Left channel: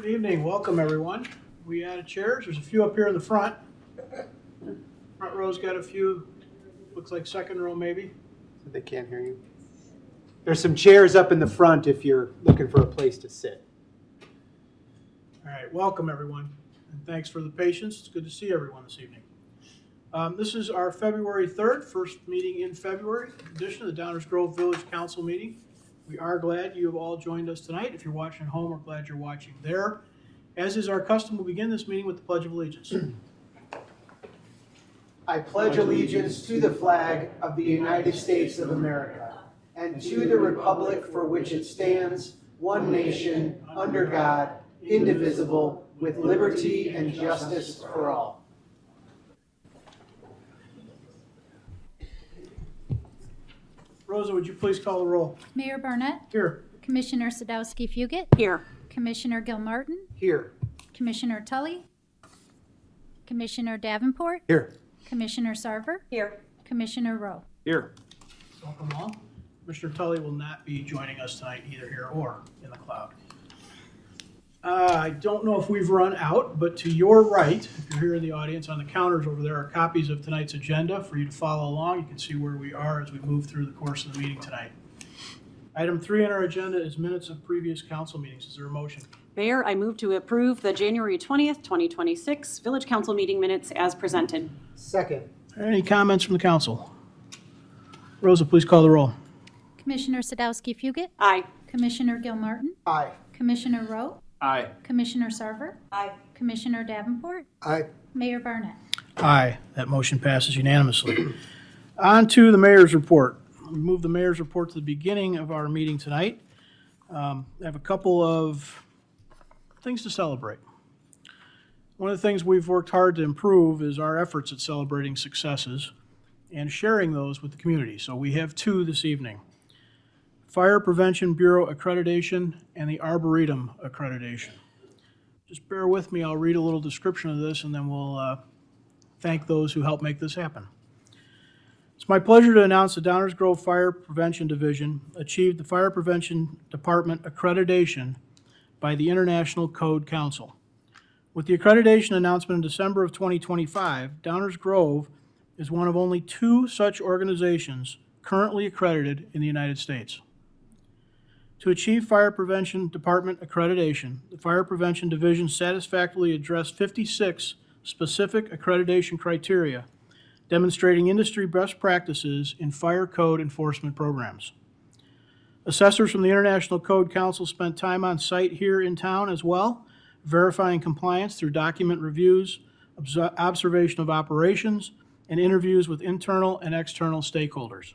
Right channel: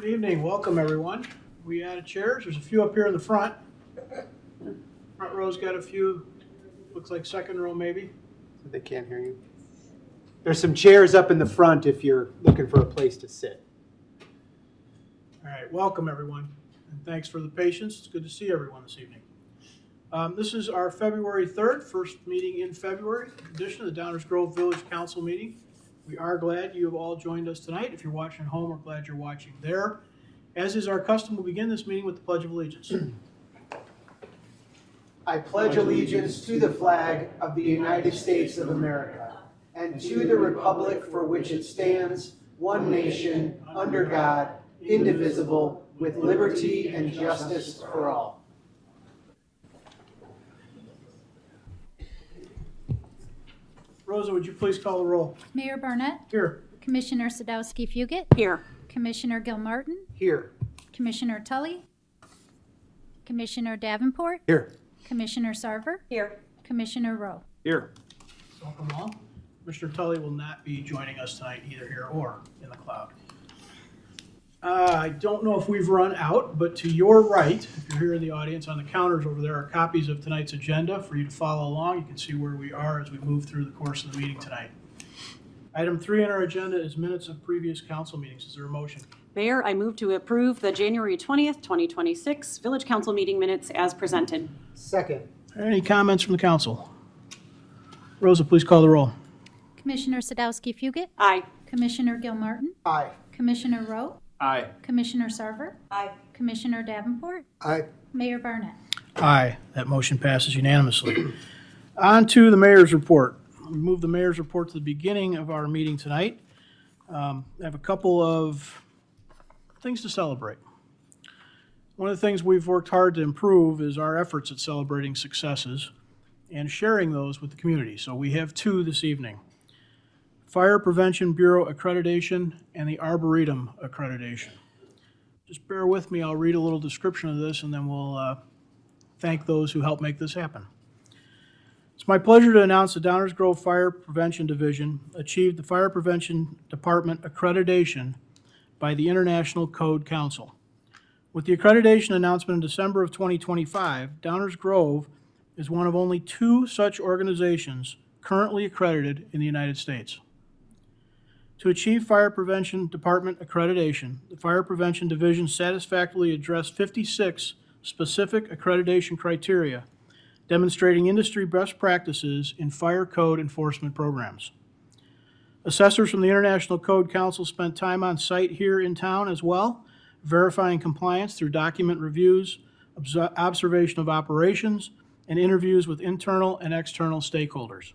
Good evening, welcome everyone. We added chairs, there's a few up here in the front. Front row's got a few, looks like second row maybe. They can't hear you. There's some chairs up in the front if you're looking for a place to sit. All right, welcome everyone, and thanks for the patience. It's good to see everyone this evening. This is our February 3rd, first meeting in February, edition of the Downers Grove Village Council meeting. We are glad you have all joined us tonight. If you're watching at home, we're glad you're watching there. As is our custom, we'll begin this meeting with the Pledge of Allegiance. I pledge allegiance to the flag of the United States of America and to the republic for which it stands, one nation, under God, indivisible, with liberty and justice for all. Rosa, would you please call the roll? Mayor Barnett, Here. Commissioner Sadowski-Fugit, Here. Commissioner Gilmartin, Here. Commissioner Tully, Commissioner Davenport, Here. Commissioner Sarver, Here. Commissioner Rowe. Here. Welcome all. Commissioner Tully will not be joining us tonight either here or in the cloud. I don't know if we've run out, but to your right, if you're here in the audience, on the counters over there are copies of tonight's agenda for you to follow along. You can see where we are as we move through the course of the meeting tonight. Item 3 on our agenda is minutes of previous council meetings. Is there a motion? Mayor, I move to approve the January 20th, 2026 Village Council meeting minutes as presented. Second. Are there any comments from the council? Rosa, please call the roll. Commissioner Sadowski-Fugit, Aye. Commissioner Gilmartin, Aye. Commissioner Rowe, Aye. Commissioner Sarver, Aye. Commissioner Davenport, Aye. Mayor Barnett. Aye. That motion passes unanimously. On to the mayor's report. We move the mayor's report to the beginning of our meeting tonight. I have a couple of things to celebrate. One of the things we've worked hard to improve is our efforts at celebrating successes and sharing those with the community. So we have two this evening. Fire Prevention Bureau accreditation and the Arboretum accreditation. Just bear with me, I'll read a little description of this and then we'll thank those who helped make this happen. It's my pleasure to announce the Downers Grove Fire Prevention Division achieved the Fire Prevention Department accreditation by the International Code Council. With the accreditation announcement in December of 2025, Downers Grove is one of only 2 such organizations currently accredited in the United States. To achieve Fire Prevention Department accreditation, the Fire Prevention Division satisfactorily addressed 56 specific accreditation criteria, demonstrating industry best practices in fire code enforcement programs. Assessors from the International Code Council spent time on site here in town as well, verifying compliance through document reviews, observation of operations, and interviews with internal and external stakeholders.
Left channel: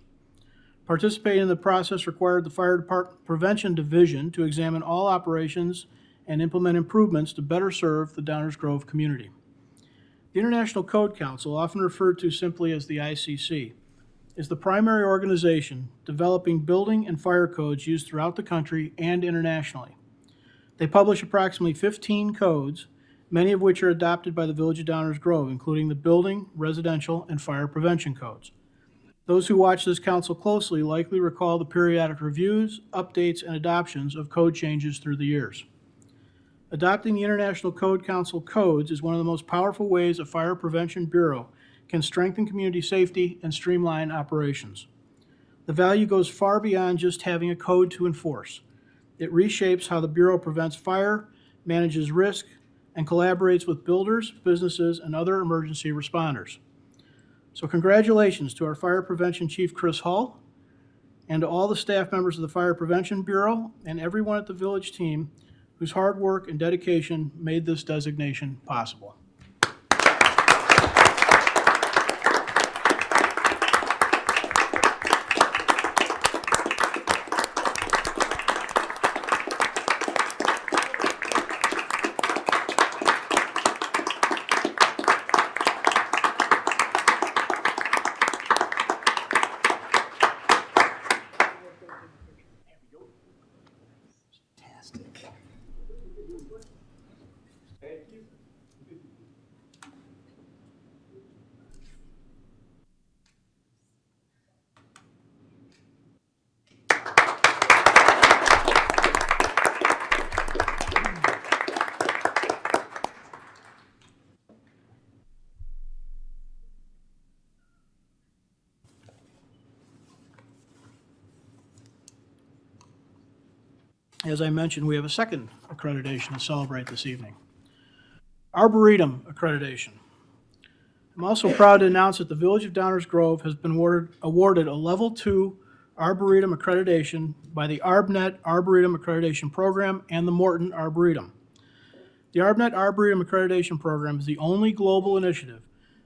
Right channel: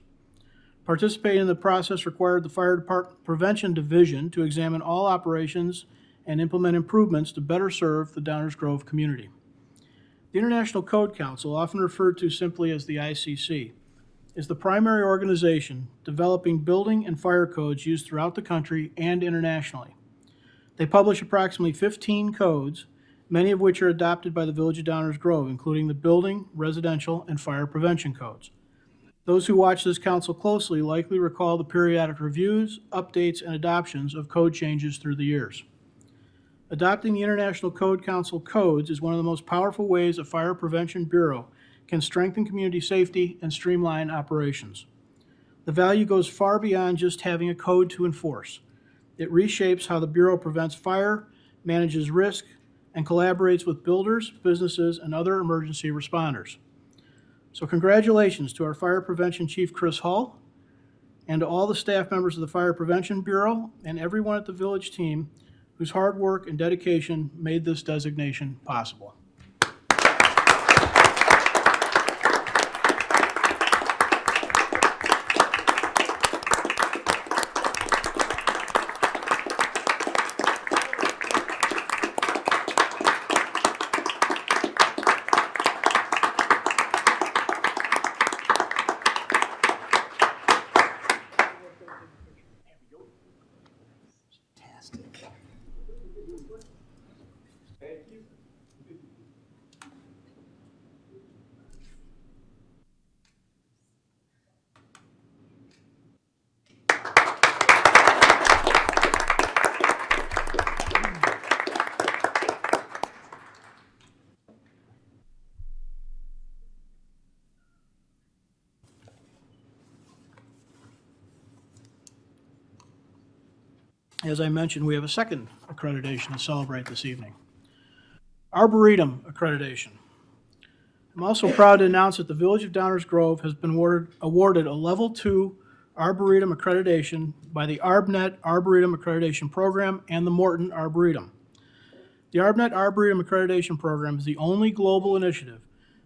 Participating in the process required the Fire Department Prevention Division to examine all operations and implement improvements to better serve the Downers Grove community. The International Code Council, often referred to simply as the ICC, is the primary organization developing building and fire codes used throughout the country and internationally. They publish approximately 15 codes, many of which are adopted by the Village of Downers Grove, including the building, residential, and fire prevention codes. Those who watch this council closely likely recall the periodic reviews, updates, and adoptions of code changes through the years. Adopting the International Code Council codes is one of the most powerful ways a Fire Prevention Bureau can strengthen community safety and streamline operations. The value goes far beyond just having a code to enforce. It reshapes how the Bureau prevents fire, manages risk, and collaborates with builders, businesses, and other emergency responders. So congratulations to our Fire Prevention Chief Chris Hull and to all the staff members of the Fire Prevention Bureau and everyone at the Village team whose hard work and dedication made this designation possible. as I mentioned, we have a second accreditation to celebrate this evening. Arboretum accreditation. I'm also proud to announce that the Village of Downers Grove has been awarded a Level 2 Arboretum accreditation by the ArbNet Arboretum Accreditation Program and the Morton Arboretum. The ArbNet Arboretum Accreditation Program is the only global initiative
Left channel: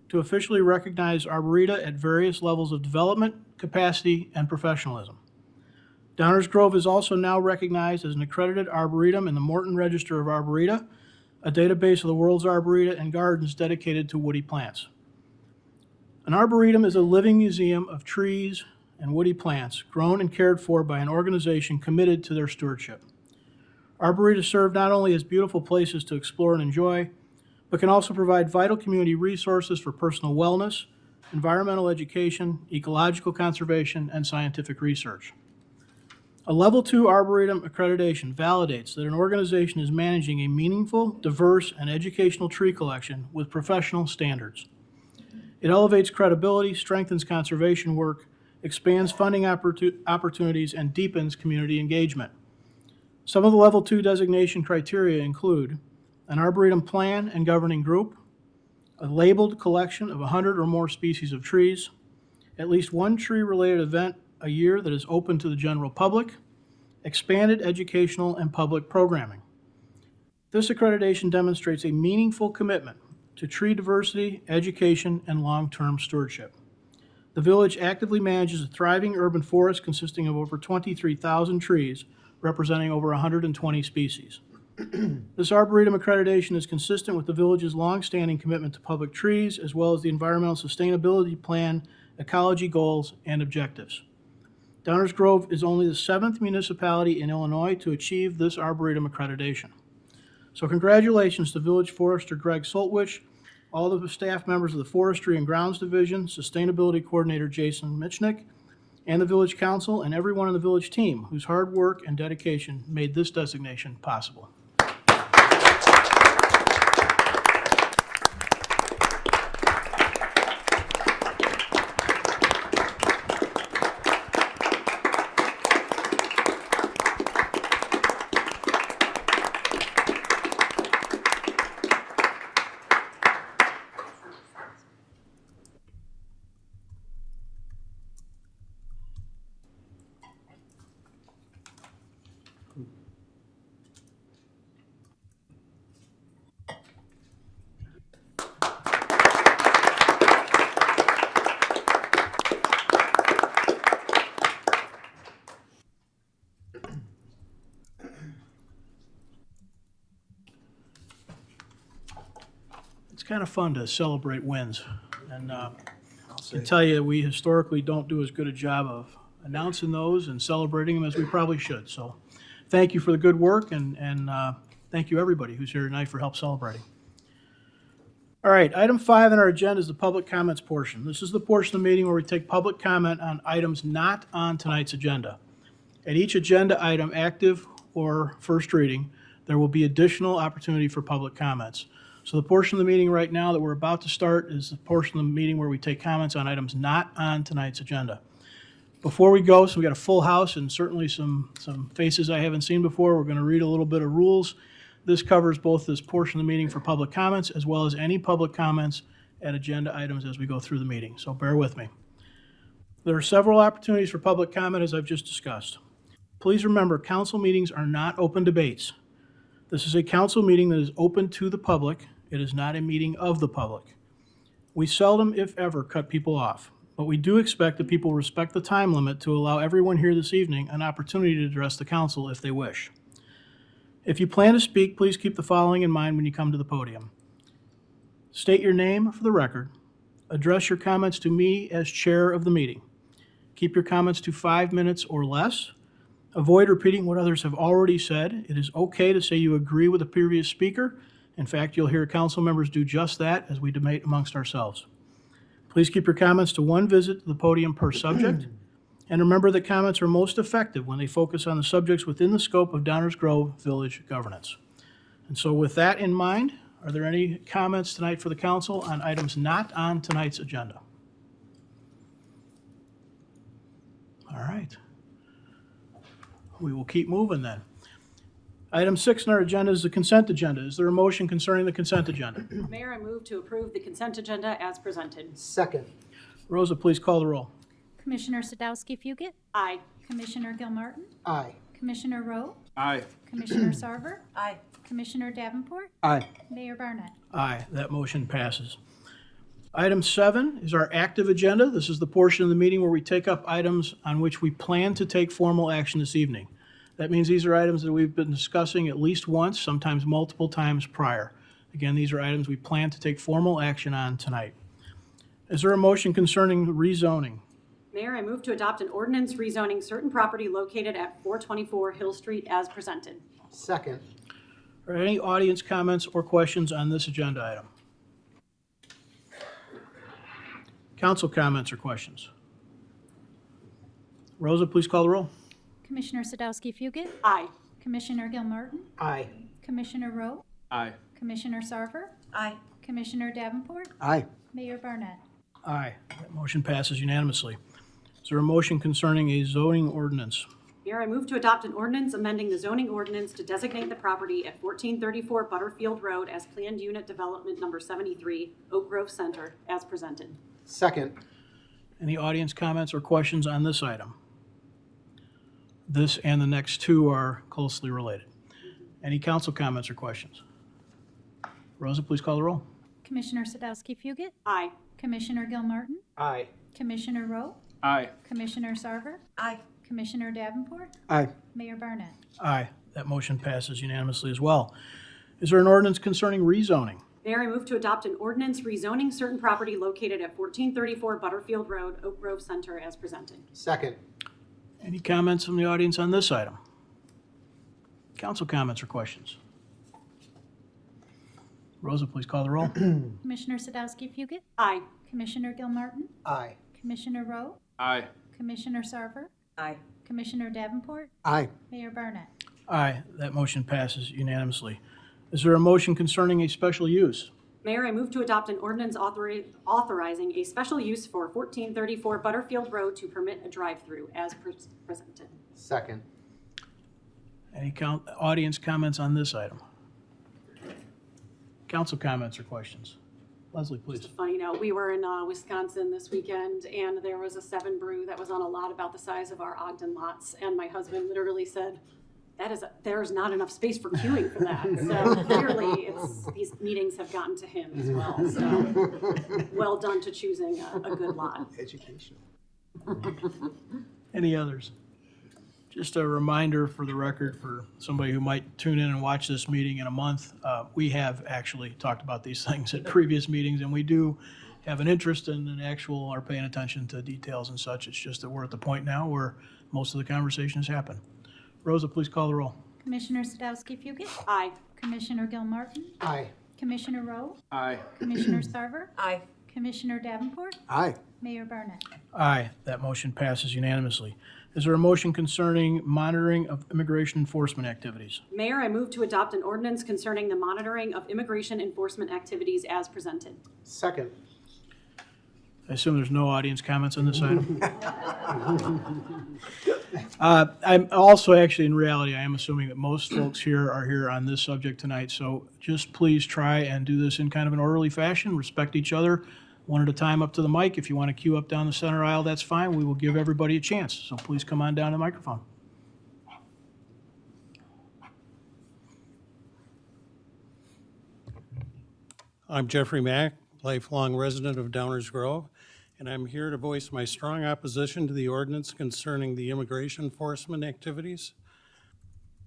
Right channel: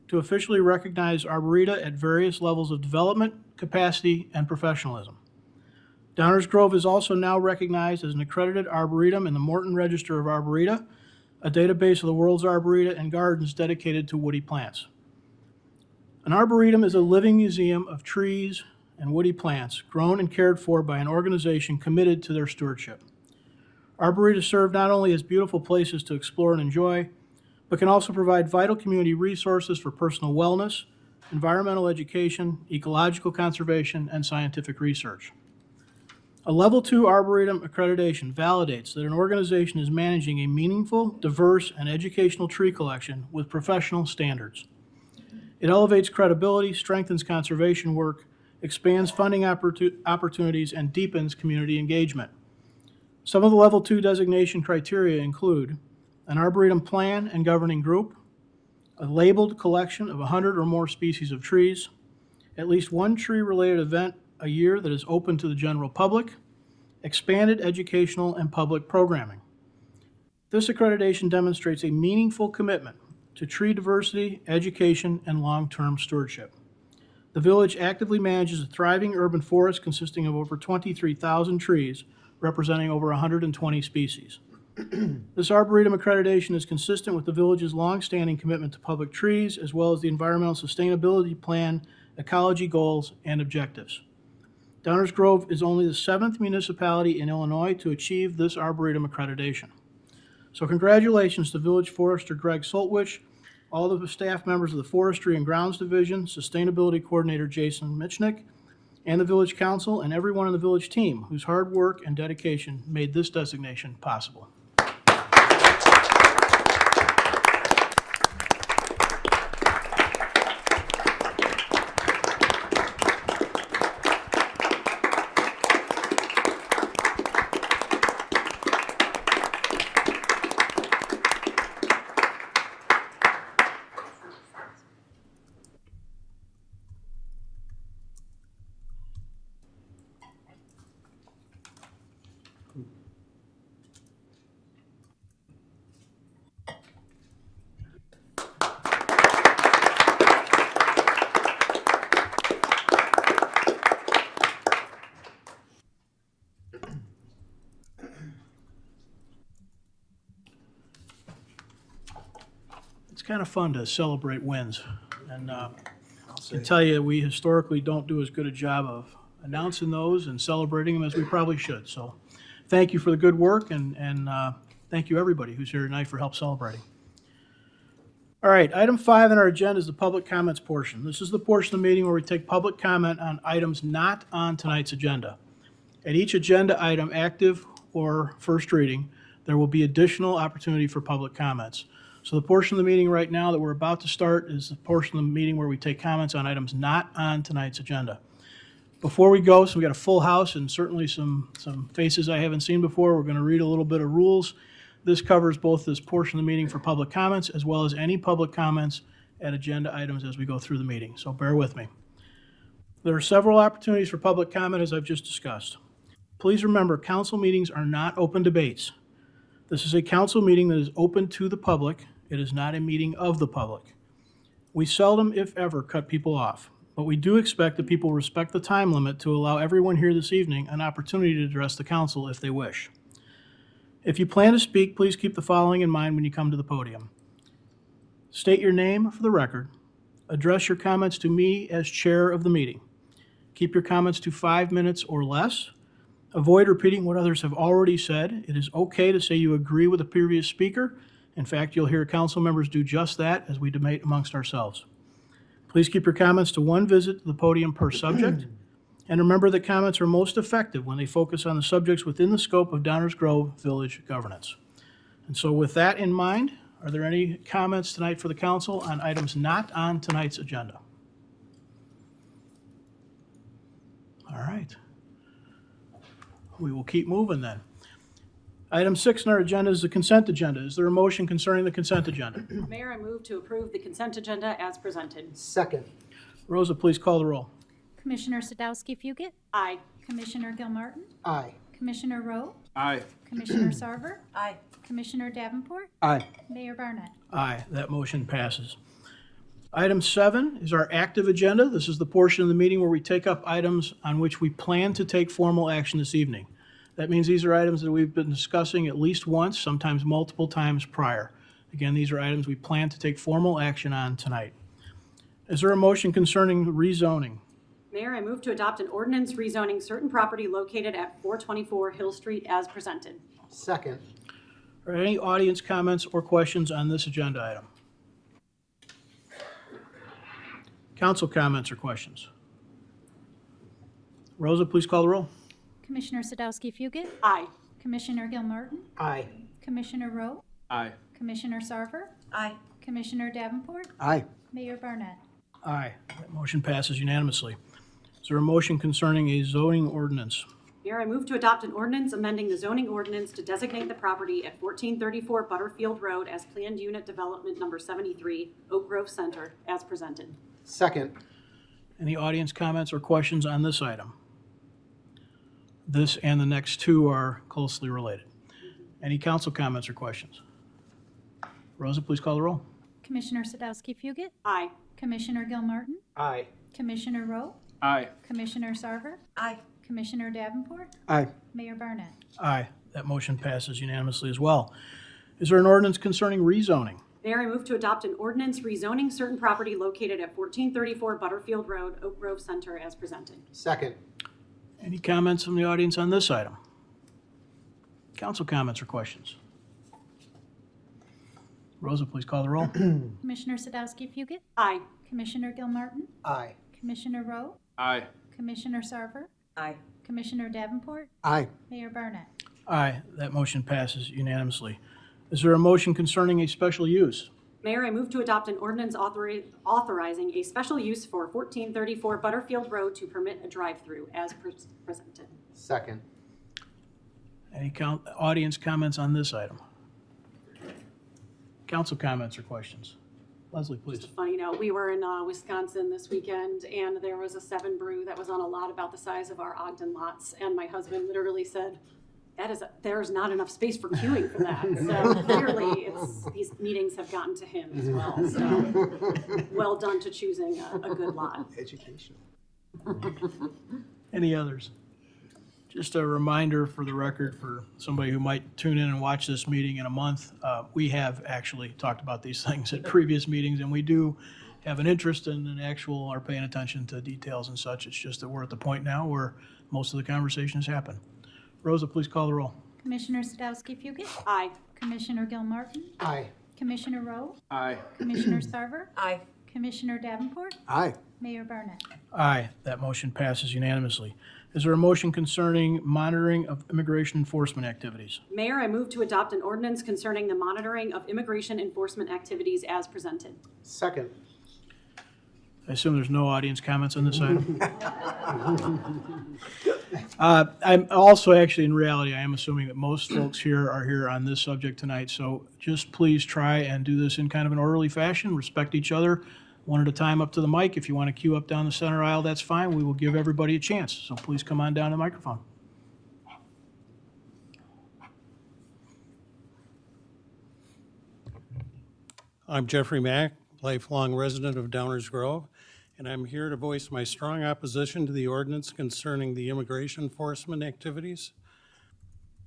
to officially recognize arboreta at various levels of development, capacity, and professionalism. Downers Grove is also now recognized as an accredited arboretum in the Morton Register of Arboreta, a database of the world's arboreta and gardens dedicated to woody plants. An arboretum is a living museum of trees and woody plants grown and cared for by an organization committed to their stewardship. Arboretas serve not only as beautiful places to explore and enjoy, but can also provide vital community resources for personal wellness, environmental education, ecological conservation, and scientific research. A Level 2 Arboretum accreditation validates that an organization is managing a meaningful, diverse, and educational tree collection with professional standards. It elevates credibility, strengthens conservation work, expands funding opportunities, and deepens community engagement. Some of the Level 2 designation criteria include an arboretum plan and governing group, a labeled collection of 100 or more species of trees, at least one tree-related event a year that is open to the general public, expanded educational and public programming. This accreditation demonstrates a meaningful commitment to tree diversity, education, and long-term stewardship. The village actively manages a thriving urban forest consisting of over 23,000 trees, representing over 120 species. This Arboretum accreditation is consistent with the village's long-standing commitment to public trees, as well as the Environmental Sustainability Plan, ecology goals, and objectives. Downers Grove is only the 7th municipality in Illinois to achieve this Arboretum accreditation. So congratulations to Village Forester Greg Soltwish, all of the staff members of the Forestry and Grounds Division, Sustainability Coordinator Jason Michnick, and the Village Council, and everyone on the village team whose hard work and dedication made this designation possible. It's kind of fun to celebrate wins. And I can tell you, we historically don't do as good a job of announcing those and celebrating them as we probably should. So thank you for the good work, and thank you everybody who's here tonight for help celebrating. All right, item 5 on our agenda is the public comments portion. This is the portion of the meeting where we take public comment on items not on tonight's agenda. At each agenda item, active or first reading, there will be additional opportunity for public comments. So the portion of the meeting right now that we're about to start is the portion of the meeting where we take comments on items not on tonight's agenda. Before we go, so we got a full house and certainly some faces I haven't seen before, we're going to read a little bit of rules. This covers both this portion of the meeting for public comments as well as any public comments at agenda items as we go through the meeting. So bear with me. There are several opportunities for public comment as I've just discussed. Please remember, council meetings are not open debates. This is a council meeting that is open to the public. It is not a meeting of the public. We seldom, if ever, cut people off, but we do expect that people respect the time limit to allow everyone here this evening an opportunity to address the council if they wish. If you plan to speak, please keep the following in mind when you come to the podium. State your name for the record. Address your comments to me as chair of the meeting. Keep your comments to 5 minutes or less. Avoid repeating what others have already said. It is okay to say you agree with the previous speaker. In fact, you'll hear council members do just that as we debate amongst ourselves. Please keep your comments to one visit to the podium per subject. And remember that comments are most effective when they focus on the subjects within the scope of Downers Grove Village governance. And so with that in mind, are there any comments tonight for the council on items not on tonight's agenda? All right. We will keep moving then. Item 6 on our agenda is the consent agenda. Is there a motion concerning the consent agenda? Mayor, I move to approve the consent agenda as presented. Second. Rosa, please call the roll. Commissioner Sadowski Fugit, Aye. Commissioner Gilmartin, Aye. Commissioner Rowe, Aye. Commissioner Sarver, Aye. Commissioner Davenport, Aye. Mayor Barnett. Aye, that motion passes. Item 7 is our active agenda. This is the portion of the meeting where we take up items on which we plan to take formal action this evening. That means these are items that we've been discussing at least once, sometimes multiple times prior. Again, these are items we plan to take formal action on tonight. Is there a motion concerning rezoning? Mayor, I move to adopt an ordinance rezoning certain property located at 424 Hill Street as presented. Second. Are there any audience comments or questions on this agenda item? Council comments or questions? Rosa, please call the roll. Commissioner Sadowski Fugit, Aye. Commissioner Gilmartin, Aye. Commissioner Rowe, Aye. Commissioner Sarver, Aye. Commissioner Davenport, Aye. Mayor Barnett. Aye. That motion passes unanimously. Is there a motion concerning a zoning ordinance? Mayor, I move to adopt an ordinance amending the zoning ordinance to designate the property at 1434 Butterfield Road as planned unit development number 73, Oak Grove Center, as presented. Second. Any audience comments or questions on this item? This and the next two are closely related. Any council comments or questions? Rosa, please call the roll. Commissioner Sadowski Fugit, Aye. Commissioner Gilmartin, Aye. Commissioner Rowe, Aye. Commissioner Sarver, Aye. Commissioner Davenport, Aye. Mayor Barnett. Aye. That motion passes unanimously as well. Is there an ordinance concerning rezoning? Mayor, I move to adopt an ordinance rezoning certain property located at 1434 Butterfield Road, Oak Grove Center, as presented. Second. Any comments from the audience on this item? Council comments or questions? Rosa, please call the roll. Commissioner Sadowski Fugit, Aye. Commissioner Gilmartin, Aye. Commissioner Rowe, Aye. Commissioner Sarver, Aye. Commissioner Davenport, Aye. Mayor Barnett. Aye. That motion passes unanimously. Is there a motion concerning a special use? Mayor, I move to adopt an ordinance authorizing a special use for 1434 Butterfield Road to permit a drive-through as presented. Second. Any audience comments on this item? Council comments or questions? Leslie, please. Just a funny note, we were in Wisconsin this weekend, and there was a 7 Brew that was on a lot about the size of our Ogden lots, and my husband literally said, there's not enough space for queuing for that. So clearly, these meetings have gotten to him as well. So well done to choosing a good lot. Education. Any others? Just a reminder for the record for somebody who might tune in and watch this meeting in a month, we have actually talked about these things at previous meetings, and we do have an interest in an actual, are paying attention to details and such. It's just that we're at the point now where most of the conversations happen. Rosa, please call the roll. Commissioner Sadowski Fugit, Aye. Commissioner Gilmartin, Aye. Commissioner Rowe, Aye. Commissioner Sarver, Aye. Commissioner Davenport, Aye. Mayor Barnett. Aye, that motion passes unanimously. Is there a motion concerning monitoring of immigration enforcement activities? Mayor, I move to adopt an ordinance concerning the monitoring of immigration enforcement activities as presented. Second. I assume there's no audience comments on this item? I'm also, actually, in reality, I am assuming that most folks here are here on this subject tonight, so just please try and do this in kind of an orderly fashion, respect each other, one at a time up to the mic. If you want to queue up down the center aisle, that's fine. We will give everybody a chance, so please come on down to the microphone. I'm Jeffrey Mack, lifelong resident of Downers Grove, and I'm here to voice my strong opposition to the ordinance concerning the immigration enforcement activities.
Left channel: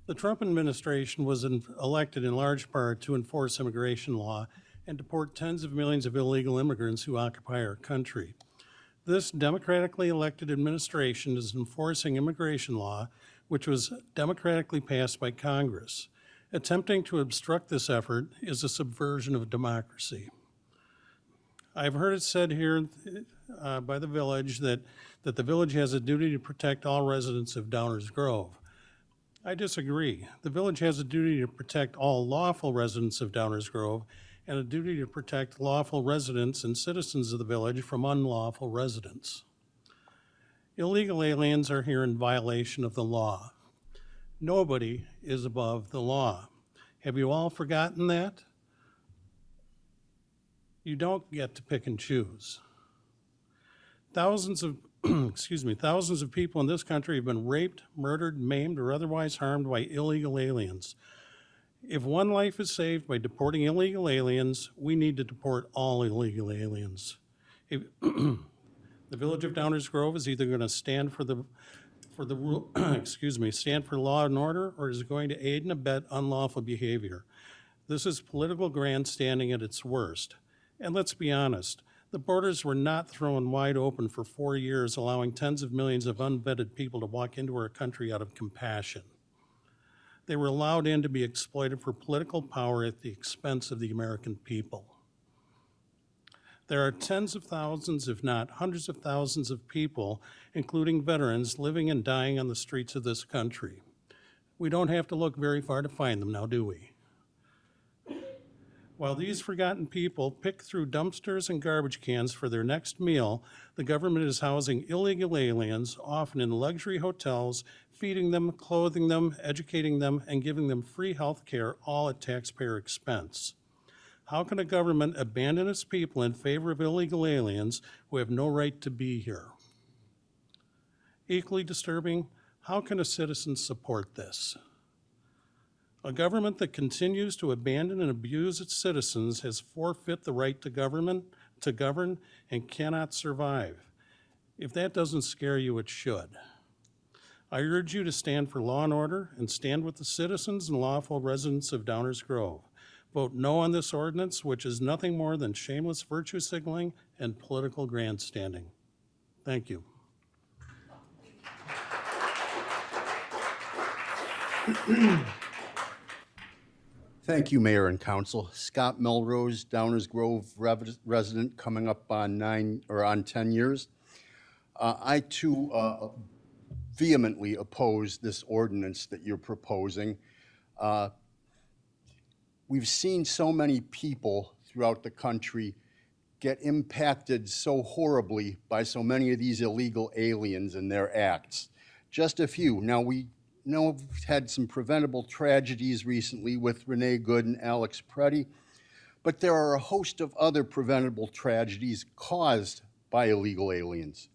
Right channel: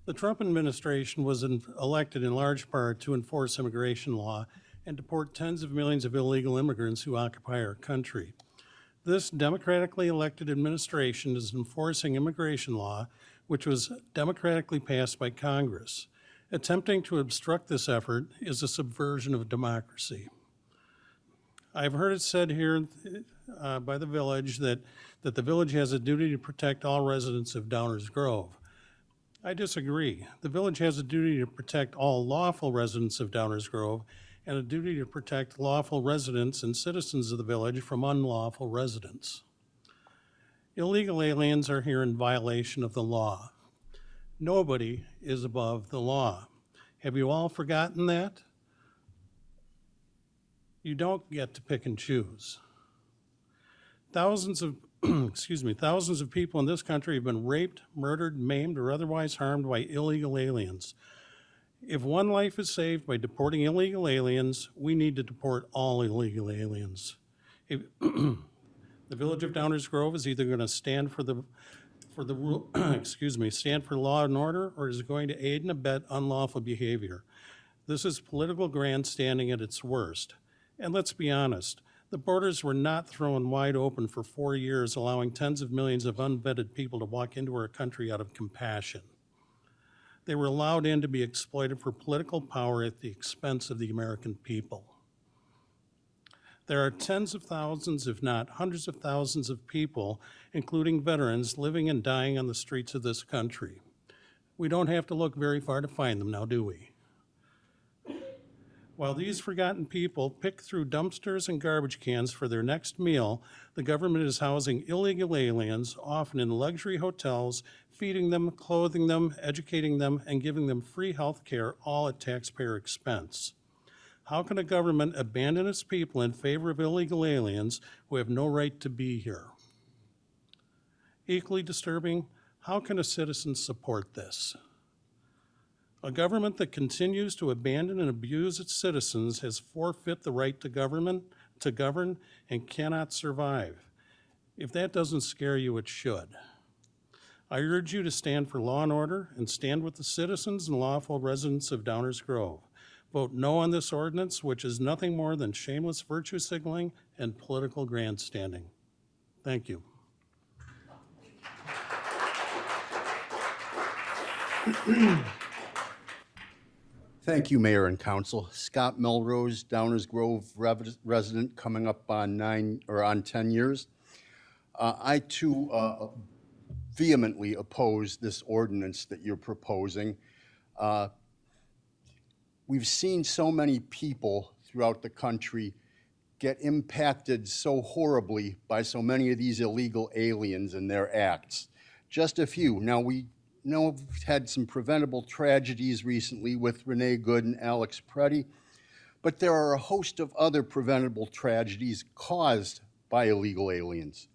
The Trump administration was elected in large part to enforce immigration law and deport tens of millions of illegal immigrants who occupy our country. This democratically elected administration is enforcing immigration law, which was democratically passed by Congress. Attempting to obstruct this effort is a subversion of democracy. I've heard it said here by the village that the village has a duty to protect all residents of Downers Grove. I disagree. The village has a duty to protect all lawful residents of Downers Grove and a duty to protect lawful residents and citizens of the village from unlawful residents. Illegal aliens are here in violation of the law. Nobody is above the law. Have you all forgotten that? You don't get to pick and choose. Thousands of thousands of people in this country have been raped, murdered, maimed, or otherwise harmed by illegal aliens. If one life is saved by deporting illegal aliens, we need to deport all illegal aliens. The Village of Downers Grove is either going to stand for the rule, stand for law and order, or is going to aid and abet unlawful behavior. This is political grandstanding at its worst. And let's be honest, the borders were not thrown wide open for 4 years, allowing tens of millions of unvetted people to walk into our country out of compassion. They were allowed in to be exploited for political power at the expense of the American people. There are tens of thousands, if not hundreds of thousands of people, including veterans, living and dying on the streets of this country. We don't have to look very far to find them now, do we? While these forgotten people pick through dumpsters and garbage cans for their next meal, the government is housing illegal aliens, often in luxury hotels, feeding them, clothing them, educating them, and giving them free health care, all at taxpayer expense. How can a government abandon its people in favor of illegal aliens who have no right to be here? Equally disturbing, how can a citizen support this? A government that continues to abandon and abuse its citizens has forfeit the right to govern, and cannot survive. If that doesn't scare you, it should. I urge you to stand for law and order and stand with the citizens and lawful residents of Downers Grove. Vote no on this ordinance, which is nothing more than shameless virtue signaling and political grandstanding. Thank you. Thank you, Mayor and Council. Scott Melrose, Downers Grove resident, coming up on 10 years. I too vehemently oppose this ordinance that you're proposing. We've seen so many people throughout the country get impacted so horribly by so many of these illegal aliens and their acts. Just a few. Now, we know we've had some preventable tragedies recently with Renee Good and Alex Preddy, but there are a host of other preventable tragedies caused by illegal aliens.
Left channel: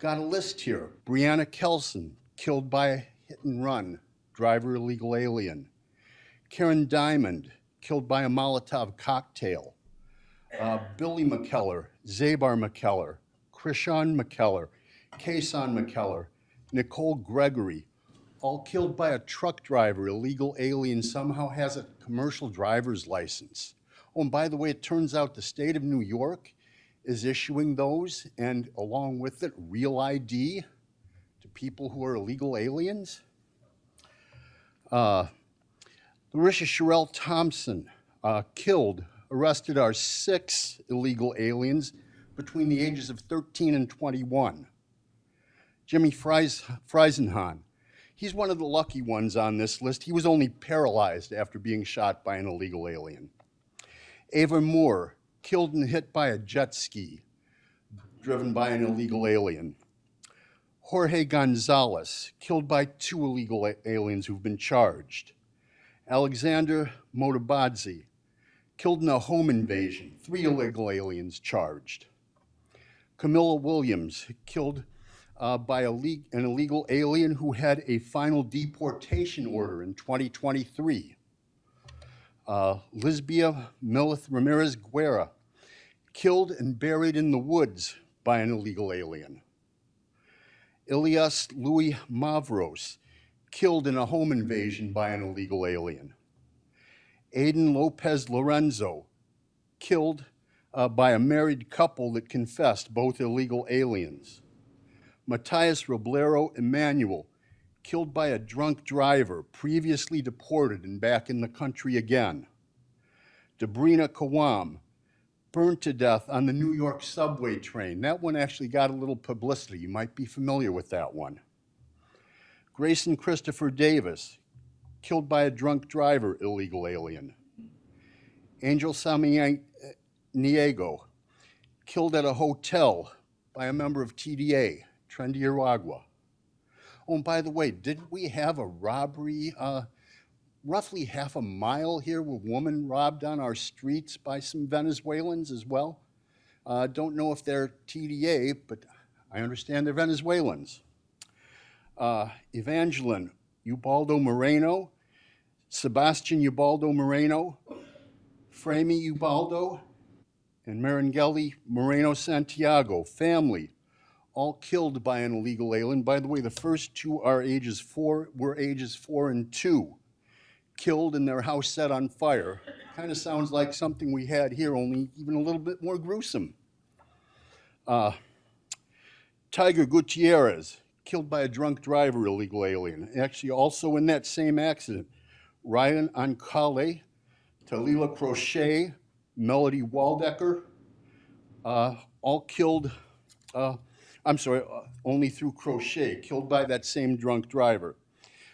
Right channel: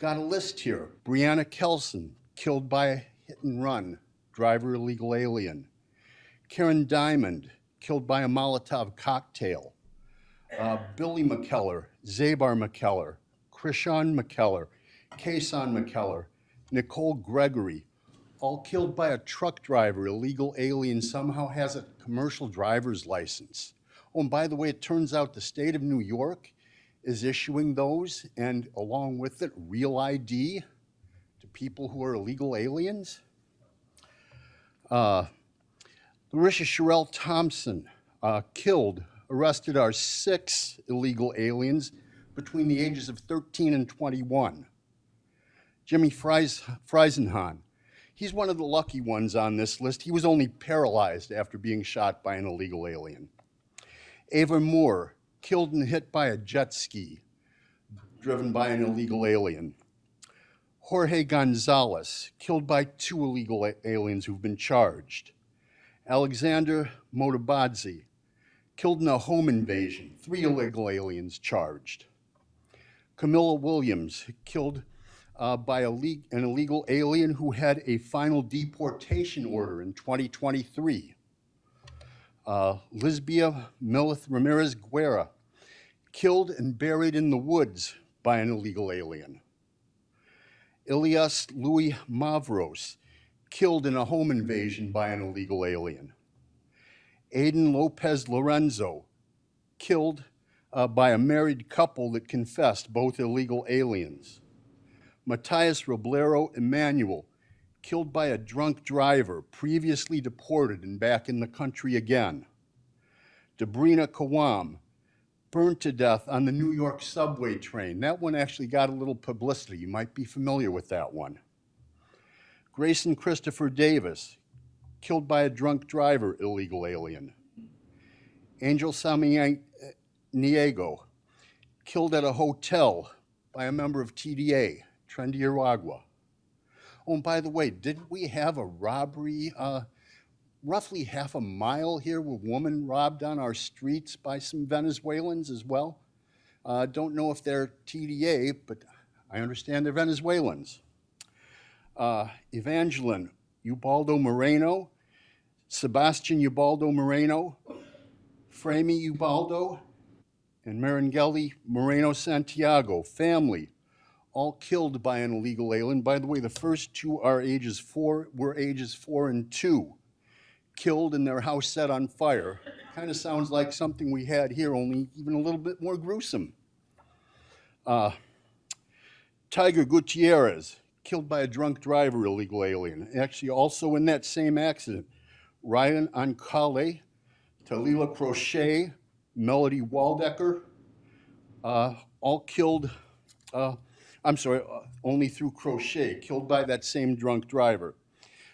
Got a list here. Brianna Kelson, killed by a hit and run, driver illegal alien. Karen Diamond, killed by a Molotov cocktail. Billy McKellar, Zabar McKellar, Krishan McKellar, Kason McKellar, Nicole Gregory, all killed by a truck driver, illegal alien, somehow has a commercial driver's license. Oh, and by the way, it turns out the state of New York is issuing those, and along with it, real ID to people who are illegal aliens. Larisha Sherelle Thompson, arrested our 6 illegal aliens between the ages of 13 and 21. Jimmy Friesenhahn, he's one of the lucky ones on this list. He was only paralyzed after being shot by an illegal alien. Ava Moore, killed and hit by a jet ski driven by an illegal alien. Jorge Gonzalez, killed by 2 illegal aliens who've been charged. Alexander Motabadze, killed in a home invasion, 3 illegal aliens charged. Camilla Williams, killed by an illegal alien who had a final deportation order in 2023. Lisbia Milith Ramirez Guerra, killed and buried in the woods by an illegal alien. Ilias Louis Mavros, killed in a home invasion by an illegal alien. Aiden Lopez Lorenzo, killed by a married couple that confessed, both illegal aliens. Matias Roblero Emmanuel, killed by a drunk driver, previously deported and back in the country again. Debrina Kawam, burned to death on the New York subway train. That one actually got a little publicity. You might be familiar with that one. Grayson Christopher Davis, killed by a drunk driver, illegal alien. Angel Samaniego, killed at a hotel by a member of TDA, Trendy Aragua. Oh, and by the way, didn't we have a robbery roughly half a mile here, a woman robbed on our streets by some Venezuelans as well? Don't know if they're TDA, but I understand they're Venezuelans. Evangeline Ubaldo Moreno, Sebastian Ubaldo Moreno, Frami Ubaldo, and Marangeli Moreno Santiago, family, all killed by an illegal alien. By the way, the first two were ages 4 and 2, killed and their house set on fire. Kind of sounds like something we had here, only even a little bit more gruesome. Tiger Gutierrez, killed by a drunk driver, illegal alien. Actually, also in that same accident, Ryan Ancale, Talila Crochet, Melody Waldecker, all killed, only through Crochet, killed by that same drunk driver.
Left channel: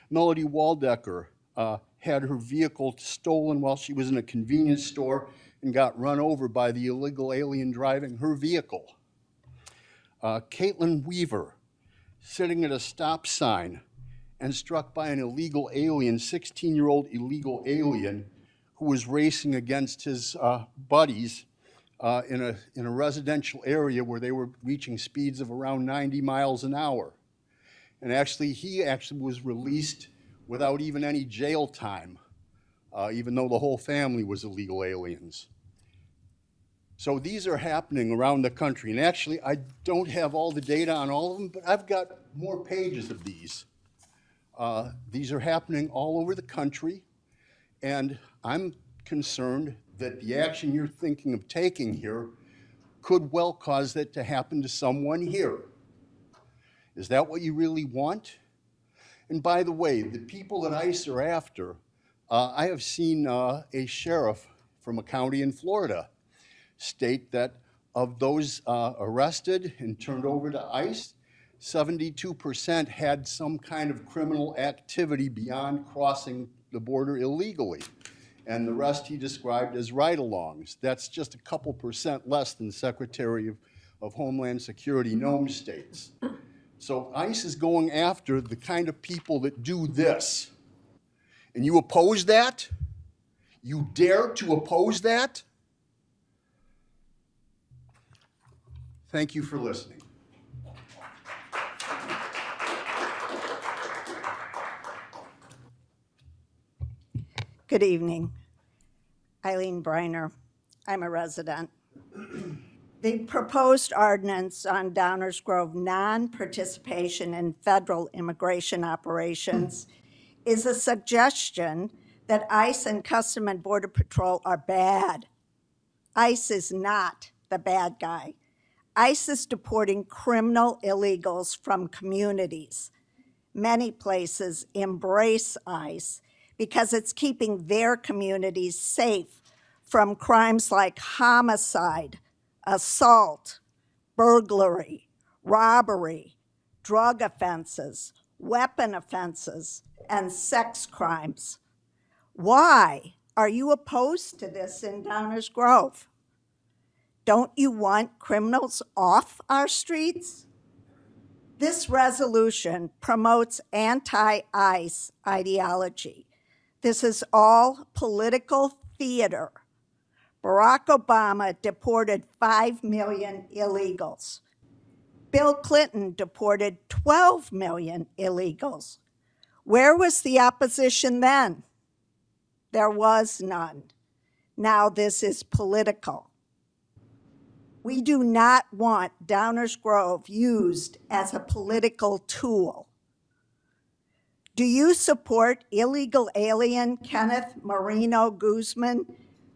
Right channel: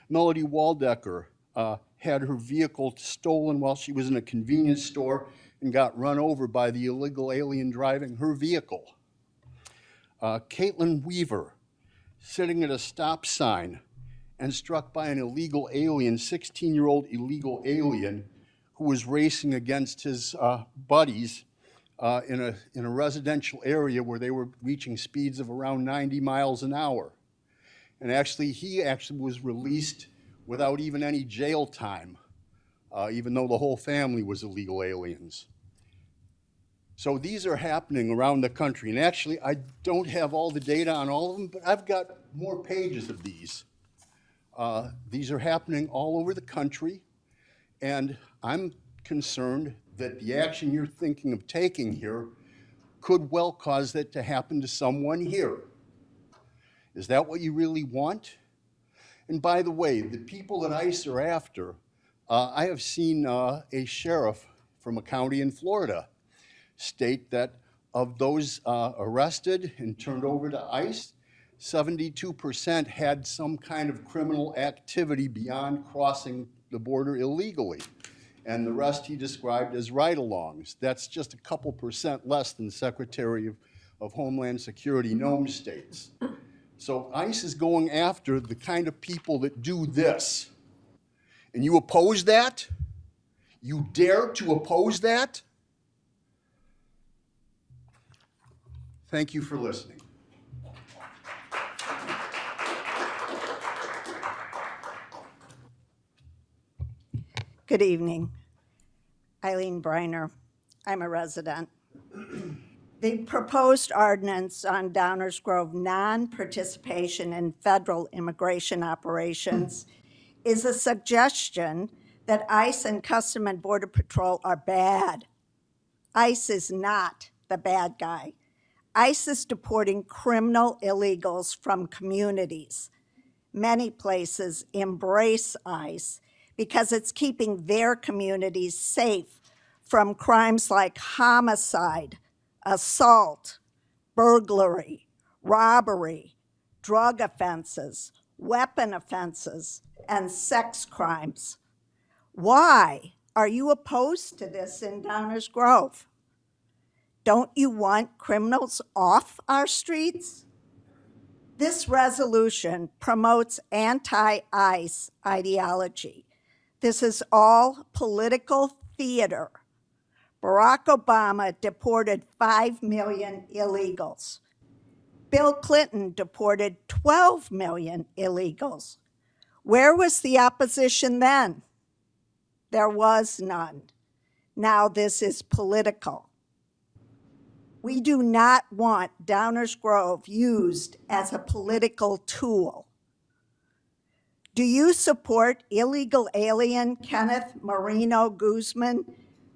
Melody Waldecker had her vehicle stolen while she was in a convenience store and got run over by the illegal alien driving her vehicle. Caitlin Weaver, sitting at a stop sign and struck by an illegal alien, 16-year-old illegal alien who was racing against his buddies in a residential area where they were reaching speeds of around 90 miles an hour. And he was released without even any jail time, even though the whole family was illegal aliens. So these are happening around the country. And actually, I don't have all the data on all of them, but I've got more pages of these. These are happening all over the country. And I'm concerned that the action you're thinking of taking here could well cause that to happen to someone here. Is that what you really want? And by the way, the people that ICE are after, I have seen a sheriff from a county in Florida state that of those arrested and turned over to ICE, 72% had some kind of criminal activity beyond crossing the border illegally. And the rest he described as ride-alongs. That's just a couple percent less than Secretary of Homeland Security Nome states. So ICE is going after the kind of people that do this. And you oppose that? You dare to oppose that? Thank you for listening. Good evening. Eileen Briner. I'm a resident. The proposed ordinance on Downers Grove non-participation in federal immigration operations is a suggestion that ICE and Customs and Border Patrol are bad. ICE is not the bad guy. ICE is deporting criminal illegals from communities. Many places embrace ICE because it's keeping their communities safe from crimes like homicide, assault, burglary, robbery, drug offenses, weapon offenses, and sex crimes. Why are you opposed to this in Downers Grove? Don't you want criminals off our streets? This resolution promotes anti-ICE ideology. This is all political theater. Barack Obama deported 5 million illegals. Bill Clinton deported 12 million illegals. Where was the opposition then? There was none. Now this is political. We do not want Downers Grove used as a political tool. Do you support illegal alien Kenneth Marino Guzman,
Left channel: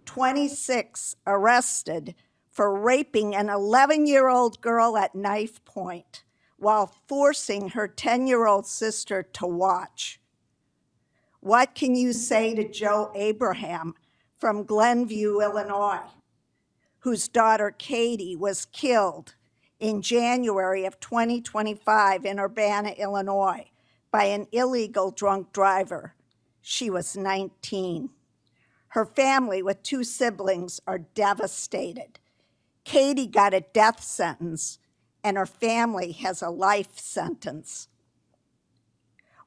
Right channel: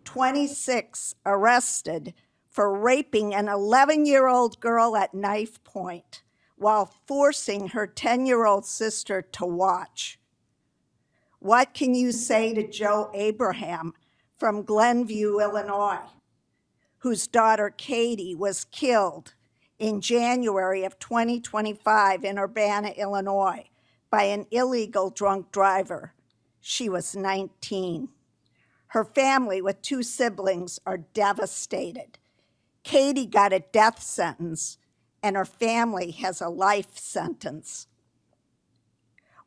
26, arrested for raping an 11-year-old girl at knife point while forcing her 10-year-old sister to watch? What can you say to Joe Abraham from Glenview, Illinois, whose daughter Katie was killed in January of 2025 in Urbana, Illinois, by an illegal drunk driver? She was 19. Her family with 2 siblings are devastated. Katie got a death sentence and her family has a life sentence.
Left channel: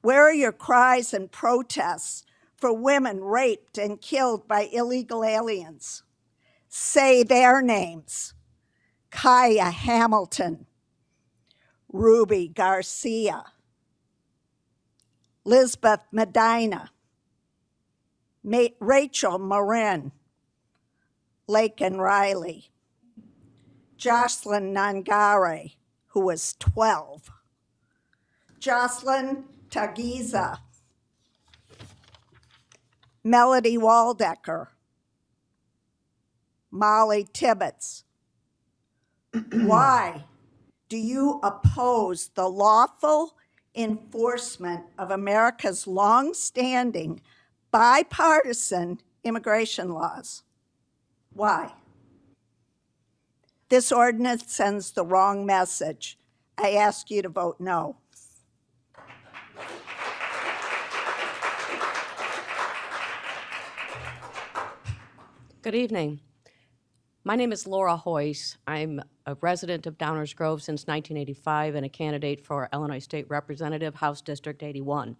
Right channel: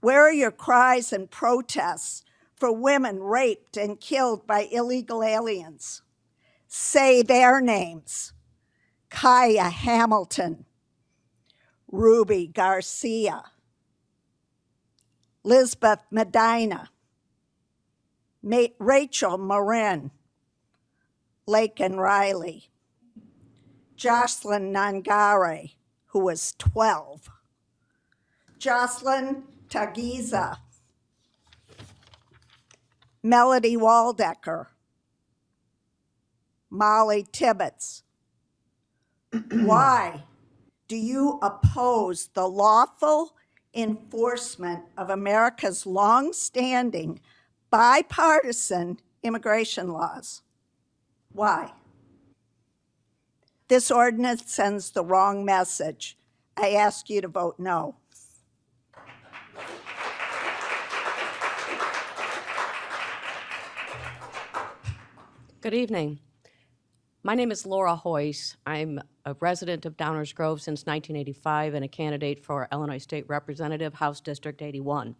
Where are your cries and protests for women raped and killed by illegal aliens? Say their names. Kaya Hamilton, Ruby Garcia, Lisbeth Medina, Rachel Marin, Laken Riley, Jocelyn Nangare, who was 12, Jocelyn Tagiza, Melody Waldecker, Molly Tibbetts. Why do you oppose the lawful enforcement of America's long-standing bipartisan immigration laws? Why? This ordinance sends the wrong message. I ask you to vote no. Good evening. My name is Laura Hoyce. I'm a resident of Downers Grove since 1985 and a candidate for Illinois State Representative, House District 81.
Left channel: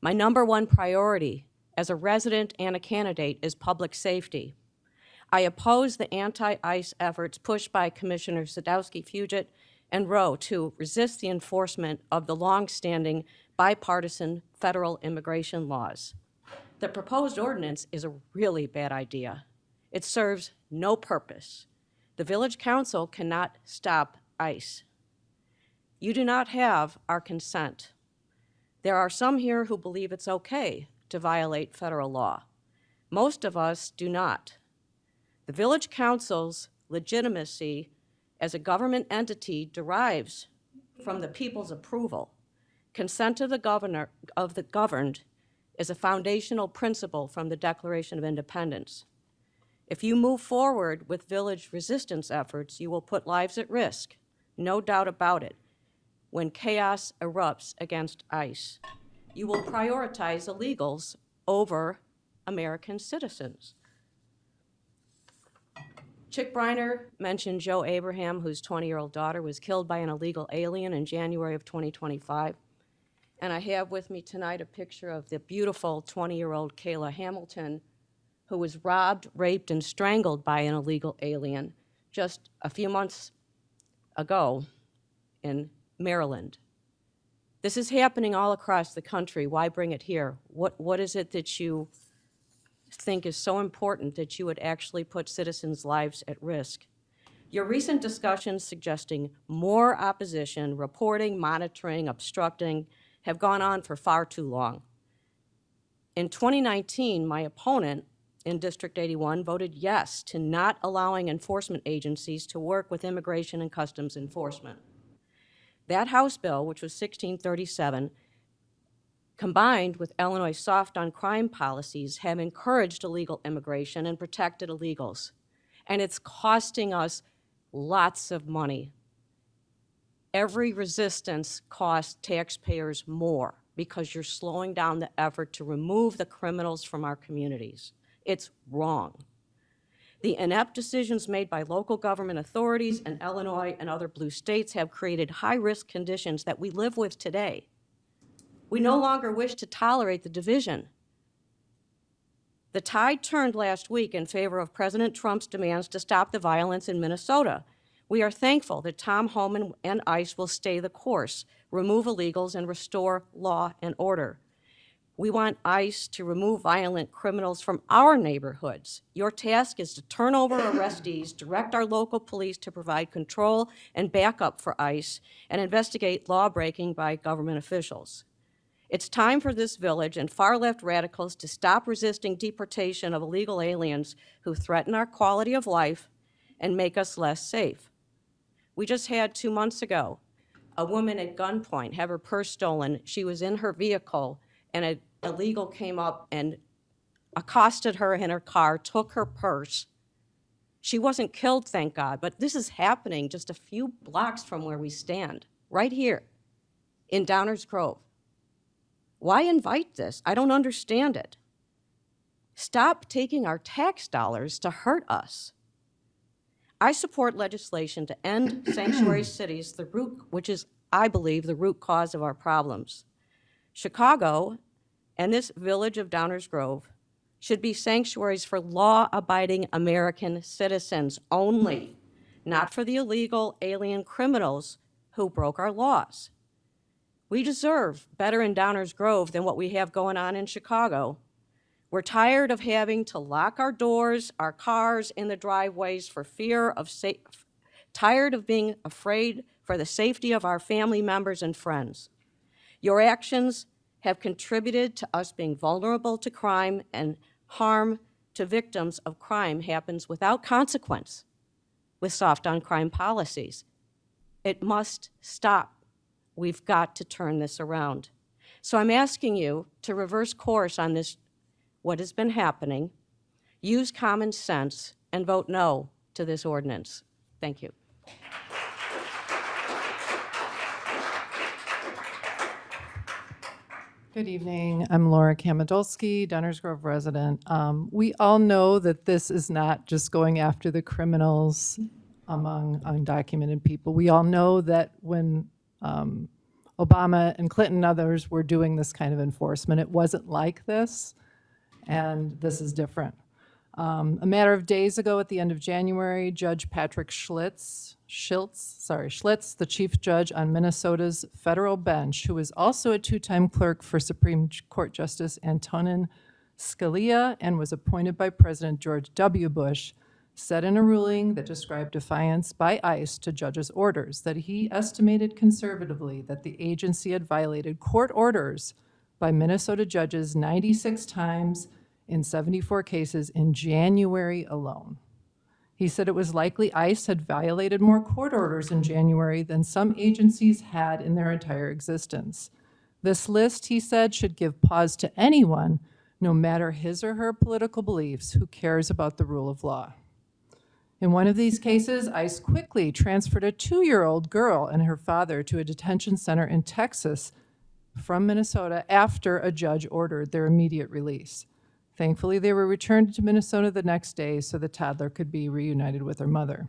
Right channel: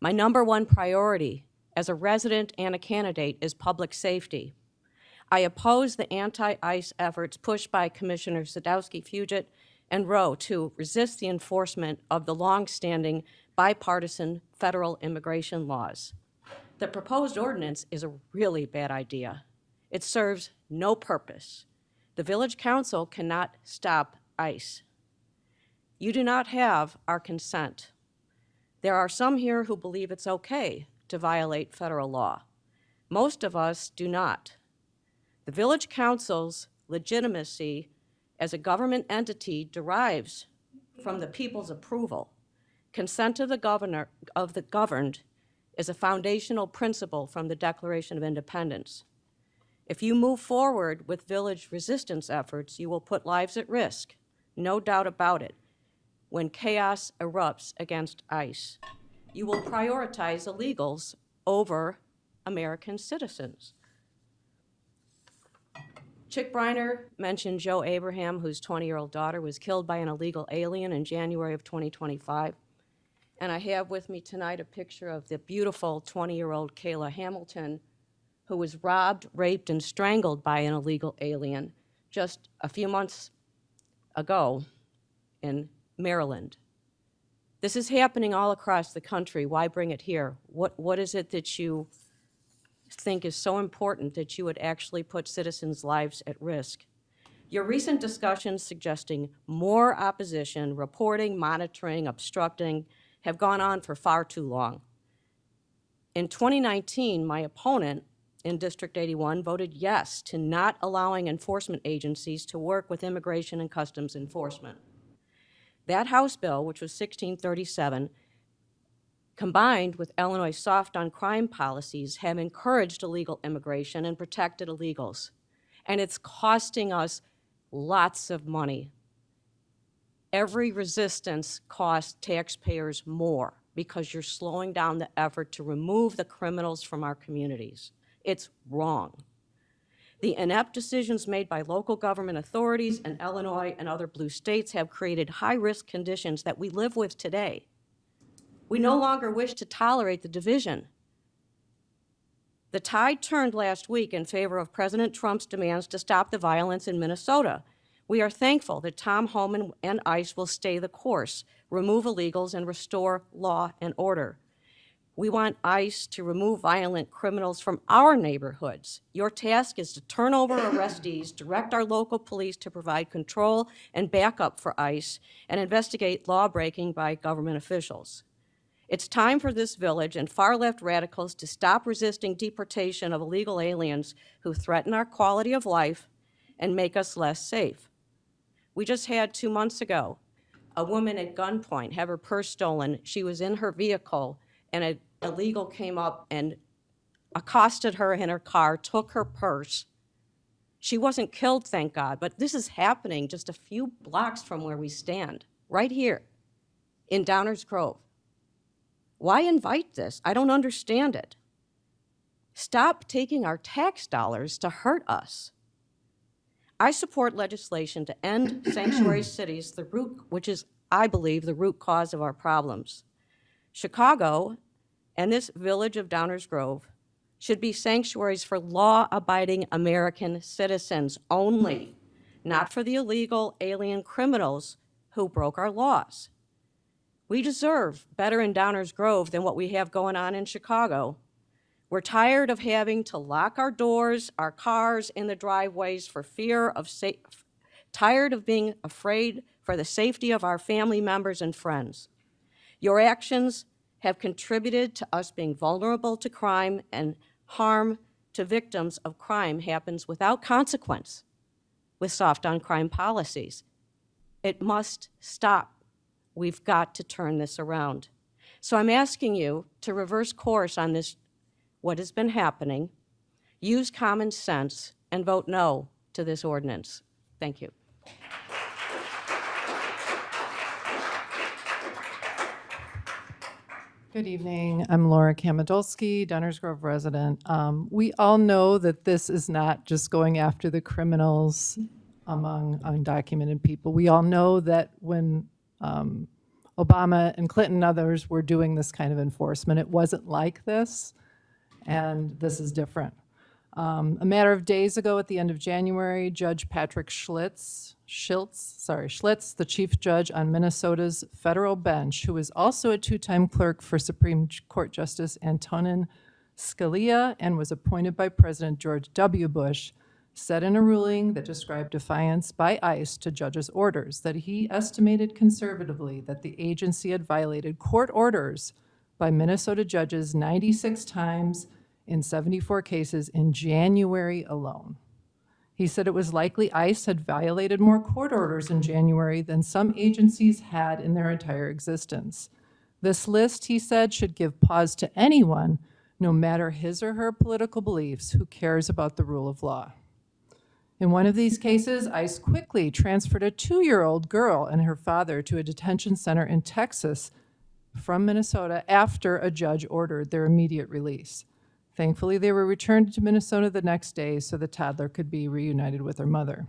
My number one priority as a resident and a candidate is public safety. I oppose the anti-ICE efforts pushed by Commissioners Sadowski, Fugit, and Rowe to resist the enforcement of the long-standing bipartisan federal immigration laws. The proposed ordinance is a really bad idea. It serves no purpose. The Village Council cannot stop ICE. You do not have our consent. There are some here who believe it's okay to violate federal law. Most of us do not. The Village Council's legitimacy as a government entity derives from the people's approval. Consent of the governed is a foundational principle from the Declaration of Independence. If you move forward with village resistance efforts, you will put lives at risk, no doubt about it. When chaos erupts against ICE, you will prioritize illegals over American citizens. Chick Briner mentioned Joe Abraham, whose 20-year-old daughter was killed by an illegal alien in January of 2025. And I have with me tonight a picture of the beautiful 20-year-old Kayla Hamilton, who was robbed, raped, and strangled by an illegal alien just a few months ago in Maryland. This is happening all across the country. Why bring it here? What is it that you think is so important that you would actually put citizens' lives at risk? Your recent discussions suggesting more opposition, reporting, monitoring, obstructing, have gone on for far too long. In 2019, my opponent in District 81 voted yes to not allowing enforcement agencies to work with Immigration and Customs Enforcement. That House bill, which was 1637, combined with Illinois' soft on crime policies, have encouraged illegal immigration and protected illegals. And it's costing us lots of money. Every resistance costs taxpayers more because you're slowing down the effort to remove the criminals from our communities. It's wrong. The inept decisions made by local government authorities in Illinois and other blue states have created high-risk conditions that we live with today. We no longer wish to tolerate the division. The tide turned last week in favor of President Trump's demands to stop the violence in Minnesota. We are thankful that Tom Homan and ICE will stay the course, remove illegals, and restore law and order. We want ICE to remove violent criminals from our neighborhoods. Your task is to turn over arrestees, direct our local police to provide control and backup for ICE, and investigate law-breaking by government officials. It's time for this village and far-left radicals to stop resisting deportation of illegal aliens who threaten our quality of life and make us less safe. We just had 2 months ago a woman at gunpoint have her purse stolen. She was in her vehicle and an illegal came up and accosted her in her car, took her purse. She wasn't killed, thank God, but this is happening just a few blocks from where we stand, right here in Downers Grove. Why invite this? I don't understand it. Stop taking our tax dollars to hurt us. I support legislation to end sanctuary cities, which is, I believe, the root cause of our problems. Chicago and this village of Downers Grove should be sanctuaries for law-abiding American citizens only, not for the illegal alien criminals who broke our laws. We deserve better in Downers Grove than what we have going on in Chicago. We're tired of having to lock our doors, our cars in the driveways for fear of tired of being afraid for the safety of our family members and friends. Your actions have contributed to us being vulnerable to crime, and harm to victims of crime happens without consequence with soft on crime policies. It must stop. We've got to turn this around. So I'm asking you to reverse course on this, what has been happening, use common sense, and vote no to this ordinance. Thank you. Good evening. I'm Laura Kamodolsky, Downers Grove resident. We all know that this is not just going after the criminals among undocumented people. We all know that when Obama and Clinton and others were doing this kind of enforcement, it wasn't like this, and this is different. A matter of days ago, at the end of January, Judge Patrick Schlitz, the chief judge on Minnesota's federal bench, who is also a two-time clerk for Supreme Court Justice Antonin Scalia and was appointed by President George W. Bush, said in a ruling that described defiance by ICE to judges' orders that he estimated conservatively that the agency had violated court orders by Minnesota judges 96 times in 74 cases in January alone. He said it was likely ICE had violated more court orders in January than some agencies had in their entire existence. This list, he said, should give pause to anyone, no matter his or her political beliefs, who cares about the rule of law. In one of these cases, ICE quickly transferred a 2-year-old girl and her father to a detention center in Texas from Minnesota after a judge ordered their immediate release. Thankfully, they were returned to Minnesota the next day so the toddler could be reunited with her mother.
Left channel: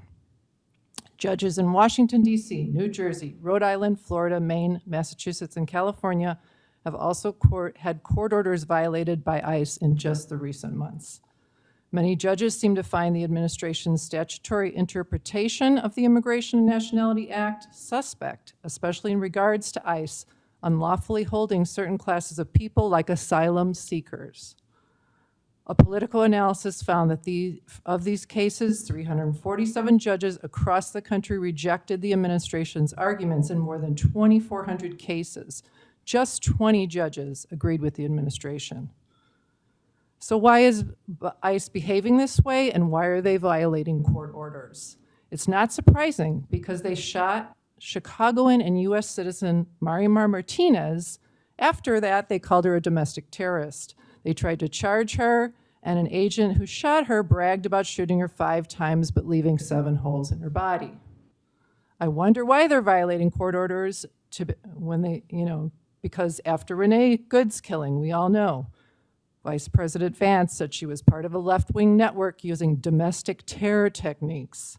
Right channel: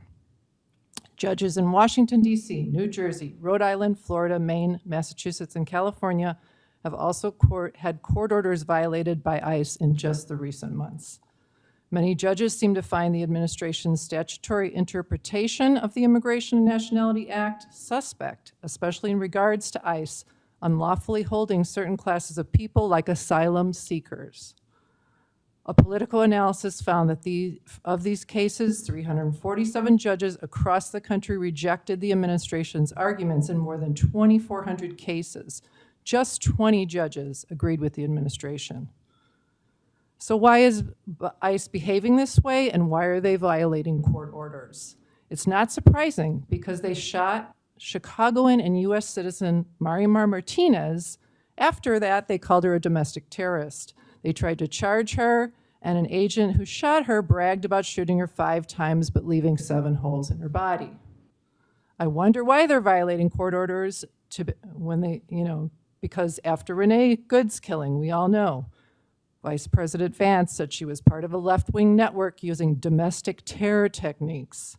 Judges in Washington, D.C., New Jersey, Rhode Island, Florida, Maine, Massachusetts, and California have also had court orders violated by ICE in just the recent months. Many judges seem to find the administration's statutory interpretation of the Immigration and Nationality Act suspect, especially in regards to ICE unlawfully holding certain classes of people like asylum seekers. A political analysis found that of these cases, 347 judges across the country rejected the administration's arguments in more than 2,400 cases. Just 20 judges agreed with the administration. So why is ICE behaving this way, and why are they violating court orders? It's not surprising because they shot Chicagoan and U.S. citizen Marimar Martinez. After that, they called her a domestic terrorist. They tried to charge her, and an agent who shot her bragged about shooting her 5 times but leaving 7 holes in her body. I wonder why they're violating court orders because after Renee Good's killing, we all know, Vice President Vance said she was part of a left-wing network using domestic terror techniques.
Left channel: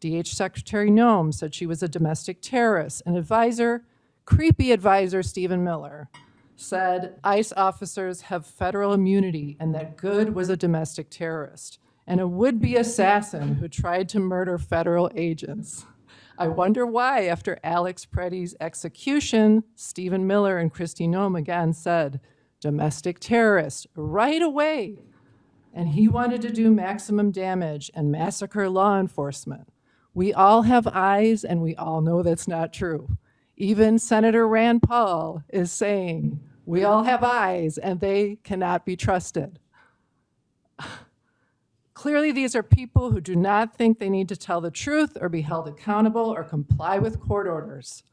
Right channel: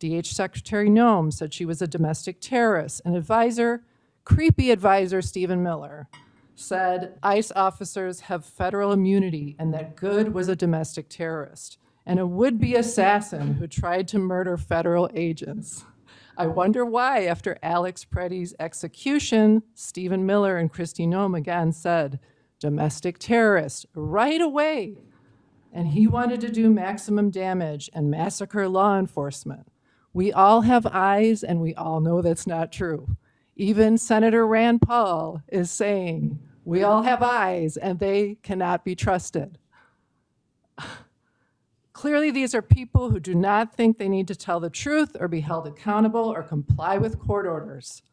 DH Secretary Noem said she was a domestic terrorist. An creepy advisor, Stephen Miller, said ICE officers have federal immunity and that Good was a domestic terrorist and a would-be assassin who tried to murder federal agents. I wonder why, after Alex Preddy's execution, Stephen Miller and Kristi Noem again said, domestic terrorist, right away. And he wanted to do maximum damage and massacre law enforcement. We all have eyes, and we all know that's not true. Even Senator Rand Paul is saying, we all have eyes, and they cannot be trusted. Clearly, these are people who do not think they need to tell the truth or be held accountable or comply with court orders.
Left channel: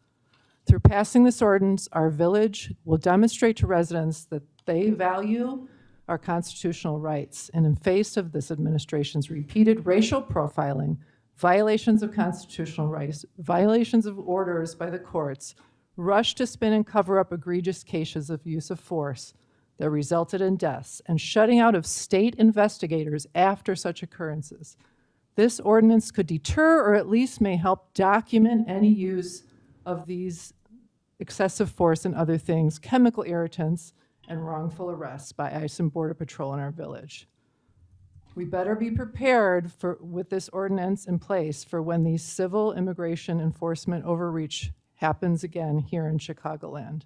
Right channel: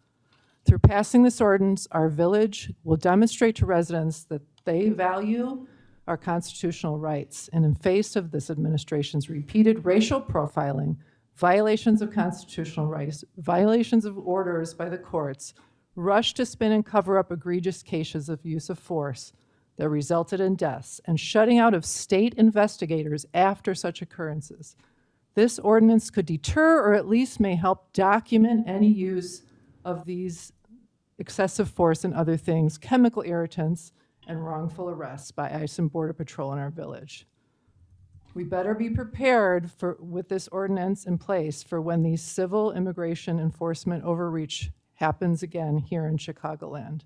Through passing this ordinance, our village will demonstrate to residents that they value our constitutional rights. And in face of this administration's repeated racial profiling, violations of constitutional rights, violations of orders by the courts, rush to spin and cover up egregious cases of use of force that resulted in deaths, and shutting out of state investigators after such occurrences. This ordinance could deter or at least may help document any use of these excessive force and other things, chemical irritants, and wrongful arrests by ICE and Border Patrol in our village. We better be prepared with this ordinance in place for when the civil immigration enforcement overreach happens again here in Chicagoland.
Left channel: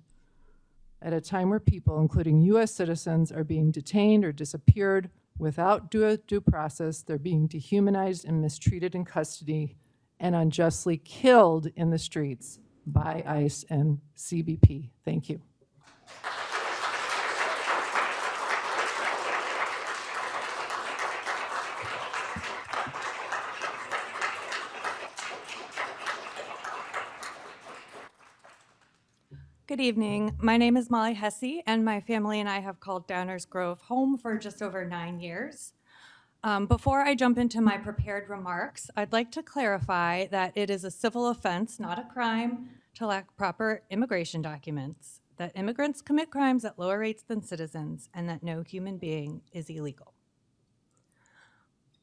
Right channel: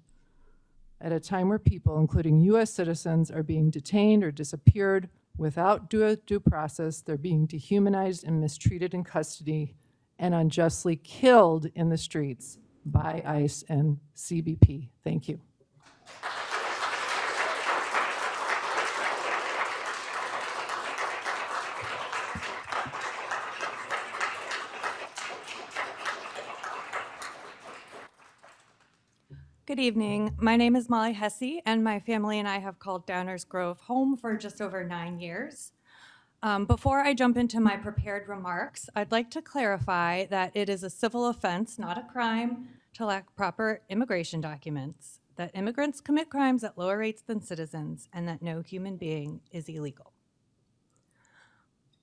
At a time where people, including U.S. citizens, are being detained or disappeared without due process, they're being dehumanized and mistreated in custody and unjustly killed in the streets by ICE and CBP. Thank you. Good evening. My name is Molly Hesse, and my family and I have called Downers Grove home for just over 9 years. Before I jump into my prepared remarks, I'd like to clarify that it is a civil offense, not a crime, to lack proper immigration documents, that immigrants commit crimes at lower rates than citizens, and that no human being is illegal.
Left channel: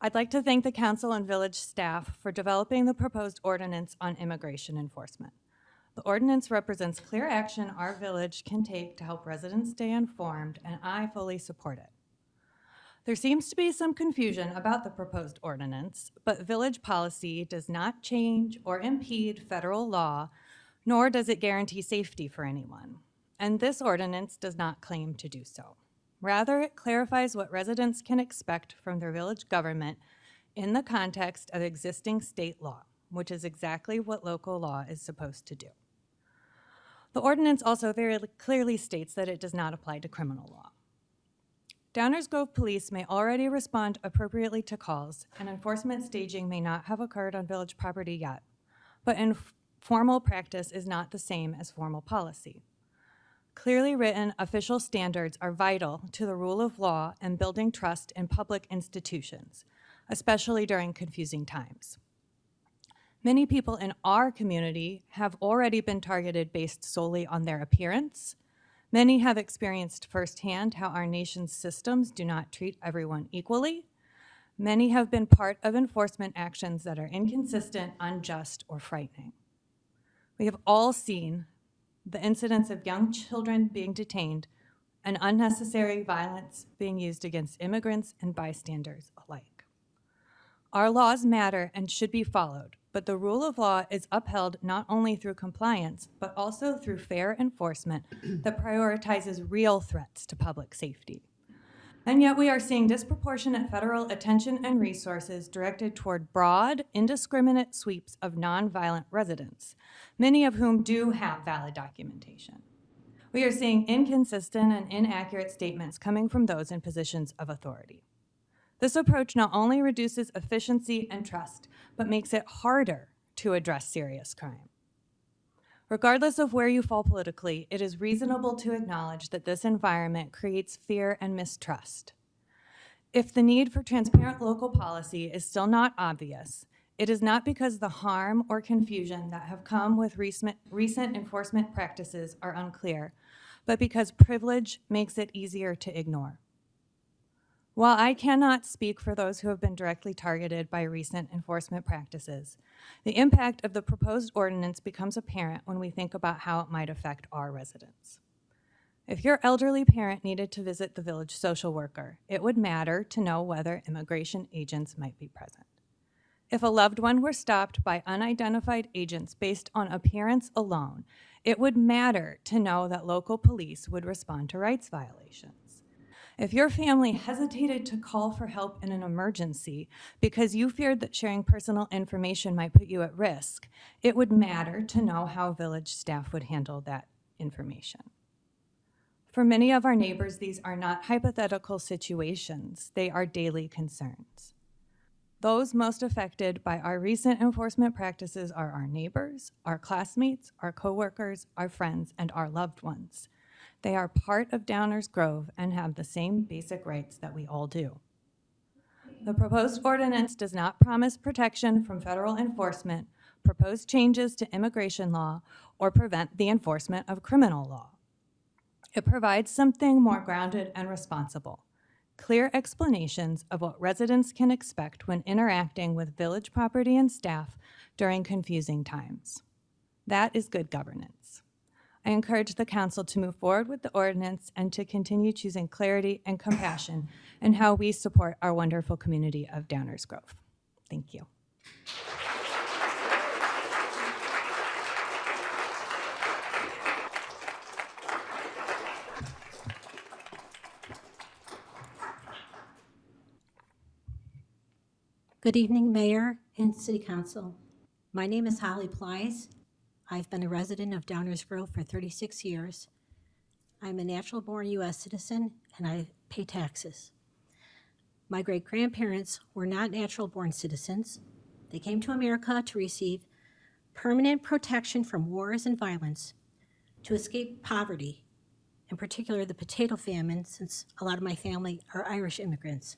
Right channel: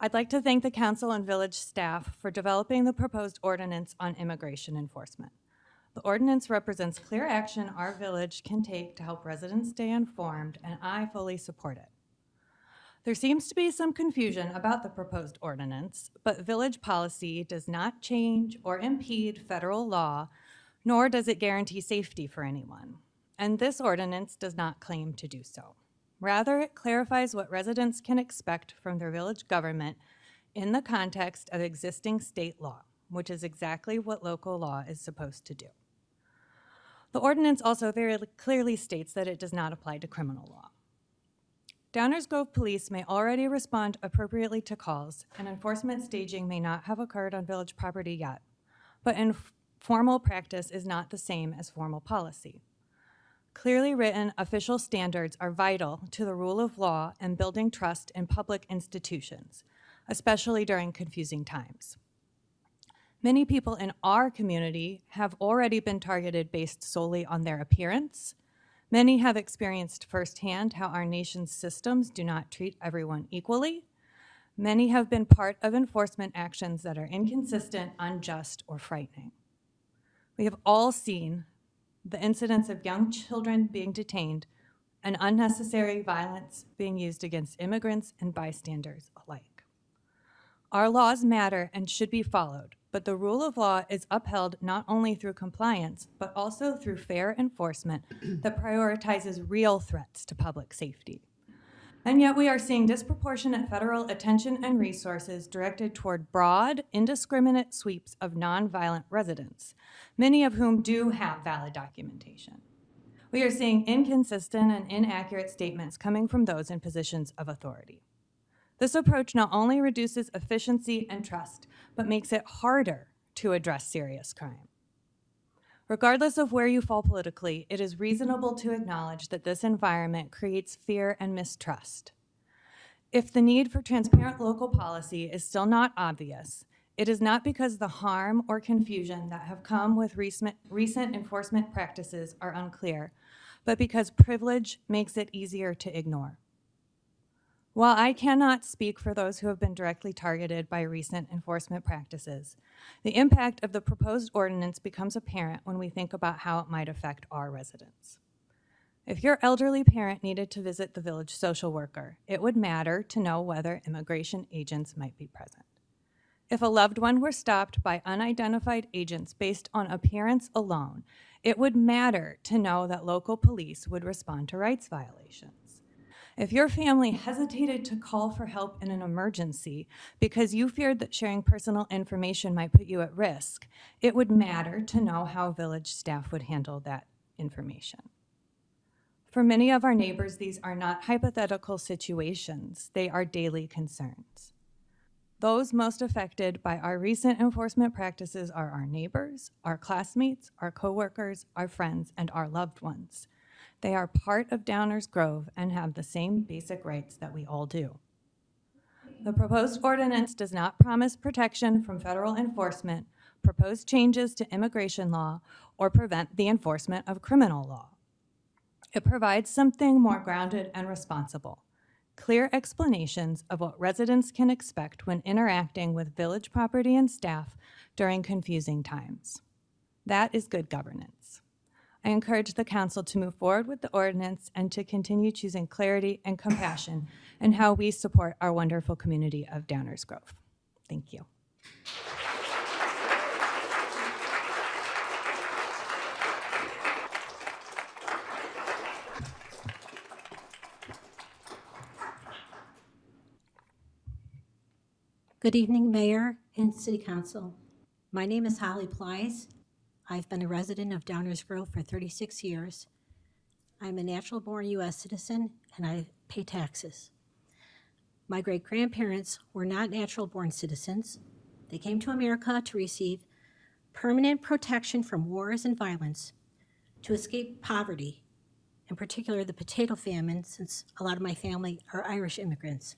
I'd like to thank the council and village staff for developing the proposed ordinance on immigration enforcement. The ordinance represents clear action our village can take to help residents stay informed, and I fully support it. There seems to be some confusion about the proposed ordinance, but village policy does not change or impede federal law, nor does it guarantee safety for anyone. And this ordinance does not claim to do so. Rather, it clarifies what residents can expect from their village government in the context of existing state law, which is exactly what local law is supposed to do. The ordinance also very clearly states that it does not apply to criminal law. Downers Grove Police may already respond appropriately to calls, and enforcement staging may not have occurred on village property yet, but informal practice is not the same as formal policy. Clearly written official standards are vital to the rule of law and building trust in public institutions, especially during confusing times. Many people in our community have already been targeted based solely on their appearance. Many have experienced firsthand how our nation's systems do not treat everyone equally. Many have been part of enforcement actions that are inconsistent, unjust, or frightening. We have all seen the incidents of young children being detained and unnecessary violence being used against immigrants and bystanders alike. Our laws matter and should be followed, but the rule of law is upheld not only through compliance, but also through fair enforcement that prioritizes real threats to public safety. And yet we are seeing disproportionate federal attention and resources directed toward broad, indiscriminate sweeps of nonviolent residents, many of whom do have valid documentation. We are seeing inconsistent and inaccurate statements coming from those in positions of authority. This approach not only reduces efficiency and trust, but makes it harder to address serious crime. Regardless of where you fall politically, it is reasonable to acknowledge that this environment creates fear and mistrust. If the need for transparent local policy is still not obvious, it is not because the harm or confusion that have come with recent enforcement practices are unclear, but because privilege makes it easier to ignore. While I cannot speak for those who have been directly targeted by recent enforcement practices, the impact of the proposed ordinance becomes apparent when we think about how it might affect our residents. If your elderly parent needed to visit the village social worker, it would matter to know whether immigration agents might be present. If a loved one were stopped by unidentified agents based on appearance alone, it would matter to know that local police would respond to rights violations. If your family hesitated to call for help in an emergency because you feared that sharing personal information might put you at risk, it would matter to know how village staff would handle that information. For many of our neighbors, these are not hypothetical situations, they are daily concerns. Those most affected by our recent enforcement practices are our neighbors, our classmates, our coworkers, our friends, and our loved ones. They are part of Downers Grove and have the same basic rights that we all do. The proposed ordinance does not promise protection from federal enforcement, propose changes to immigration law, or prevent the enforcement of criminal law. It provides something more grounded and responsible, clear explanations of what residents can expect when interacting with village property and staff during confusing times. That is good governance. I encourage the council to move forward with the ordinance and to continue choosing clarity and compassion in how we support our wonderful community of Downers Grove. Thank you. Good evening, Mayor and City Council. My name is Holly Plies. I've been a resident of Downers Grove for 36 years. I'm a natural-born U.S. citizen, and I pay taxes. My great-grandparents were not natural-born citizens. They came to America to receive permanent protection from wars and violence, to escape poverty, in particular the potato famine, since a lot of my family are Irish immigrants,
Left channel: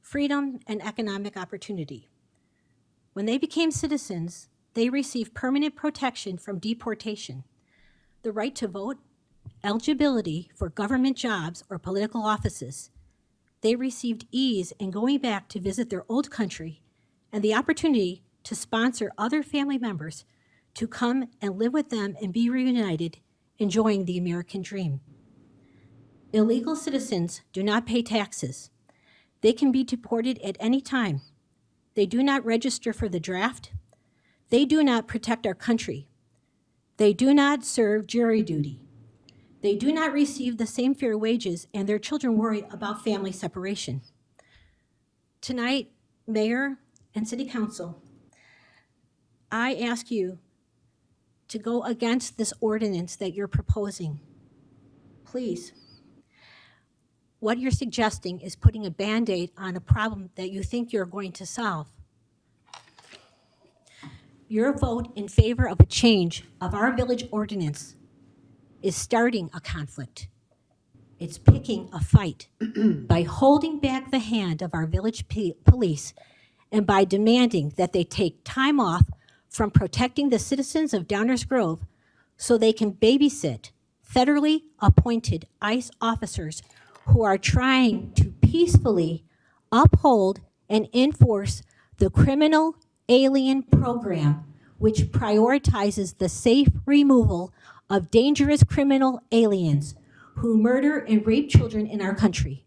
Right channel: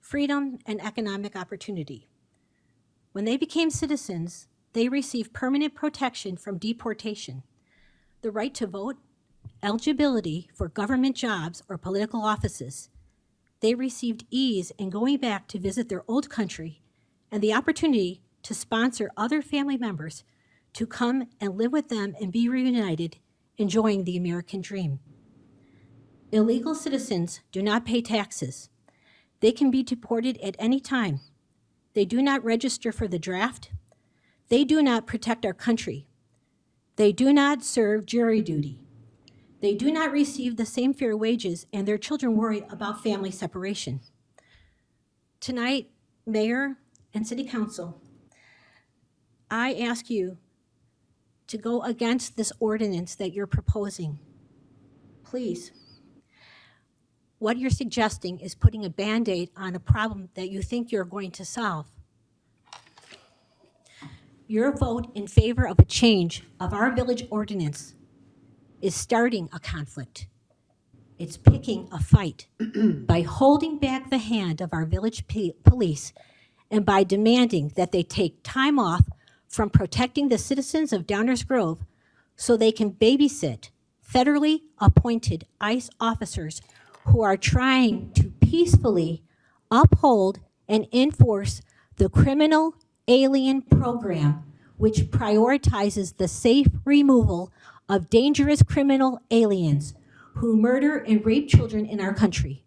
freedom and economic opportunity. When they became citizens, they received permanent protection from deportation, the right to vote, eligibility for government jobs or political offices. They received ease in going back to visit their old country and the opportunity to sponsor other family members to come and live with them and be reunited, enjoying the American dream. Illegal citizens do not pay taxes. They can be deported at any time. They do not register for the draft. They do not protect our country. They do not serve jury duty. They do not receive the same fair wages, and their children worry about family separation. Tonight, Mayor and City Council, I ask you to go against this ordinance that you're proposing. Please. What you're suggesting is putting a Band-Aid on a problem that you think you're going to solve. Your vote in favor of a change of our village ordinance is starting a conflict. It's picking a fight by holding back the hand of our village police and by demanding that they take time off from protecting the citizens of Downers Grove so they can babysit federally appointed ICE officers who are trying to peacefully uphold and enforce the criminal alien program, which prioritizes the safe removal of dangerous criminal aliens who murder and rape children in our country.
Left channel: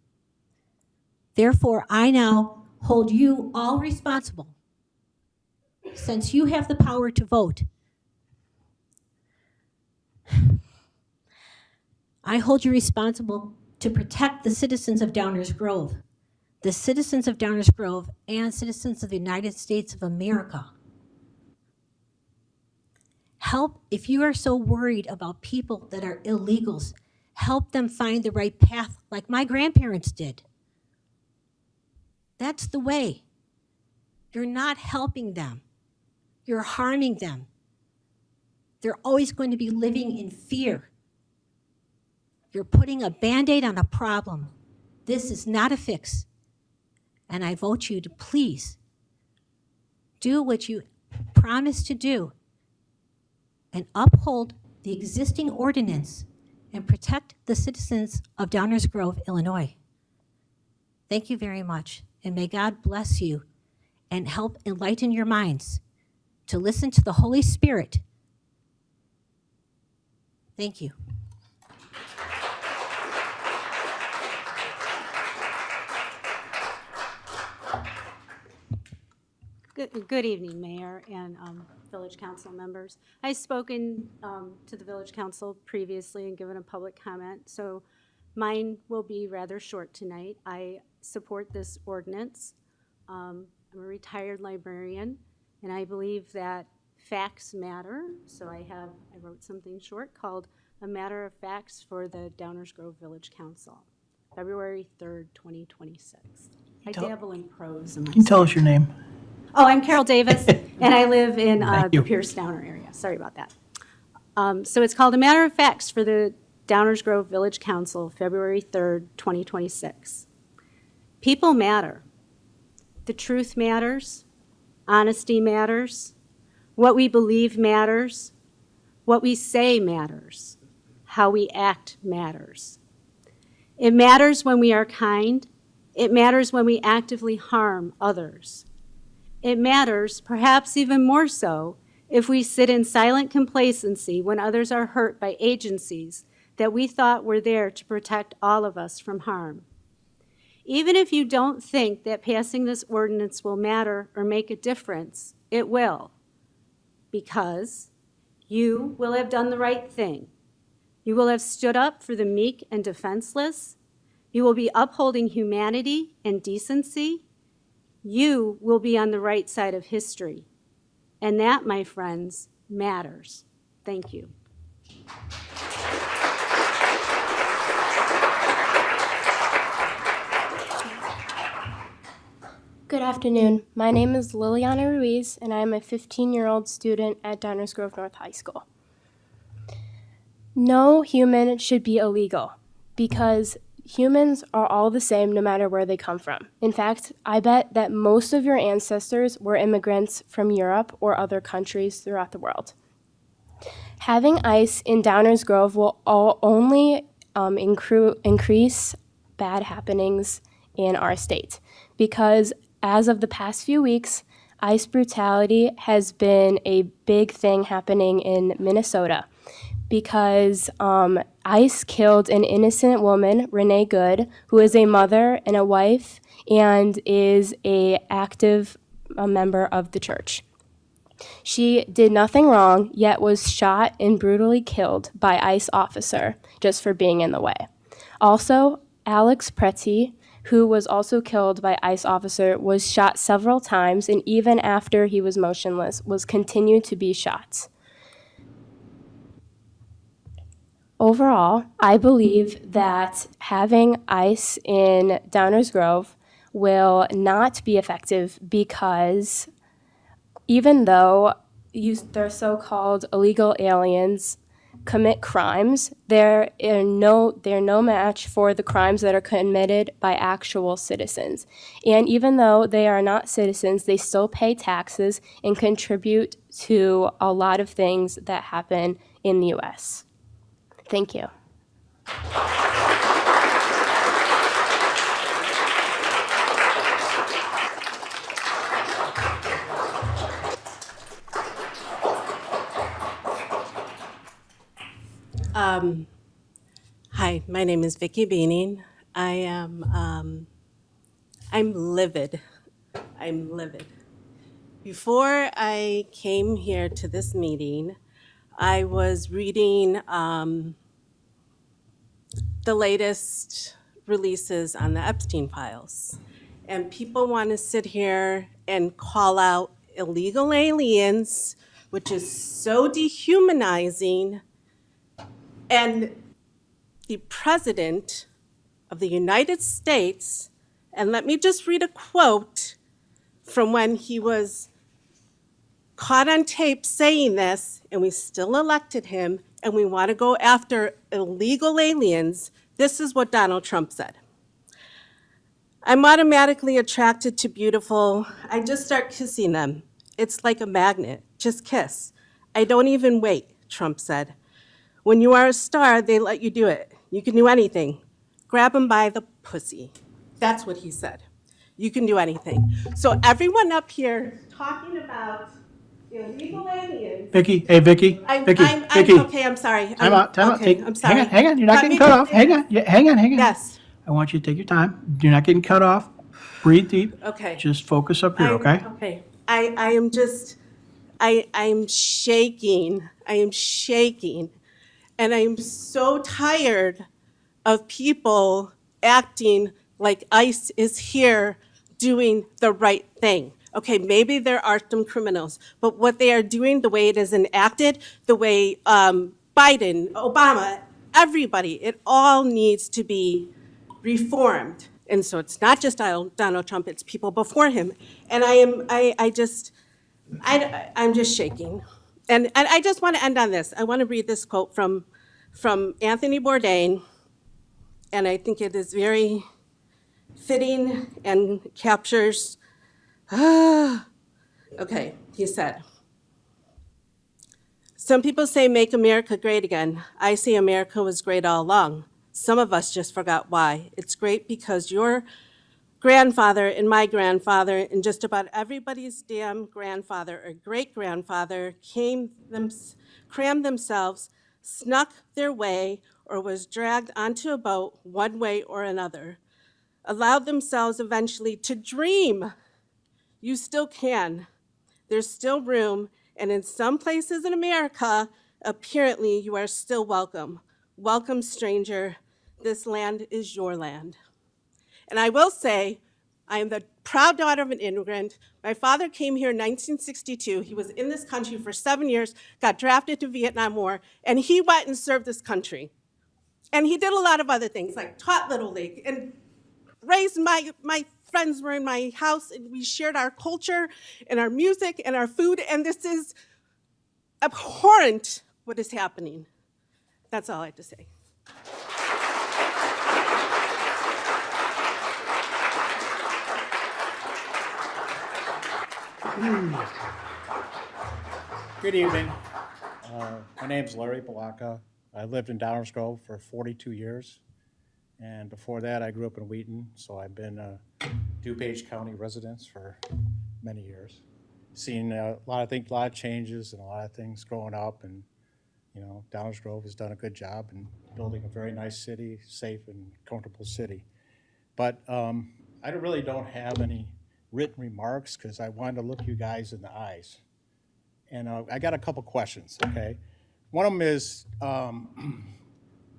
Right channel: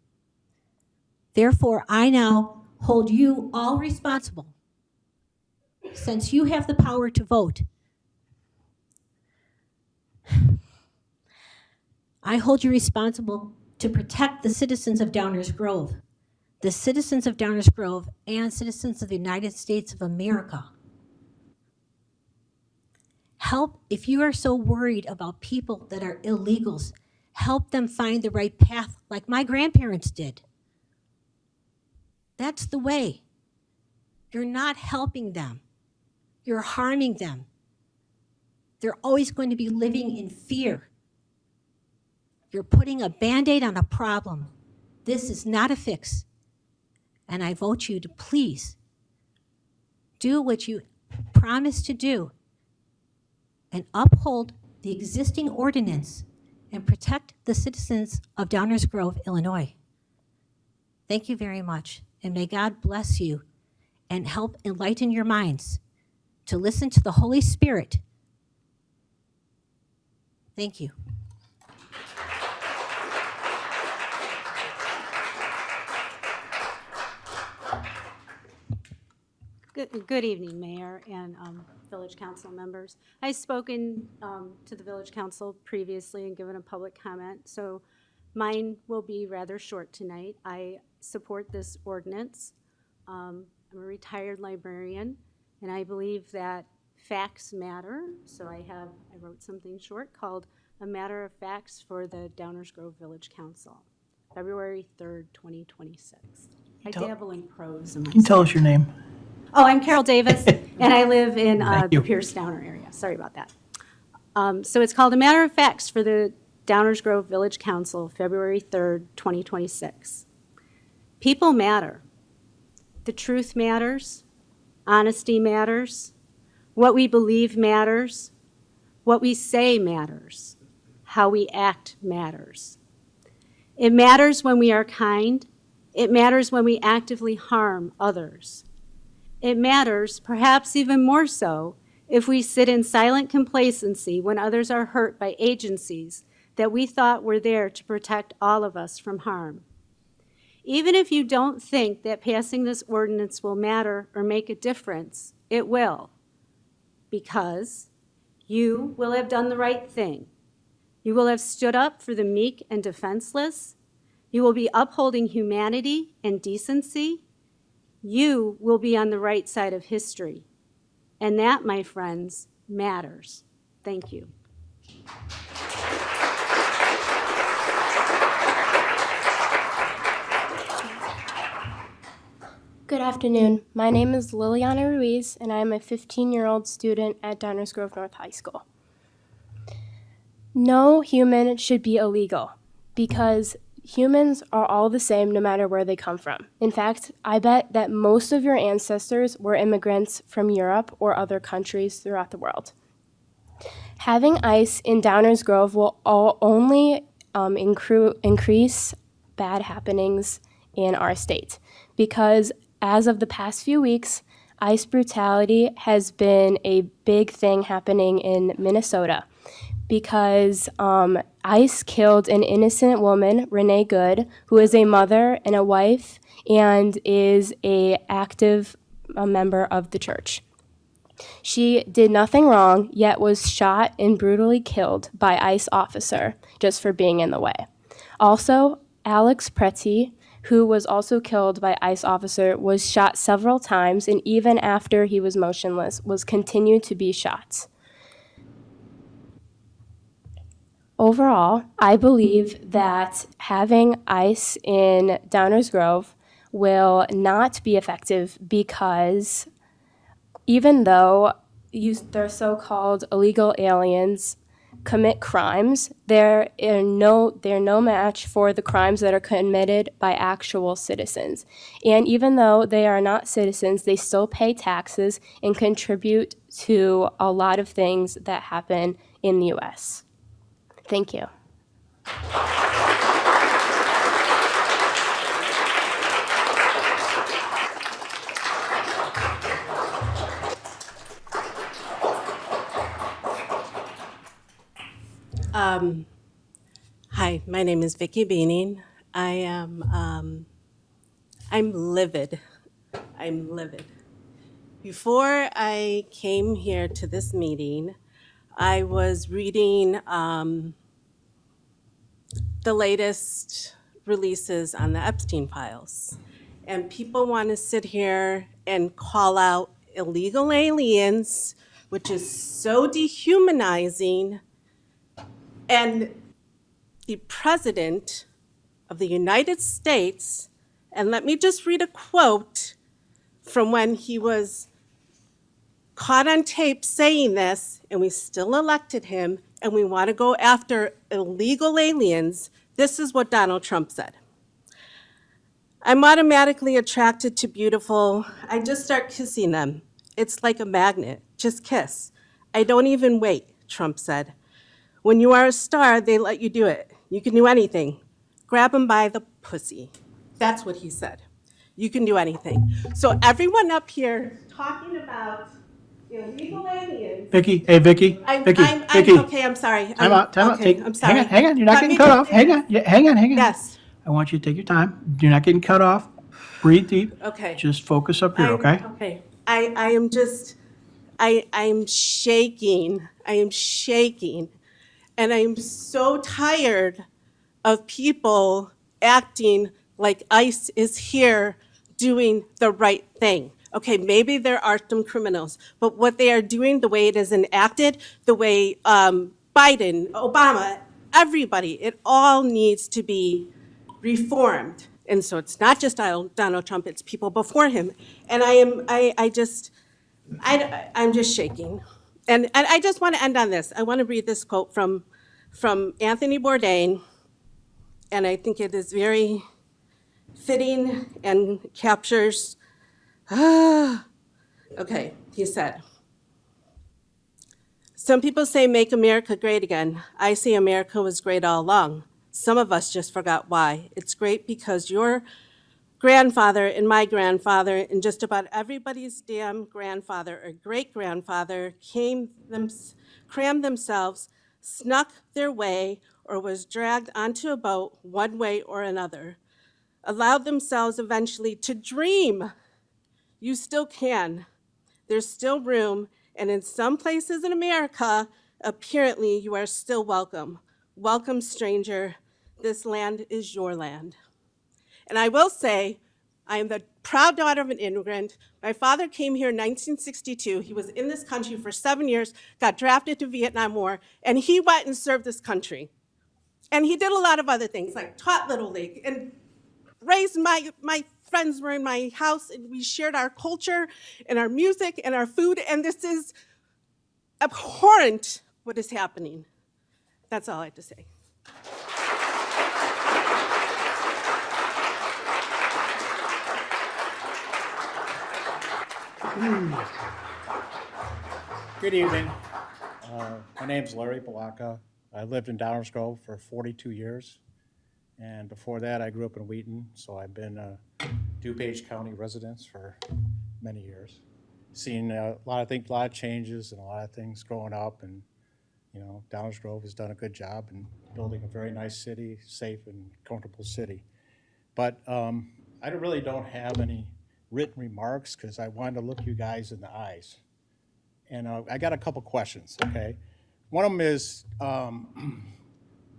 Therefore, I now hold you all responsible, since you have the power to vote. I hold you responsible to protect the citizens of Downers Grove, the citizens of Downers Grove, and citizens of the United States of America. Help, if you are so worried about people that are illegals, help them find the right path like my grandparents did. That's the way. You're not helping them. You're harming them. They're always going to be living in fear. You're putting a Band-Aid on a problem. This is not a fix. And I vote you to please do what you promised to do and uphold the existing ordinance and protect the citizens of Downers Grove, Illinois. Thank you very much, and may God bless you and help enlighten your minds to listen to the Holy Spirit. Thank you. Good evening, Mayor and Village Council members. I've spoken to the Village Council previously and given a public comment, so mine will be rather short tonight. I support this ordinance. I'm a retired librarian, and I believe that facts matter. So I wrote something short called A Matter of Facts for the Downers Grove Village Council, February 3rd, 2026. I dabble in prose. Can you tell us your name? Oh, I'm Carol Davis, and I live in the Pierce Downer area. Sorry about that. So it's called A Matter of Facts for the Downers Grove Village Council, February 3rd, 2026. People matter. The truth matters. Honesty matters. What we believe matters. What we say matters. How we act matters. It matters when we are kind. It matters when we actively harm others. It matters, perhaps even more so, if we sit in silent complacency when others are hurt by agencies that we thought were there to protect all of us from harm. Even if you don't think that passing this ordinance will matter or make a difference, it will, because you will have done the right thing. You will have stood up for the meek and defenseless. You will be upholding humanity and decency. You will be on the right side of history. And that, my friends, matters. Thank you. Good afternoon. My name is Liliana Ruiz, and I am a 15-year-old student at Downers Grove North High School. No human should be illegal because humans are all the same no matter where they come from. In fact, I bet that most of your ancestors were immigrants from Europe or other countries throughout the world. Having ICE in Downers Grove will only increase bad happenings in our state because as of the past few weeks, ICE brutality has been a big thing happening in Minnesota because ICE killed an innocent woman, Renee Good, who is a mother and a wife and is an active member of the church. She did nothing wrong, yet was shot and brutally killed by ICE officer just for being in the way. Also, Alex Pretty, who was also killed by ICE officer, was shot several times, and even after he was motionless, was continued to be shot. Overall, I believe that having ICE in Downers Grove will not be effective because even though their so-called illegal aliens commit crimes, they're no match for the crimes that are committed by actual citizens. And even though they are not citizens, they still pay taxes and contribute to a lot of things that happen in the U.S. Thank you. Hi, my name is Vicki Beaning. I'm livid. I'm livid. Before I came here to this meeting, I was reading the latest releases on the Epstein files. And people want to sit here and call out illegal aliens, which is so dehumanizing. And the President of the United States, and let me just read a quote from when he was caught on tape saying this, and we still elected him, and we want to go after illegal aliens. This is what Donald Trump said. I'm automatically attracted to beautiful. I just start kissing them. It's like a magnet. Just kiss. I don't even wait, Trump said. When you are a star, they let you do it. You can do anything. Grab them by the pussy. That's what he said. You can do anything. So everyone up here talking about illegal aliens. Vicki, hey, Vicki, Vicki. Okay, I'm sorry. Time out. Okay, I'm sorry. Hang on, you're not getting cut off. Hang on. Yes. I want you to take your time. You're not getting cut off. Breathe deep. Okay. Just focus up here, okay? Okay. I am just, I am shaking. I am shaking. And I'm so tired of people acting like ICE is here doing the right thing. Okay, maybe there are some criminals, but what they are doing, the way it is enacted, the way Biden, Obama, everybody, it all needs to be reformed. And so it's not just Donald Trump, it's people before him. And I'm just shaking. And I just want to end on this. I want to read this quote from Anthony Bourdain, and I think it is very fitting and captures. Okay, he said, some people say make America great again. I say America was great all along. Some of us just forgot why. It's great because your grandfather and my grandfather and just about everybody's damn grandfather or great-grandfather crammed themselves, snuck their way, or was dragged onto a boat one way or another, allowed themselves eventually to dream. You still can. There's still room, and in some places in America, apparently you are still welcome. Welcome, stranger. This land is your land. And I will say, I am the proud daughter of an immigrant. My father came here in 1962. He was in this country for 7 years, got drafted to Vietnam War, and he went and served this country. And he did a lot of other things, like taught Little League and raised my friends were in my house, and we shared our culture and our music and our food, and this is abhorrent what is happening. That's all I have to say. Good evening. My name's Larry Balaka. I lived in Downers Grove for 42 years. And before that, I grew up in Wheaton. So I've been a DuPage County resident for many years. Seen a lot of changes and a lot of things growing up. And, you know, Downers Grove has done a good job in building a very nice city, safe and comfortable city. But I really don't have any written remarks because I wanted to look you guys in the eyes. And I got a couple questions, okay? One of them is,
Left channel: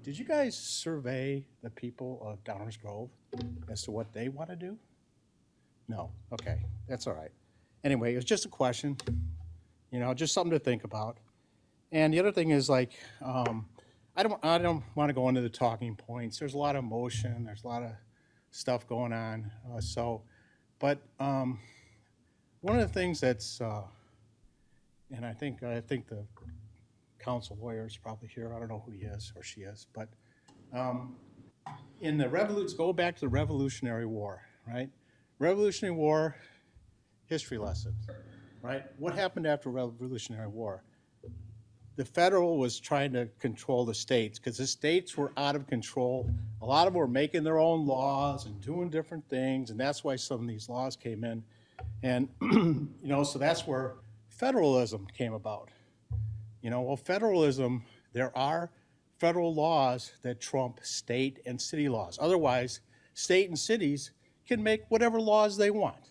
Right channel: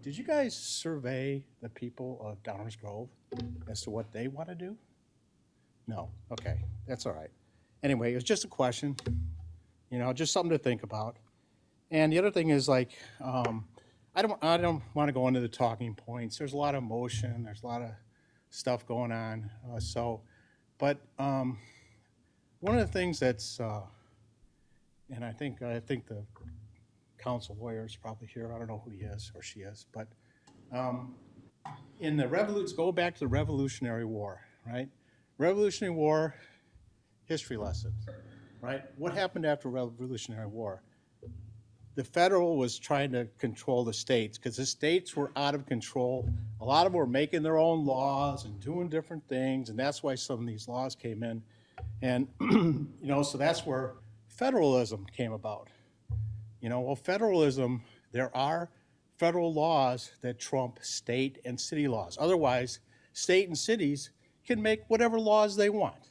did you guys survey the people of Downers Grove as to what they want to do? No, okay, that's all right. Anyway, it's just a question, you know, just something to think about. And the other thing is like, I don't want to go into the talking points. There's a lot of emotion, there's a lot of stuff going on. But one of the things that's, and I think the council lawyer is probably here. I don't know who he is or she is, but in the go back to the Revolutionary War, right? Revolutionary War, history lesson, right? What happened after Revolutionary War? The federal was trying to control the states because the states were out of control. A lot of them were making their own laws and doing different things, and that's why some of these laws came in. And, you know, so that's where federalism came about. You know, well, federalism, there are federal laws that trump state and city laws. Otherwise, state and cities can make whatever laws they want,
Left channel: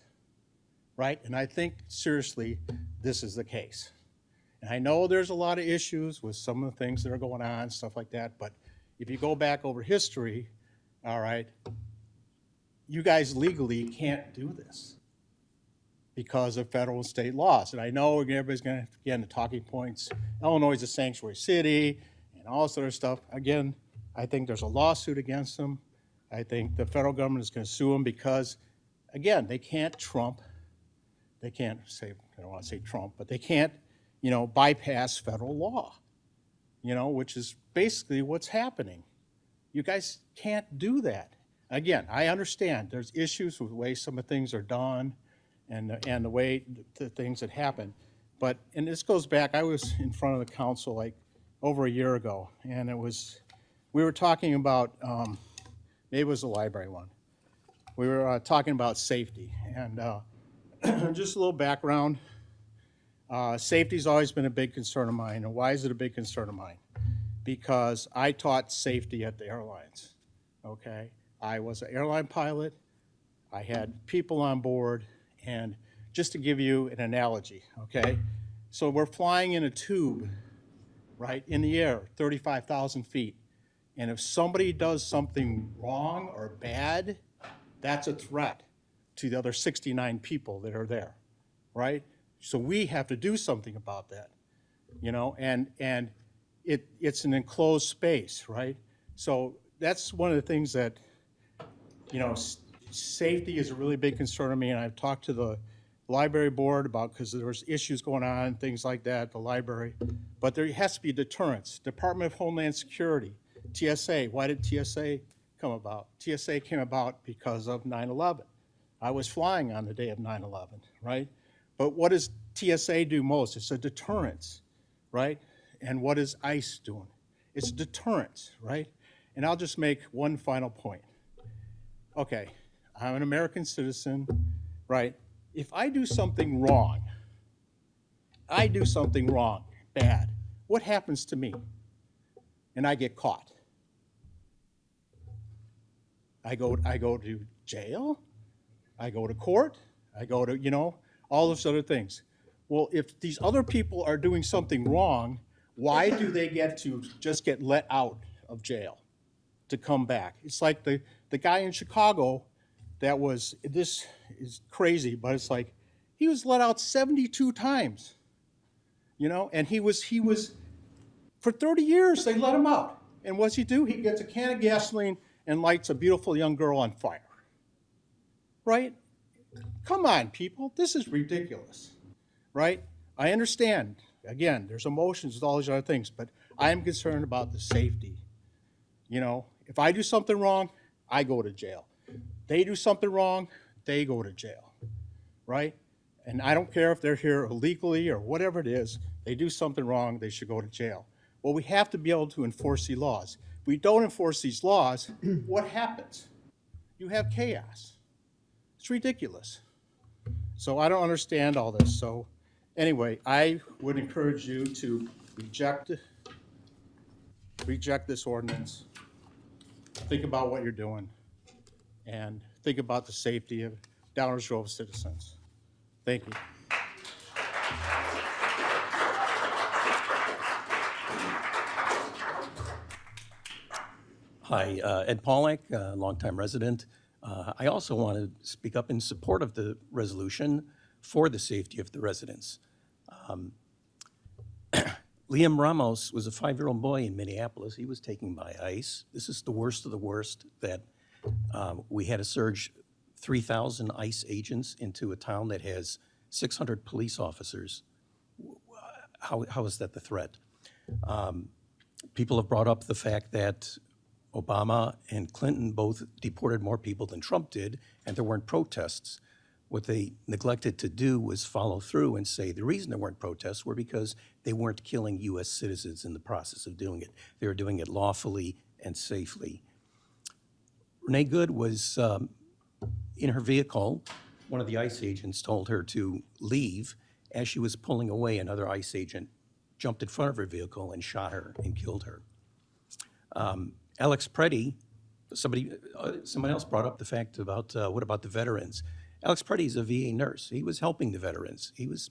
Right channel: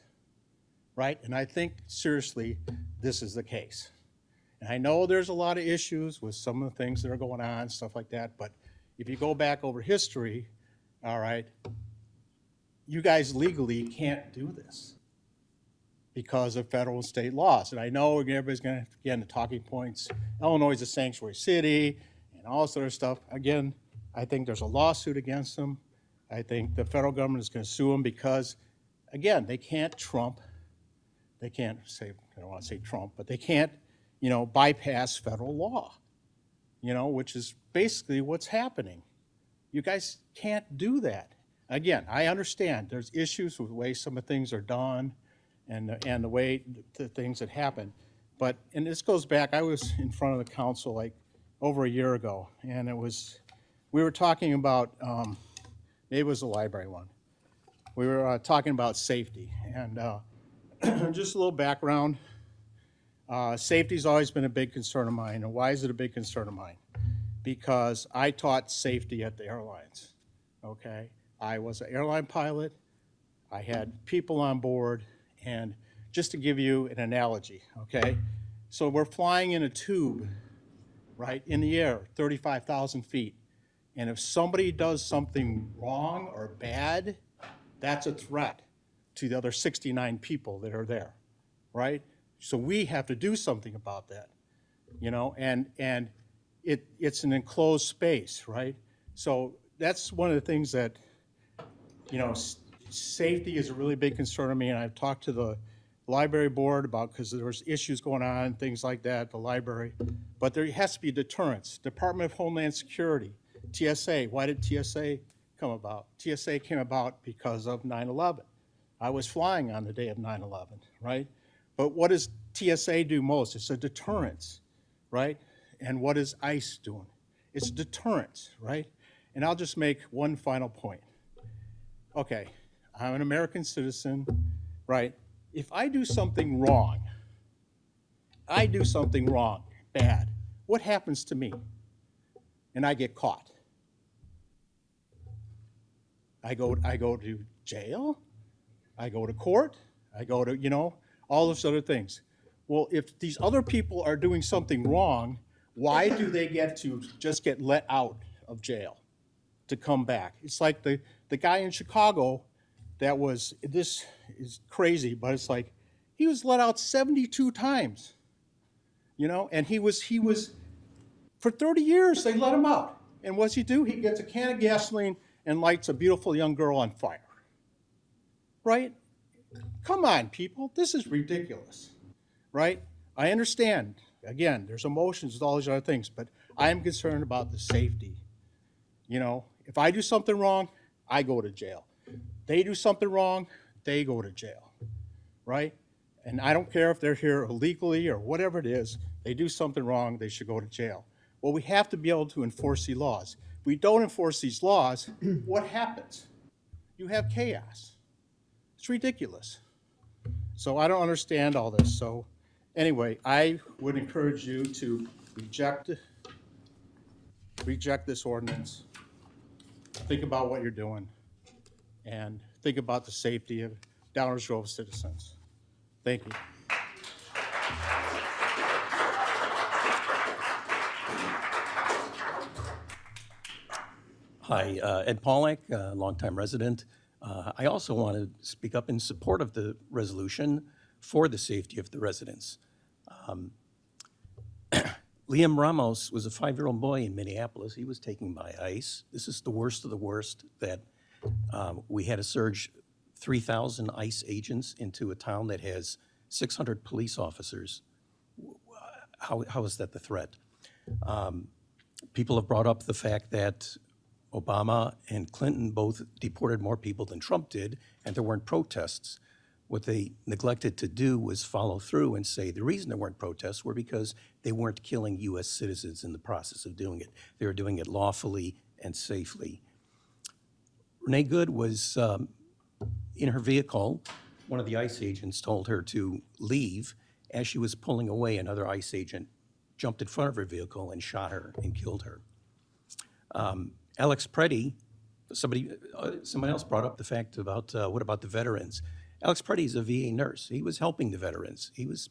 right? And I think, seriously, this is the case. And I know there's a lot of issues with some of the things that are going on, stuff like that, but if you go back over history, all right, you guys legally can't do this because of federal and state laws. And I know everybody's going to get into talking points. Illinois is a sanctuary city and all this other stuff. Again, I think there's a lawsuit against them. I think the federal government is going to sue them because, again, they can't they can't say, I don't want to say Trump, but they can't, you know, bypass federal law, you know, which is basically what's happening. You guys can't do that. Again, I understand there's issues with the way some of the things are done and the way the things that happen. But, and this goes back, I was in front of the council like over a year ago, and we were talking about, maybe it was the library one. We were talking about safety, and just a little background. Safety's always been a big concern of mine. And why is it a big concern of mine? Because I taught safety at the airlines, okay? I was an airline pilot. I had people on board, and just to give you an analogy, okay? So we're flying in a tube, right, in the air, 35,000 feet. And if somebody does something wrong or bad, that's a threat to the other 69 people that are there, right? So we have to do something about that, you know, and it's an enclosed space, right? So that's one of the things that, you know, safety is a really big concern of me, and I've talked to the library board about, because there was issues going on, things like that, the library, but there has to be deterrence. Department of Homeland Security, TSA, why did TSA come about? TSA came about because of 9/11. I was flying on the day of 9/11, right? But what does TSA do most? It's a deterrence, right? And what is ICE doing? It's deterrence, right? And I'll just make one final point. Okay, I'm an American citizen, right? If I do something wrong, bad, what happens to me? And I get caught. I go to jail, I go to court, I go to, all those other things. Well, if these other people are doing something wrong, why do they get to just get let out of jail to come back? It's like the guy in Chicago this is crazy, but it's like he was let out 72 times, and he was for 30 years, they let him out. And what's he do? He gets a can of gasoline and lights a beautiful young girl on fire, right? Come on, people, this is ridiculous, right? I understand, again, there's emotions and all these other things, but I'm concerned about the safety. If I do something wrong, I go to jail. They do something wrong, they go to jail, right? And I don't care if they're here illegally or whatever it is, they do something wrong, they should go to jail. Well, we have to be able to enforce these laws. If we don't enforce these laws, what happens? You have chaos. It's ridiculous. So I don't understand all this. So anyway, I would encourage you to reject this ordinance. Think about what you're doing and think about the safety of Downers Grove citizens. Thank you. Hi, Ed Polnick, longtime resident. I also want to speak up in support of the resolution for the safety of the residents. Liam Ramos was a 5-year-old boy in Minneapolis. He was taken by ICE. This is the worst of the worst, that we had to surge 3,000 ICE agents into a town that has 600 police officers. How is that the threat? People have brought up the fact that Obama and Clinton both deported more people than Trump did, and there weren't protests. What they neglected to do was follow through and say the reason there weren't protests were because they weren't killing U.S. citizens in the process of doing it. They were doing it lawfully and safely. Renee Good was in her vehicle. One of the ICE agents told her to leave. As she was pulling away, another ICE agent jumped in front of her vehicle and shot her and killed her. Alex Preddy, somebody else brought up the fact about what about the veterans? Alex Preddy is a VA nurse. He was helping the veterans. He was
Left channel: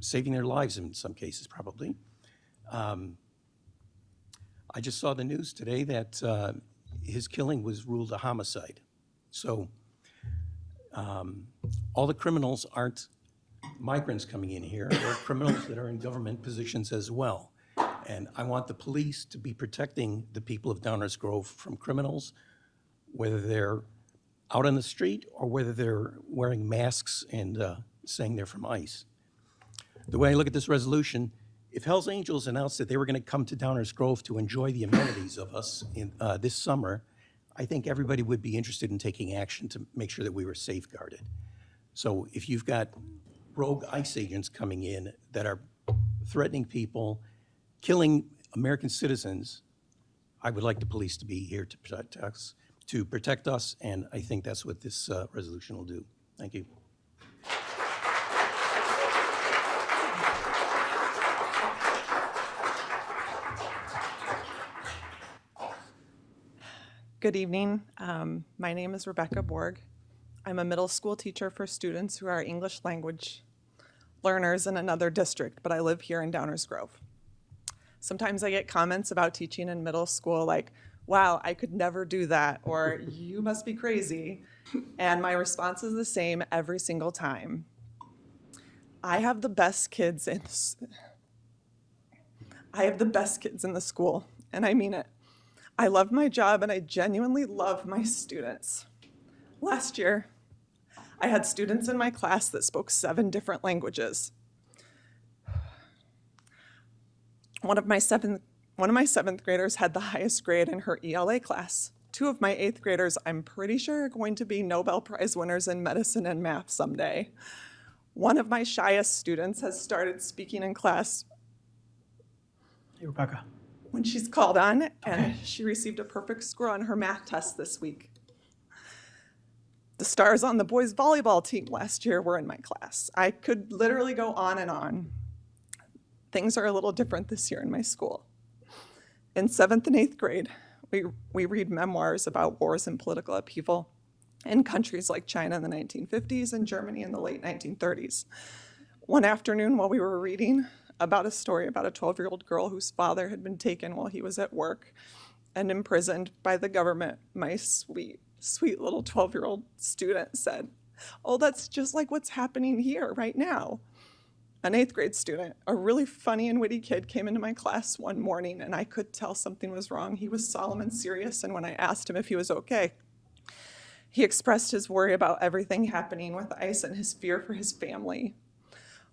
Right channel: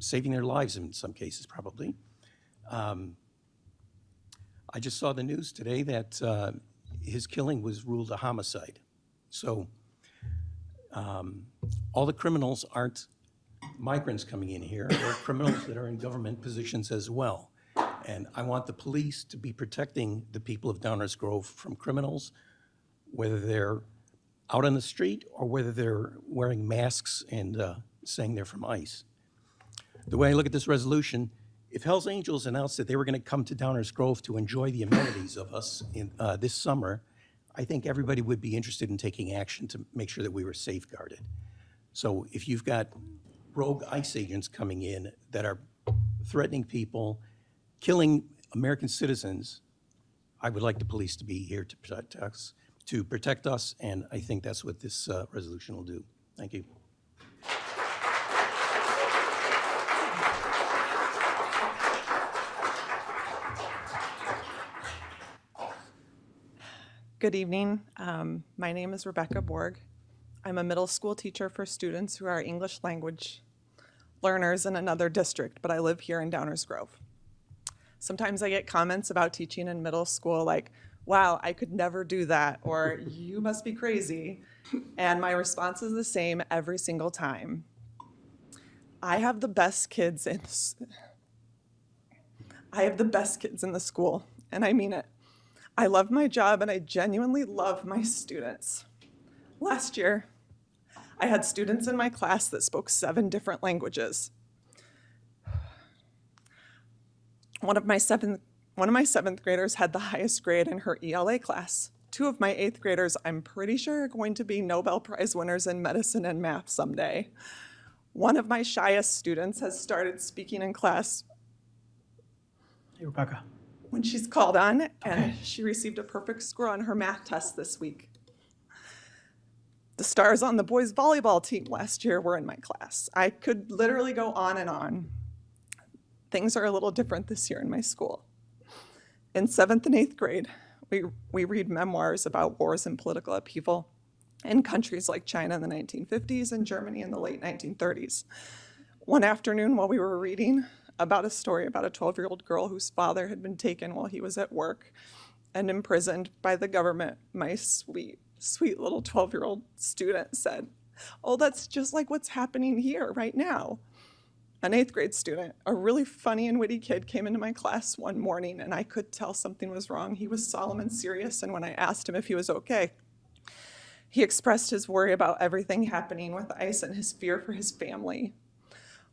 saving their lives in some cases, probably. I just saw the news today that his killing was ruled a homicide. So all the criminals aren't migrants coming in here. They're criminals that are in government positions as well. And I want the police to be protecting the people of Downers Grove from criminals, whether they're out on the street or whether they're wearing masks and saying they're from ICE. The way I look at this resolution, if Hell's Angels announced that they were going to come to Downers Grove to enjoy the amenities of us in this summer, I think everybody would be interested in taking action to make sure that we were safeguarded. So if you've got rogue ICE agents coming in that are threatening people, killing American citizens, I would like the police to be here to protect us, and I think that's what this resolution will do. Thank you. Good evening. My name is Rebecca Borg. I'm a middle school teacher for students who are English language learners in another district, but I live here in Downers Grove. Sometimes I get comments about teaching in middle school like, wow, I could never do that, or you must be crazy. And my response is the same every single time. I have the best kids in the school, and I mean it. I love my job and I genuinely love my students. Last year, I had students in my class that spoke 7 different languages. One of my seventh graders had the highest grade in her ELA class. 2 of my 8th graders, I'm pretty sure, are going to be Nobel Prize winners in medicine and math someday. One of my shyest students has started speaking in class. Hey, Rebecca. When she's called on, and she received a perfect score on her math test this week. The stars on the boys' volleyball team last year were in my class. I could literally go on and on. Things are a little different this year in my school. In 7th and 8th grade, we read memoirs about wars and political upheaval in countries like China in the 1950s and Germany in the late 1930s. One afternoon while we were reading about a story about a 12-year-old girl whose father had been taken while he was at work and imprisoned by the government, my sweet little 12-year-old student said, "Oh, that's just like what's happening here right now." An 8th grade student, a really funny and witty kid, came into my class one morning and I could tell something was wrong. He was solemn and serious, and when I asked him if he was okay, he expressed his worry about everything happening with ICE and his fear for his family.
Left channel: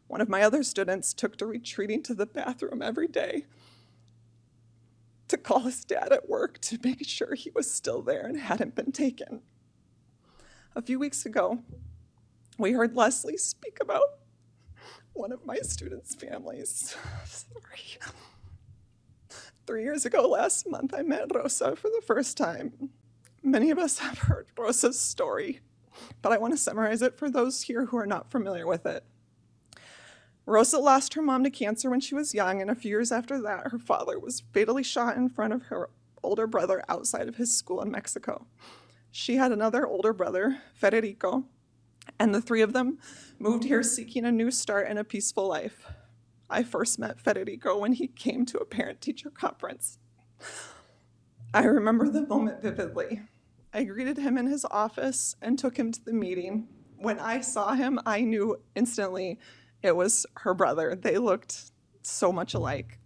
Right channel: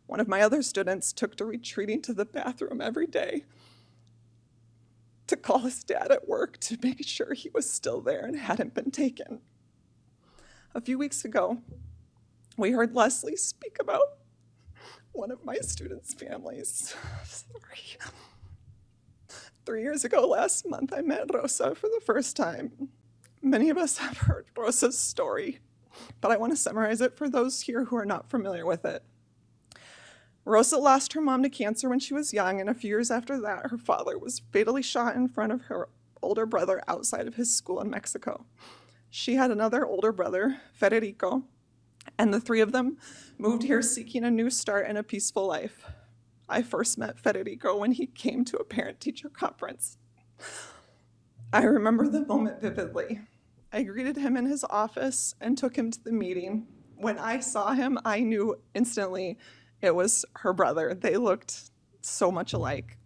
One of my other students took to retreating to the bathroom every day to call his dad at work to make sure he was still there and hadn't been taken. A few weeks ago, we heard Leslie speak about one of my students' families. Sorry. 3 years ago last month, I met Rosa for the first time. Many of us have heard Rosa's story, but I want to summarize it for those here who are not familiar with it. Rosa lost her mom to cancer when she was young, and a few years after that, her father was fatally shot in front of her older brother outside of his school in Mexico. She had another older brother, Federico, and the three of them moved here seeking a new start and a peaceful life. I first met Federico when he came to a parent-teacher conference. I remember the moment vividly. I greeted him in his office and took him to the meeting. When I saw him, I knew instantly it was her brother. They looked so much alike.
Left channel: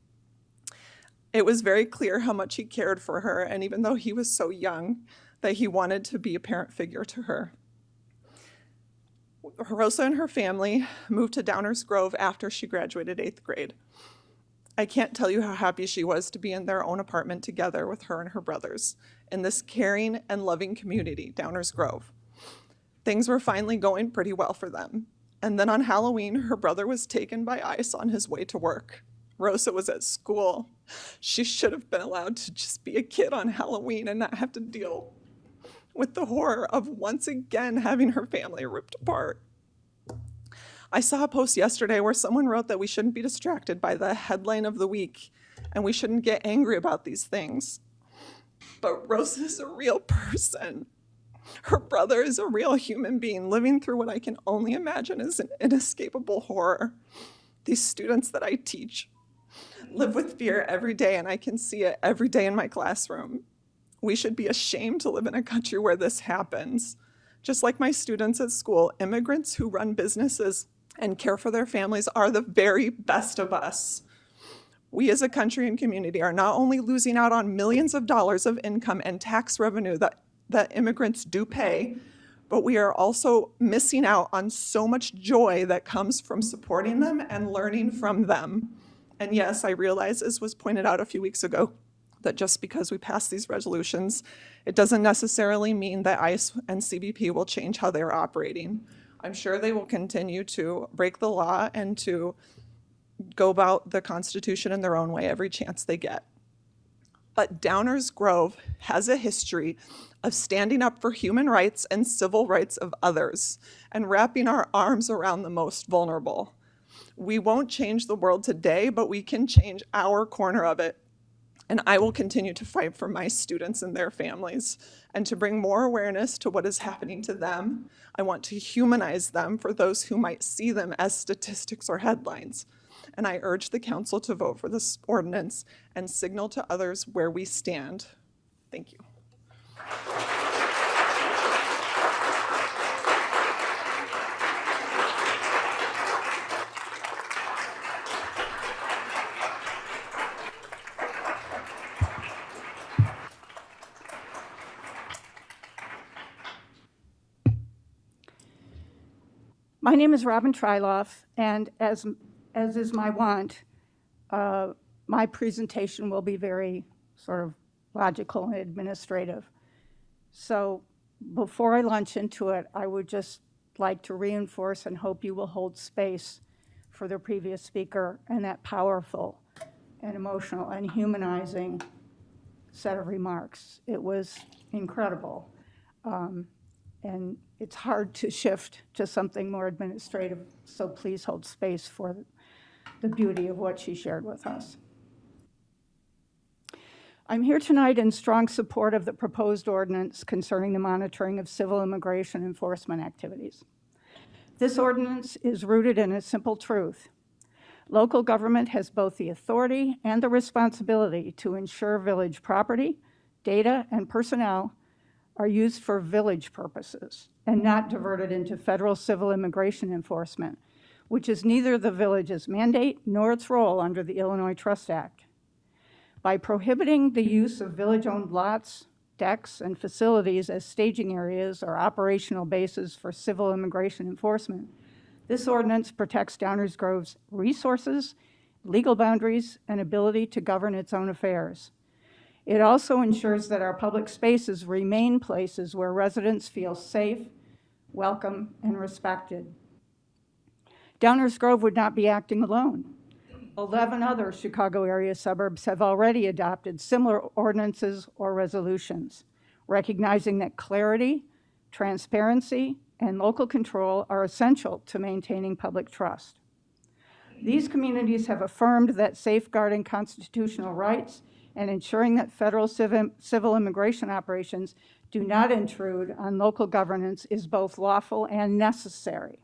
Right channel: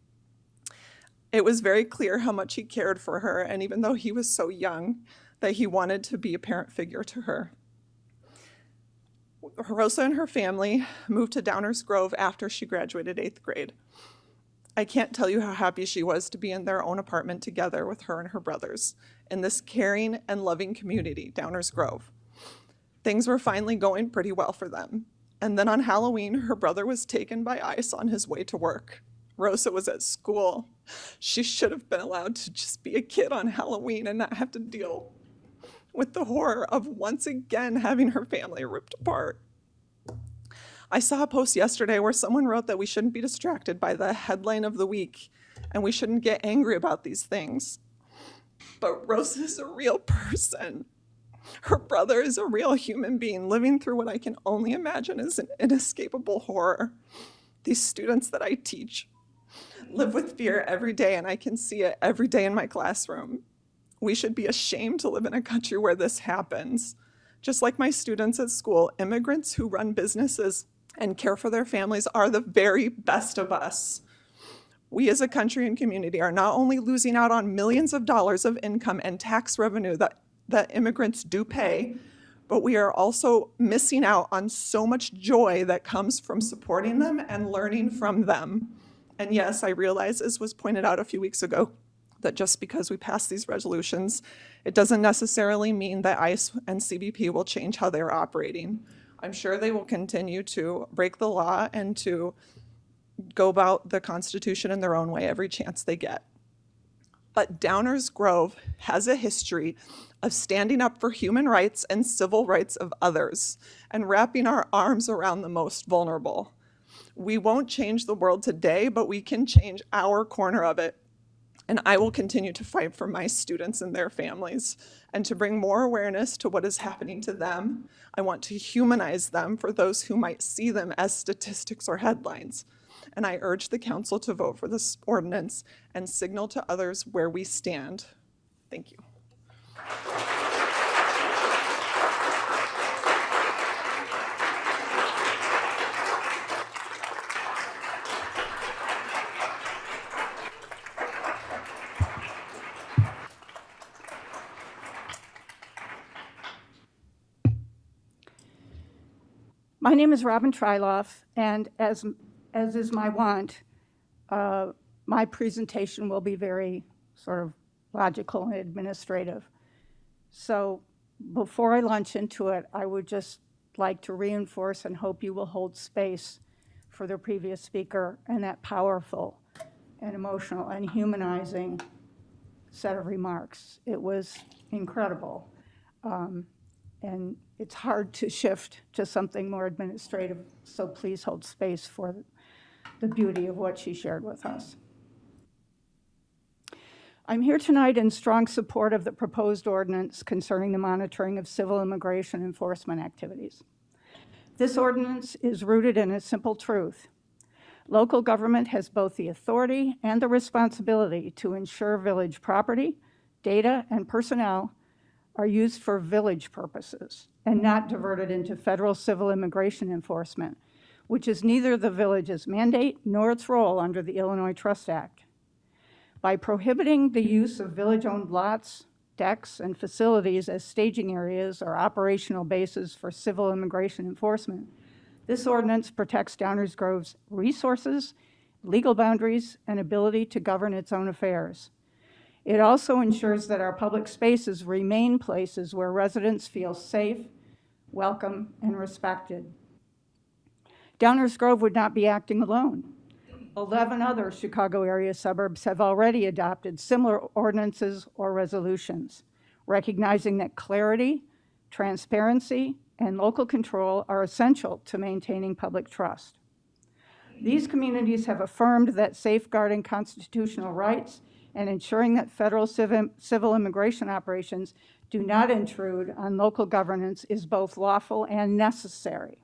It was very clear how much he cared for her, and even though he was so young, that he wanted to be a parent figure to her. Rosa and her family moved to Downers Grove after she graduated 8th grade. I can't tell you how happy she was to be in their own apartment together with her and her brothers in this caring and loving community, Downers Grove. Things were finally going pretty well for them. And then on Halloween, her brother was taken by ICE on his way to work. Rosa was at school. She should have been allowed to just be a kid on Halloween and not have to deal with the horror of once again having her family ripped apart. I saw a post yesterday where someone wrote that we shouldn't be distracted by the headline of the week and we shouldn't get angry about these things. But Rosa is a real person. Her brother is a real human being living through what I can only imagine is an inescapable horror. These students that I teach live with fear every day, and I can see it every day in my classroom. We should be ashamed to live in a country where this happens. Just like my students at school, immigrants who run businesses and care for their families are the very best of us. We as a country and community are not only losing out on millions of dollars of income and tax revenue that immigrants do pay, but we are also missing out on so much joy that comes from supporting them and learning from them. And yes, I realize, as was pointed out a few weeks ago, that just because we pass these resolutions, it doesn't necessarily mean that ICE and CBP will change how they're operating. I'm sure they will continue to break the law and to go about the Constitution in their own way every chance they get. But Downers Grove has a history of standing up for human rights and civil rights of others and wrapping our arms around the most vulnerable. We won't change the world today, but we can change our corner of it. And I will continue to fight for my students and their families and to bring more awareness to what is happening to them. I want to humanize them for those who might see them as statistics or headlines. And I urge the council to vote for this ordinance and signal to others where we stand. Thank you. My name is Robin Tryloff, and as is my wont, my presentation will be very sort of logical and administrative. So before I launch into it, I would just like to reinforce and hope you will hold space for the previous speaker and that powerful and emotional and humanizing set of remarks. It was incredible. and it's hard to shift to something more administrative, so please hold space for the beauty of what she shared with us. I'm here tonight in strong support of the proposed ordinance concerning the monitoring of civil immigration enforcement activities. This ordinance is rooted in a simple truth. Local government has both the authority and the responsibility to ensure village property, data, and personnel are used for village purposes and not diverted into federal civil immigration enforcement, which is neither the village's mandate nor its role under the Illinois Trust Act. By prohibiting the use of village-owned lots, decks, and facilities as staging areas or operational bases for civil immigration enforcement, this ordinance protects Downers Grove's resources, legal boundaries, and ability to govern its own affairs. It also ensures that our public spaces remain places where residents feel safe, welcome, and respected. Downers Grove would not be acting alone. 11 other Chicago area suburbs have already adopted similar ordinances or resolutions, recognizing that clarity, transparency, and local control are essential to maintaining public trust. These communities have affirmed that safeguarding constitutional rights and ensuring that federal civil immigration operations do not intrude on local governance is both lawful and necessary.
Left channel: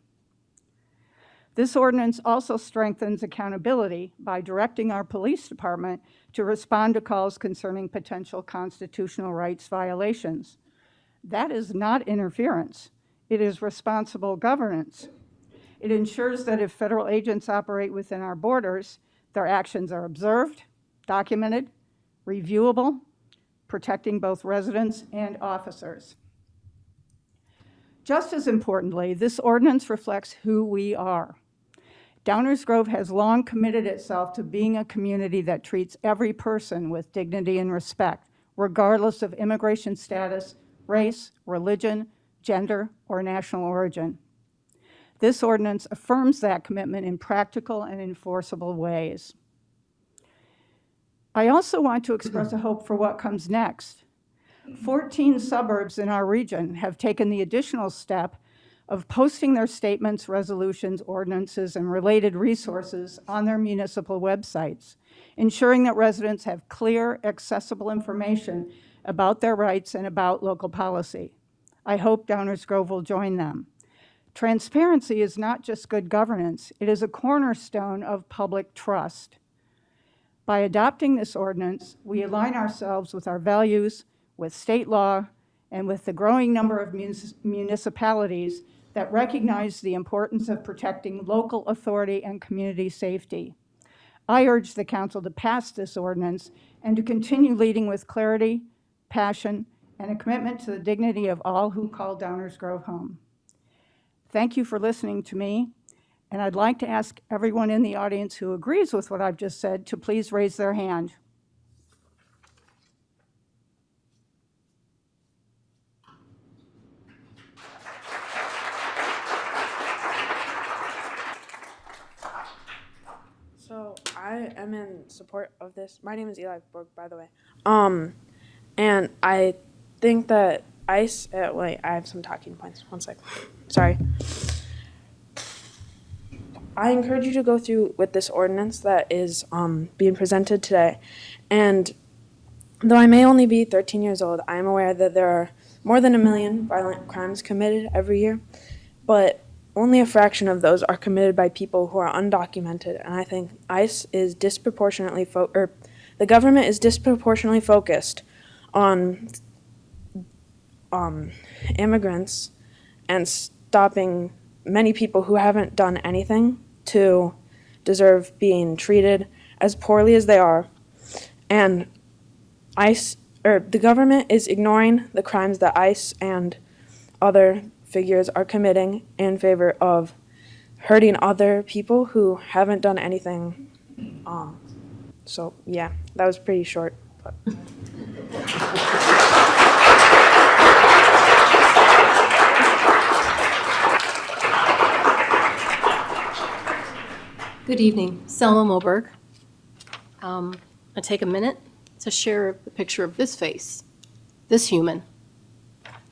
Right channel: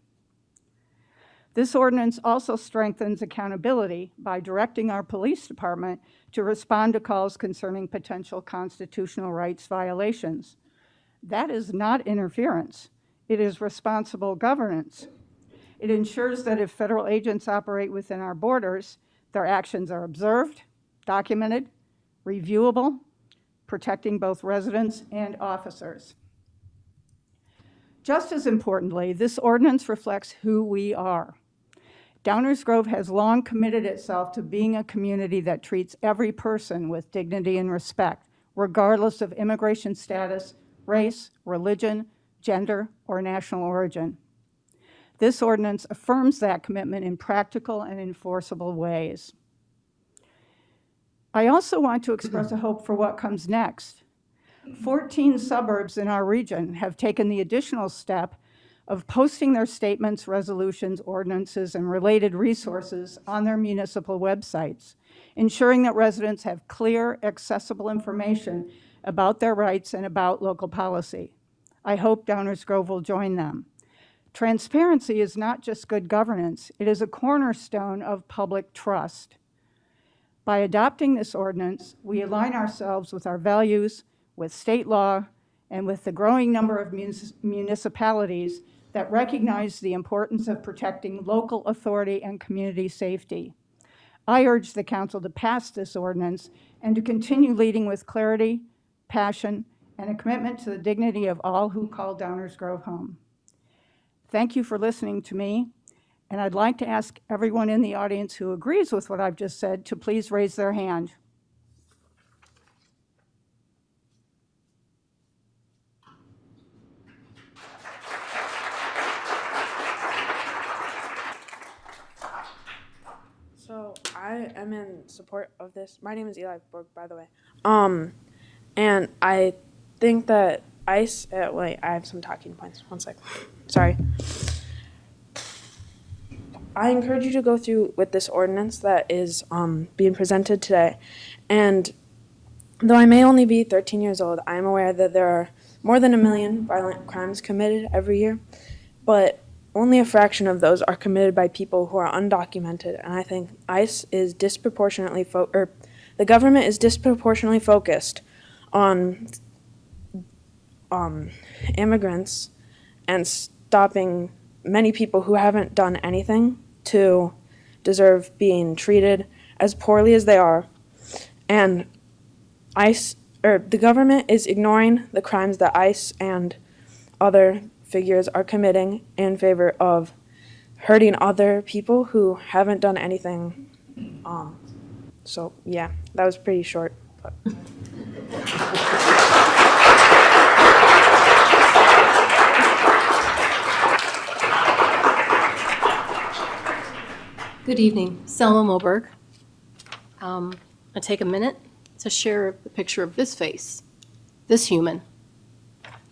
This ordinance also strengthens accountability by directing our police department to respond to calls concerning potential constitutional rights violations. That is not interference. It is responsible governance. It ensures that if federal agents operate within our borders, their actions are observed, documented, reviewable, protecting both residents and officers. Just as importantly, this ordinance reflects who we are. Downers Grove has long committed itself to being a community that treats every person with dignity and respect, regardless of immigration status, race, religion, gender, or national origin. This ordinance affirms that commitment in practical and enforceable ways. I also want to express a hope for what comes next. 14 suburbs in our region have taken the additional step of posting their statements, resolutions, ordinances, and related resources on their municipal websites, ensuring that residents have clear, accessible information about their rights and about local policy. I hope Downers Grove will join them. Transparency is not just good governance, it is a cornerstone of public trust. By adopting this ordinance, we align ourselves with our values, with state law, and with the growing number of municipalities that recognize the importance of protecting local authority and community safety. I urge the council to pass this ordinance and to continue leading with clarity, passion, and a commitment to the dignity of all who call Downers Grove home. Thank you for listening to me, and I'd like to ask everyone in the audience who agrees with what I've just said to please raise their hand. So I am in support of this. My name is Eli Borg, by the way. And I think that ICE, wait, I have some talking points. One sec. Sorry. I encourage you to go through with this ordinance that is being presented today. And though I may only be 13 years old, I am aware that there are more than 1 million violent crimes committed every year, but only a fraction of those are committed by people who are undocumented. And I think ICE is disproportionately, the government is disproportionately focused on immigrants and stopping many people who haven't done anything to deserve being treated as poorly as they are. And the government is ignoring the crimes that ICE and other figures are committing in favor of hurting other people who haven't done anything. So yeah, that was pretty short. But. Good evening, Selma Moberg. I take a minute to share the picture of this face, this human.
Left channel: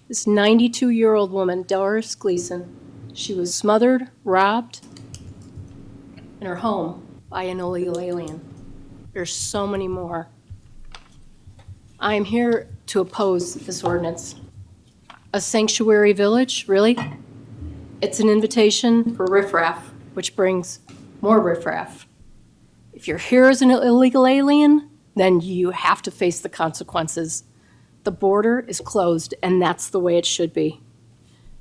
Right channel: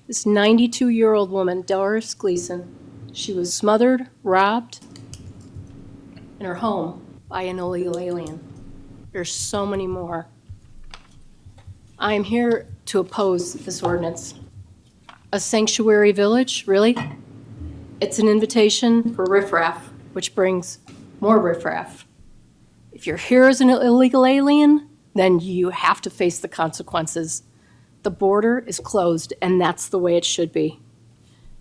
This 92-year-old woman, Doris Gleason, she was smothered, robbed in her home by an illegal alien. There's so many more. I'm here to oppose this ordinance. A sanctuary village, really? It's an invitation for riffraff, which brings more riffraff. If you're here as an illegal alien, then you have to face the consequences. The border is closed, and that's the way it should be.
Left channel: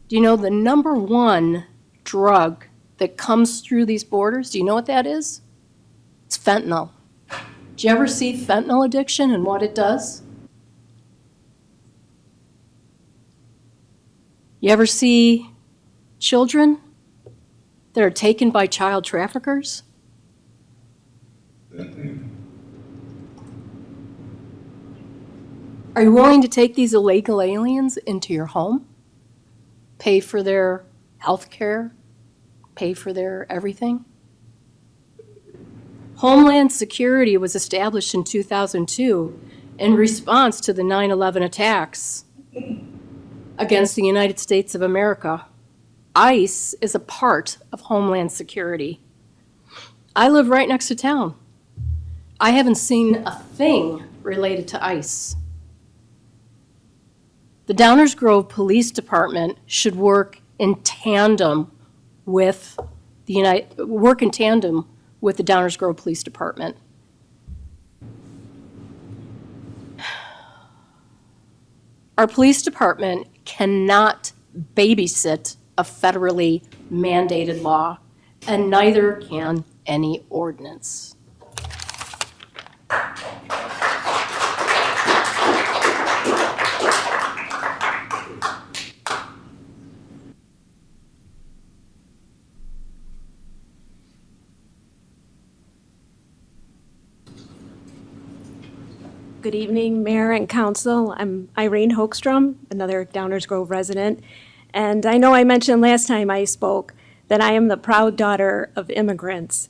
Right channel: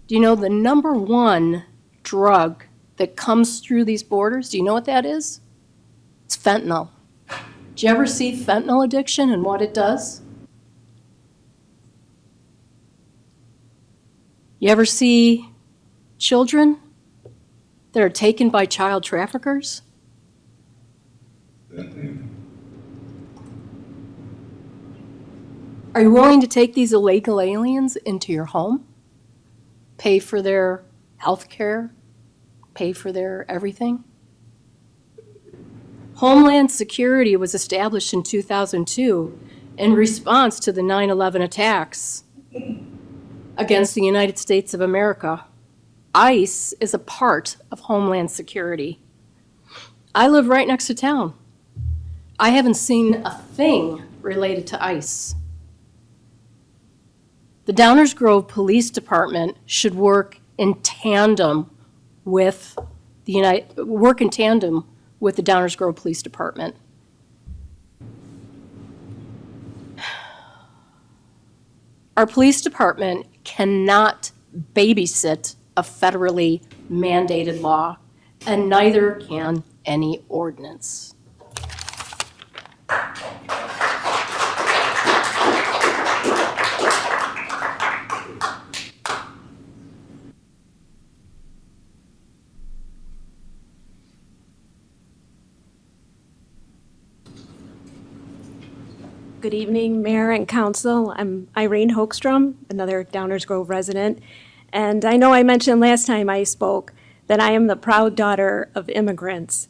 Do you know the number one drug that comes through these borders? Do you know what that is? It's fentanyl. Do you ever see fentanyl addiction and what it does? You ever see children that are taken by child traffickers? Are you willing to take these illegal aliens into your home? Pay for their health care? Pay for their everything? Homeland Security was established in 2002 in response to the 9/11 attacks against the United States of America. ICE is a part of Homeland Security. I live right next to town. I haven't seen a thing related to ICE. The Downers Grove Police Department should work in tandem with the Downers Grove Police Department. Our police department cannot babysit a federally mandated law, and neither can any ordinance. Good evening, Mayor and Council. I'm Irene Hoekstrom, another Downers Grove resident. And I know I mentioned last time I spoke that I am the proud daughter of immigrants.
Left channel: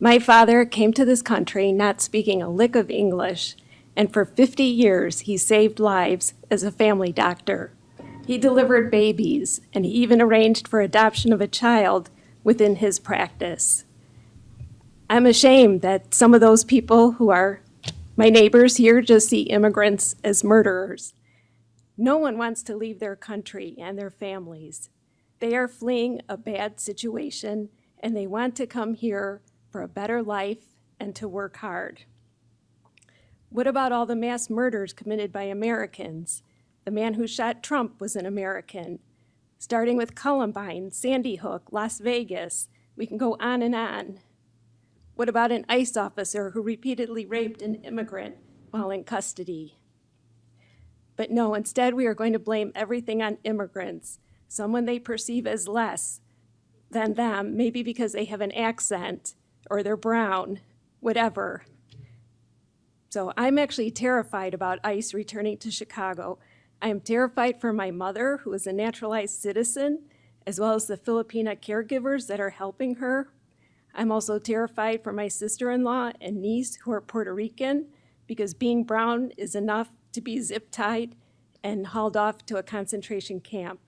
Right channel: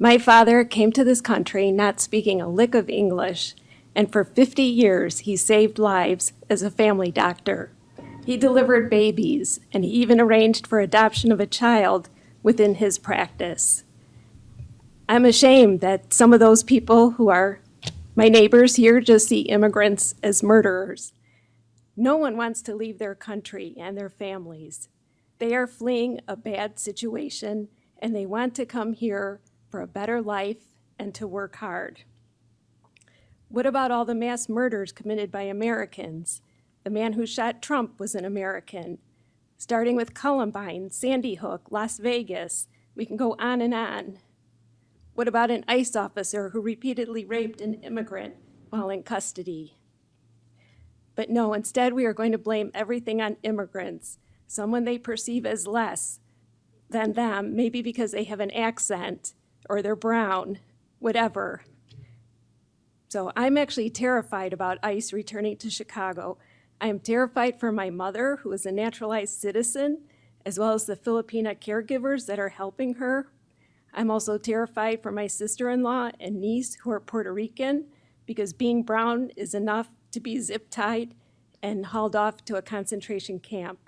My father came to this country not speaking a lick of English, and for 50 years he saved lives as a family doctor. He delivered babies, and he even arranged for adoption of a child within his practice. I'm ashamed that some of those people who are my neighbors here just see immigrants as murderers. No one wants to leave their country and their families. They are fleeing a bad situation, and they want to come here for a better life and to work hard. What about all the mass murders committed by Americans? The man who shot Trump was an American. Starting with Columbine, Sandy Hook, Las Vegas, we can go on and on. What about an ICE officer who repeatedly raped an immigrant while in custody? But no, instead we are going to blame everything on immigrants, someone they perceive as less than them, maybe because they have an accent or they're brown, whatever. So I'm actually terrified about ICE returning to Chicago. I'm terrified for my mother, who is a naturalized citizen, as well as the Filipina caregivers that are helping her. I'm also terrified for my sister-in-law and niece who are Puerto Rican, because being brown is enough to be zip-tied and hauled off to a concentration camp.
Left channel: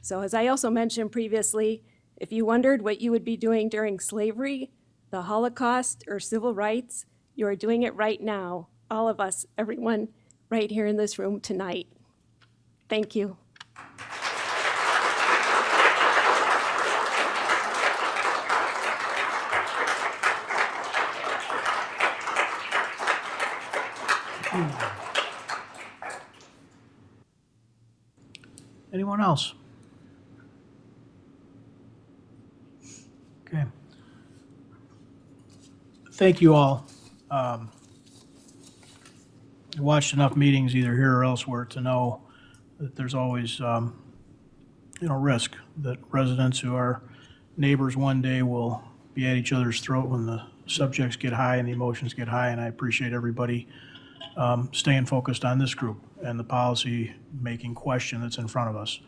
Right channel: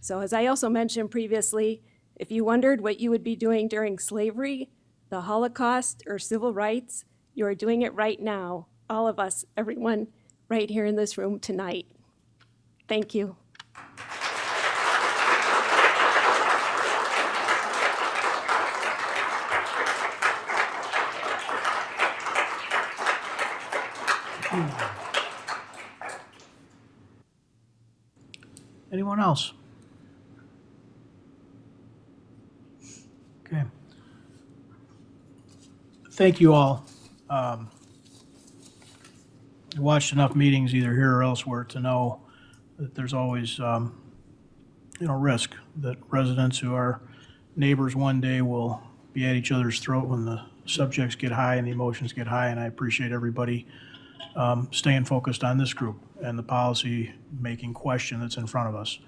So as I also mentioned previously, if you wondered what you would be doing during slavery, the Holocaust, or civil rights, you are doing it right now. All of us, everyone right here in this room tonight. Thank you. Anyone else? Okay. Thank you all. I watched enough meetings either here or elsewhere to know that there's always, risk that residents who are neighbors one day will be at each other's throat when the subjects get high and the emotions get high. And I appreciate everybody staying focused on this group and the policy making question that's in front of us.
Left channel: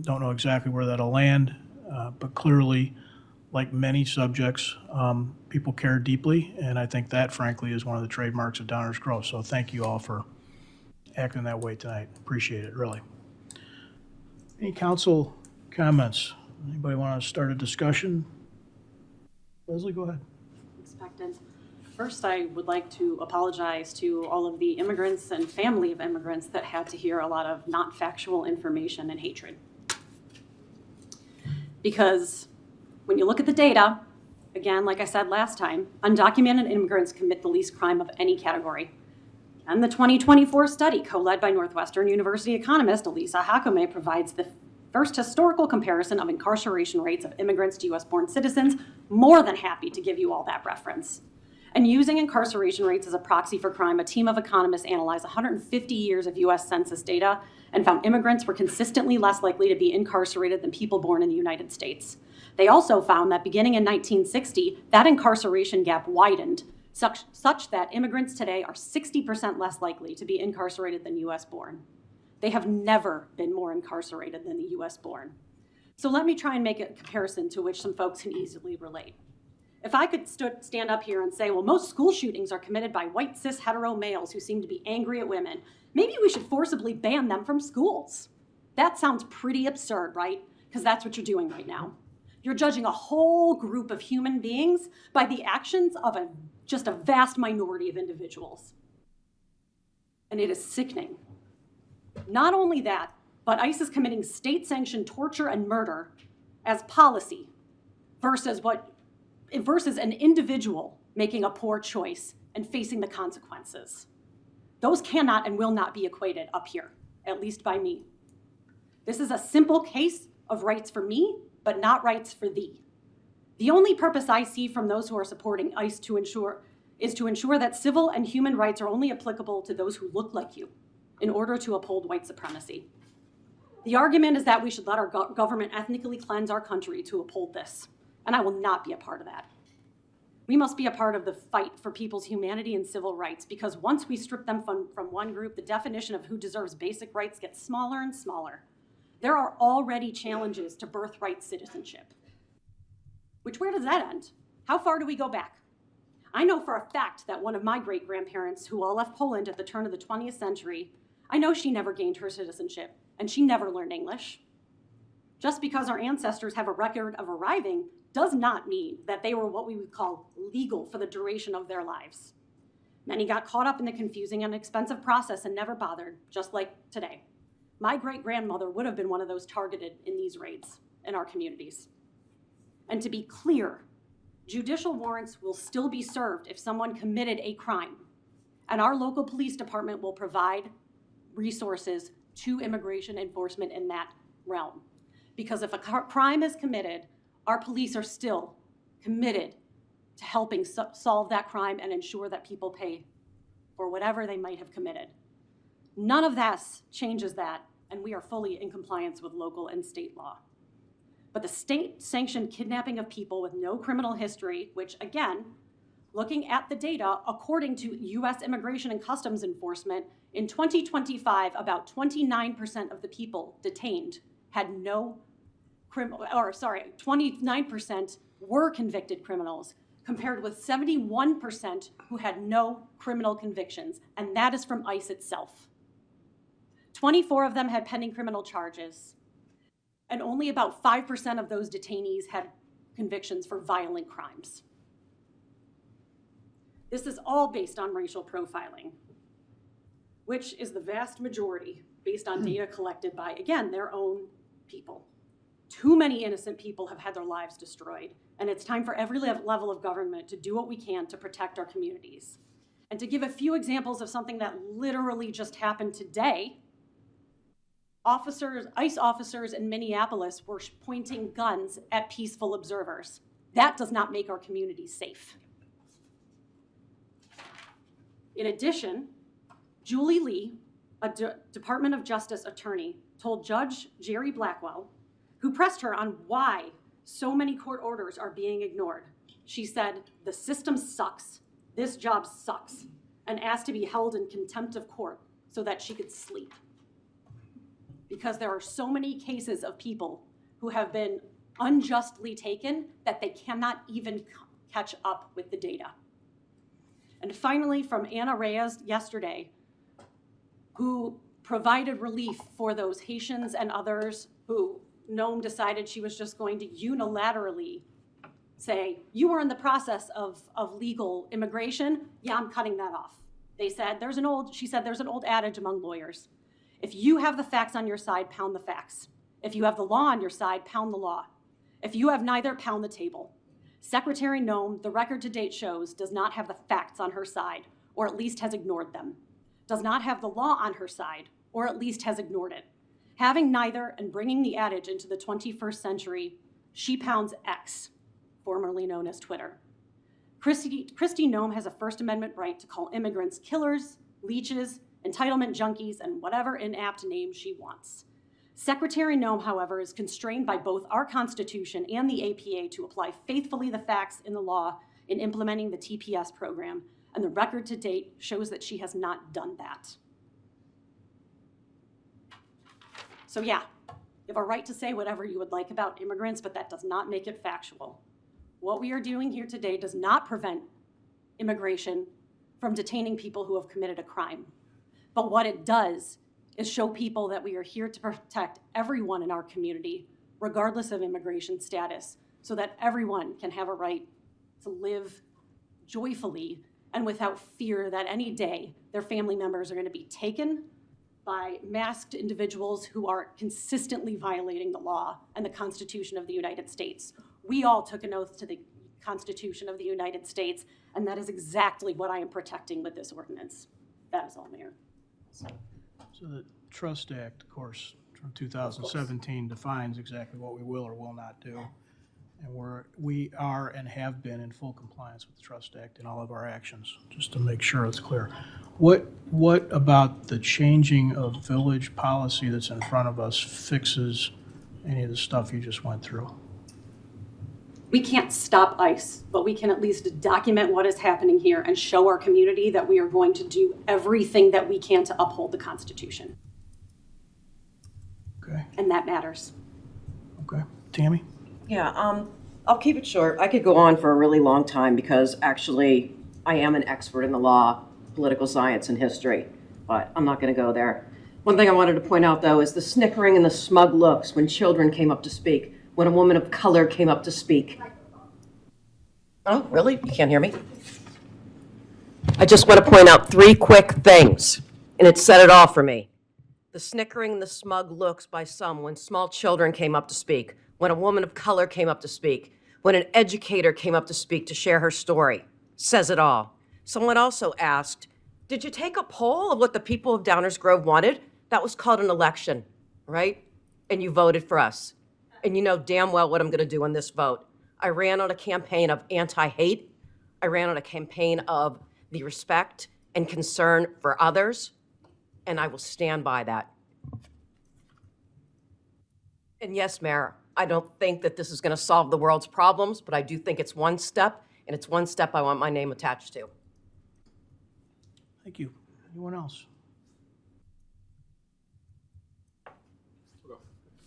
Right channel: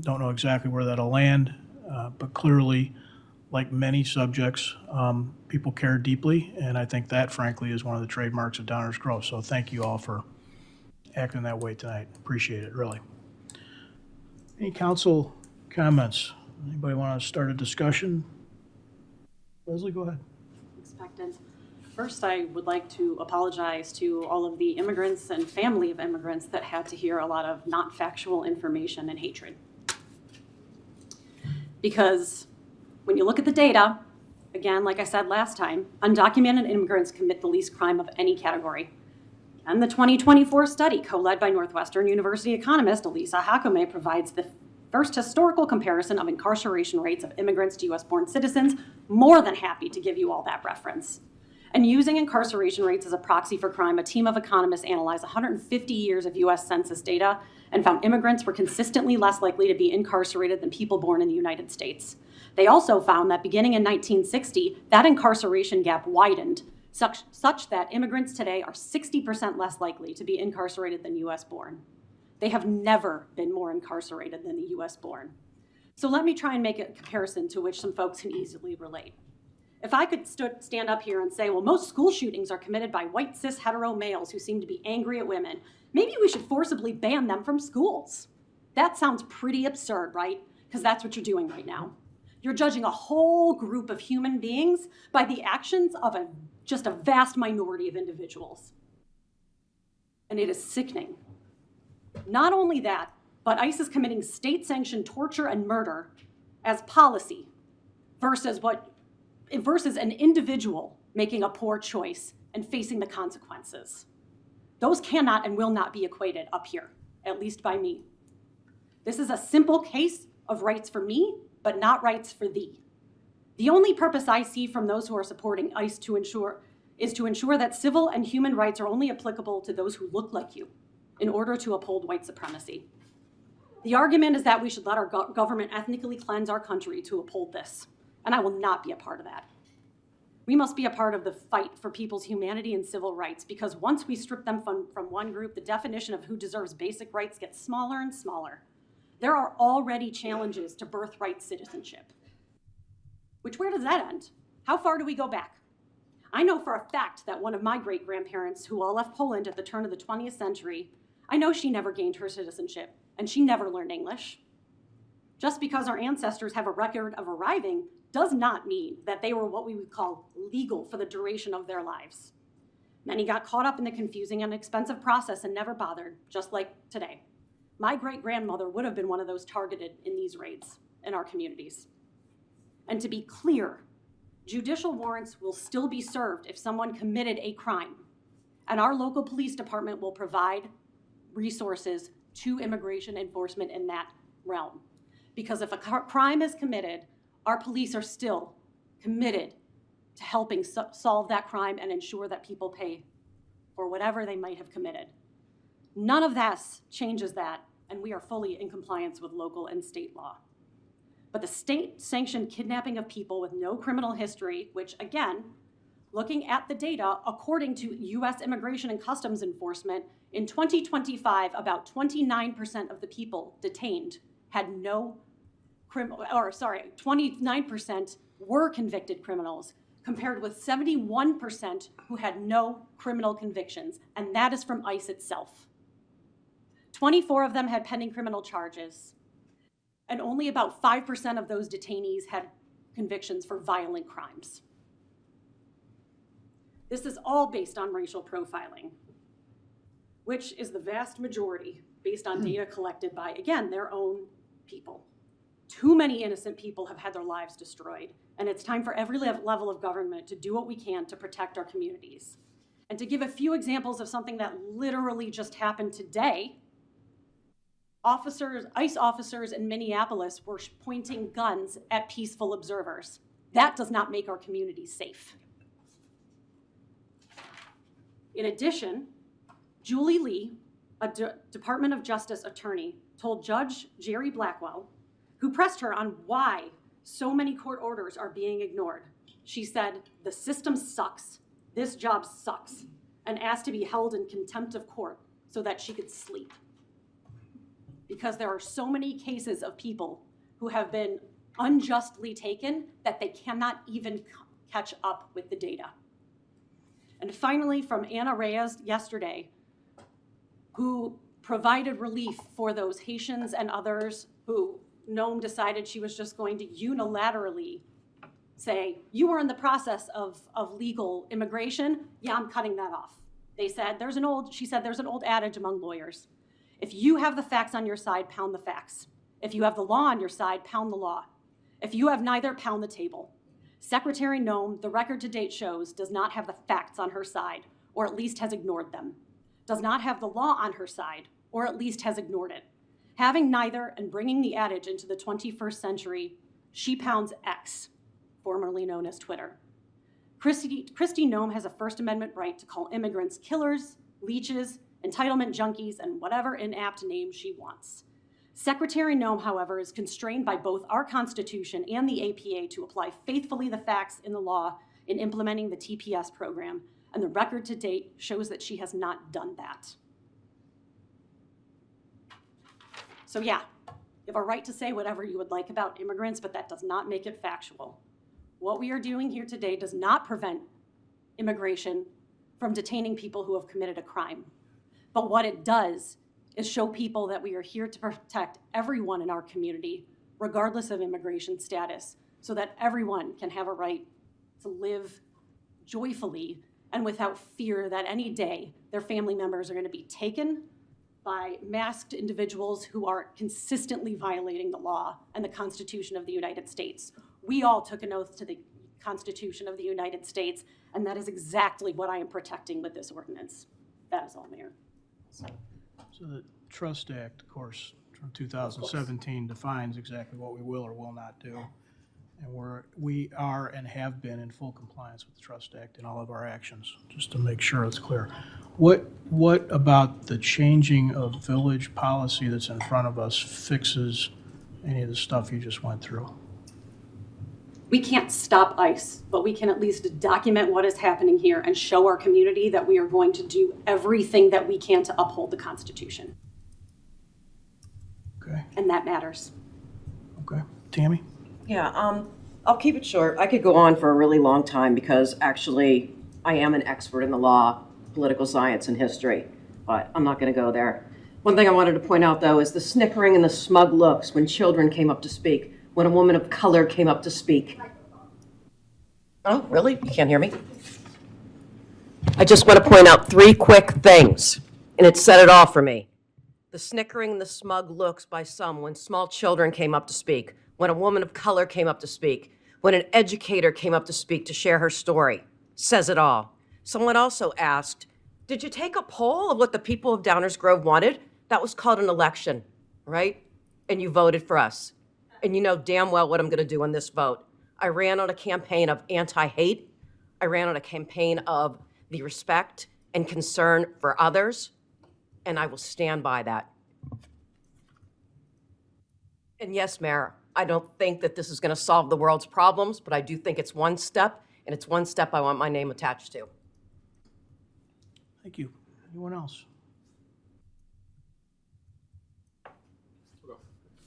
Don't know exactly where that'll land, but clearly, like many subjects, people care deeply, and I think that, frankly, is one of the trademarks of Downers Grove. So thank you all for acting that way tonight. Appreciate it, really. Any council comments? Anybody want to start a discussion? Leslie, go ahead. Expected. First, I would like to apologize to all of the immigrants and family of immigrants that had to hear a lot of not factual information and hatred. Because when you look at the data, again, like I said last time, undocumented immigrants commit the least crime of any category. And the 2024 study, co-led by Northwestern University economist Elisa Hakome, provides the first historical comparison of incarceration rates of immigrants to US-born citizens. More than happy to give you all that reference. And using incarceration rates as a proxy for crime, a team of economists analyzed 150 years of US Census data and found immigrants were consistently less likely to be incarcerated than people born in the United States. They also found that beginning in 1960, that incarceration gap widened, such that immigrants today are 60% less likely to be incarcerated than US born. They have never been more incarcerated than the US born. So let me try and make a comparison to which some folks can easily relate. If I could stand up here and say, well, most school shootings are committed by white cis hetero males who seem to be angry at women, maybe we should forcibly ban them from schools. That sounds pretty absurd, right? Because that's what you're doing right now. You're judging a whole group of human beings by the actions of just a vast minority of individuals. And it is sickening. Not only that, but ICE is committing state-sanctioned torture and murder as policy versus an individual making a poor choice and facing the consequences. Those cannot and will not be equated up here, at least by me. This is a simple case of rights for me, but not rights for thee. The only purpose I see from those who are supporting ICE is to ensure that civil and human rights are only applicable to those who look like you in order to uphold white supremacy. The argument is that we should let our government ethnically cleanse our country to uphold this, and I will not be a part of that. We must be a part of the fight for people's humanity and civil rights, because once we strip them from one group, the definition of who deserves basic rights gets smaller and smaller. There are already challenges to birthright citizenship. Which, where does that end? How far do we go back? I know for a fact that one of my great-grandparents, who all left Poland at the turn of the 20th century, I know she never gained her citizenship, and she never learned English. Just because our ancestors have a record of arriving does not mean that they were what we would call legal for the duration of their lives. Many got caught up in the confusing and expensive process and never bothered, just like today. My great-grandmother would have been one of those targeted in these raids in our communities. And to be clear, judicial warrants will still be served if someone committed a crime, and our local police department will provide resources to immigration enforcement in that realm. Because if a crime is committed, our police are still committed to helping solve that crime and ensure that people pay for whatever they might have committed. None of that changes that, and we are fully in compliance with local and state law. But the state-sanctioned kidnapping of people with no criminal history, which again, looking at the data, according to US Immigration and Customs Enforcement, in 2025, about 29% of the people detained had no 29% were convicted criminals, compared with 71% who had no criminal convictions, and that is from ICE itself. 24 of them had pending criminal charges, and only about 5% of those detainees had convictions for violent crimes. This is all based on racial profiling, which is the vast majority based on data collected by, again, their own people. Too many innocent people have had their lives destroyed, and it's time for every level of government to do what we can to protect our communities. And to give a few examples of something that literally just happened today, ICE officers in Minneapolis were pointing guns at peaceful observers. That does not make our communities safe. In addition, Julie Lee, a Department of Justice attorney, told Judge Jerry Blackwell, who pressed her on why so many court orders are being ignored. She said, "The system sucks. This job sucks," and asked to be held in contempt of court so that she could sleep. Because there are so many cases of people who have been unjustly taken that they cannot even catch up with the data. And finally, from Anna Reyes yesterday, who provided relief for those Haitians and others who Noam decided she was just going to unilaterally say, you were in the process of legal immigration. Yeah, I'm cutting that off. They said, she said, there's an old adage among lawyers. If you have the facts on your side, pound the facts. If you have the law on your side, pound the law. If you have neither, pound the table. Secretary Noam, the record to date shows, does not have the facts on her side, or at least has ignored them. Does not have the law on her side, or at least has ignored it. Having neither and bringing the adage into the 21st century, she pounds X, formerly known as Twitter. Kristi Noem has a First Amendment right to call immigrants killers, leeches, entitlement junkies, and whatever inapt name she wants. Secretary Noem, however, is constrained by both our Constitution and the APA to apply faithfully the facts in the law in implementing the TPS program, and the record to date shows that she has not done that. So yeah, you have a right to say whatever you would like about immigrants, but that does not make it factual. What we are doing here today does not prevent immigration from detaining people who have committed a crime. But what it does is show people that we are here to protect everyone in our community, regardless of immigration status, so that everyone can have a right to live joyfully and without fear that any day their family members are going to be taken by masked individuals who are consistently violating the law and the Constitution of the United States. We all took an oath to the Constitution of the United States, and that is exactly what I am protecting with this ordinance. That is all, Mayor. So the Trust Act, of course, from 2017 defines exactly what we will or will not do. And we are and have been in full compliance with the Trust Act in all of our actions, just to make sure it's clear. What about the changing of village policy that's in front of us fixes any of the stuff you just went through? We can't stop ICE, but we can at least document what is happening here and show our community that we are going to do everything that we can to uphold the Constitution. Okay. And that matters. Okay. Tammy? Yeah, I'll keep it short. I could go on for a really long time because actually I am an expert in the law, political science, and history, but I'm not going to go there. One thing I wanted to point out, though, is the snickering and the smug looks when children came up to speak, when a woman of color came up to speak. Oh, really? You can't hear me? I just want to point out 3 quick things, and it set it off for me. The snickering and the smug looks by some when small children came up to speak, when a woman of color came up to speak, when an educator came up to speak to share her story. Says it all. Someone also asked, did you take a poll of what the people of Downers Grove wanted? That was called an election, right? And you voted for us. And you know damn well what I'm going to do on this vote. I ran on a campaign of anti-hate. I ran on a campaign of the respect and concern for others. And I will stand by that. And yes, Mayor, I don't think that this is going to solve the world's problems, but I do think it's one step, and it's one step I want my name attached to. Thank you. Anyone else?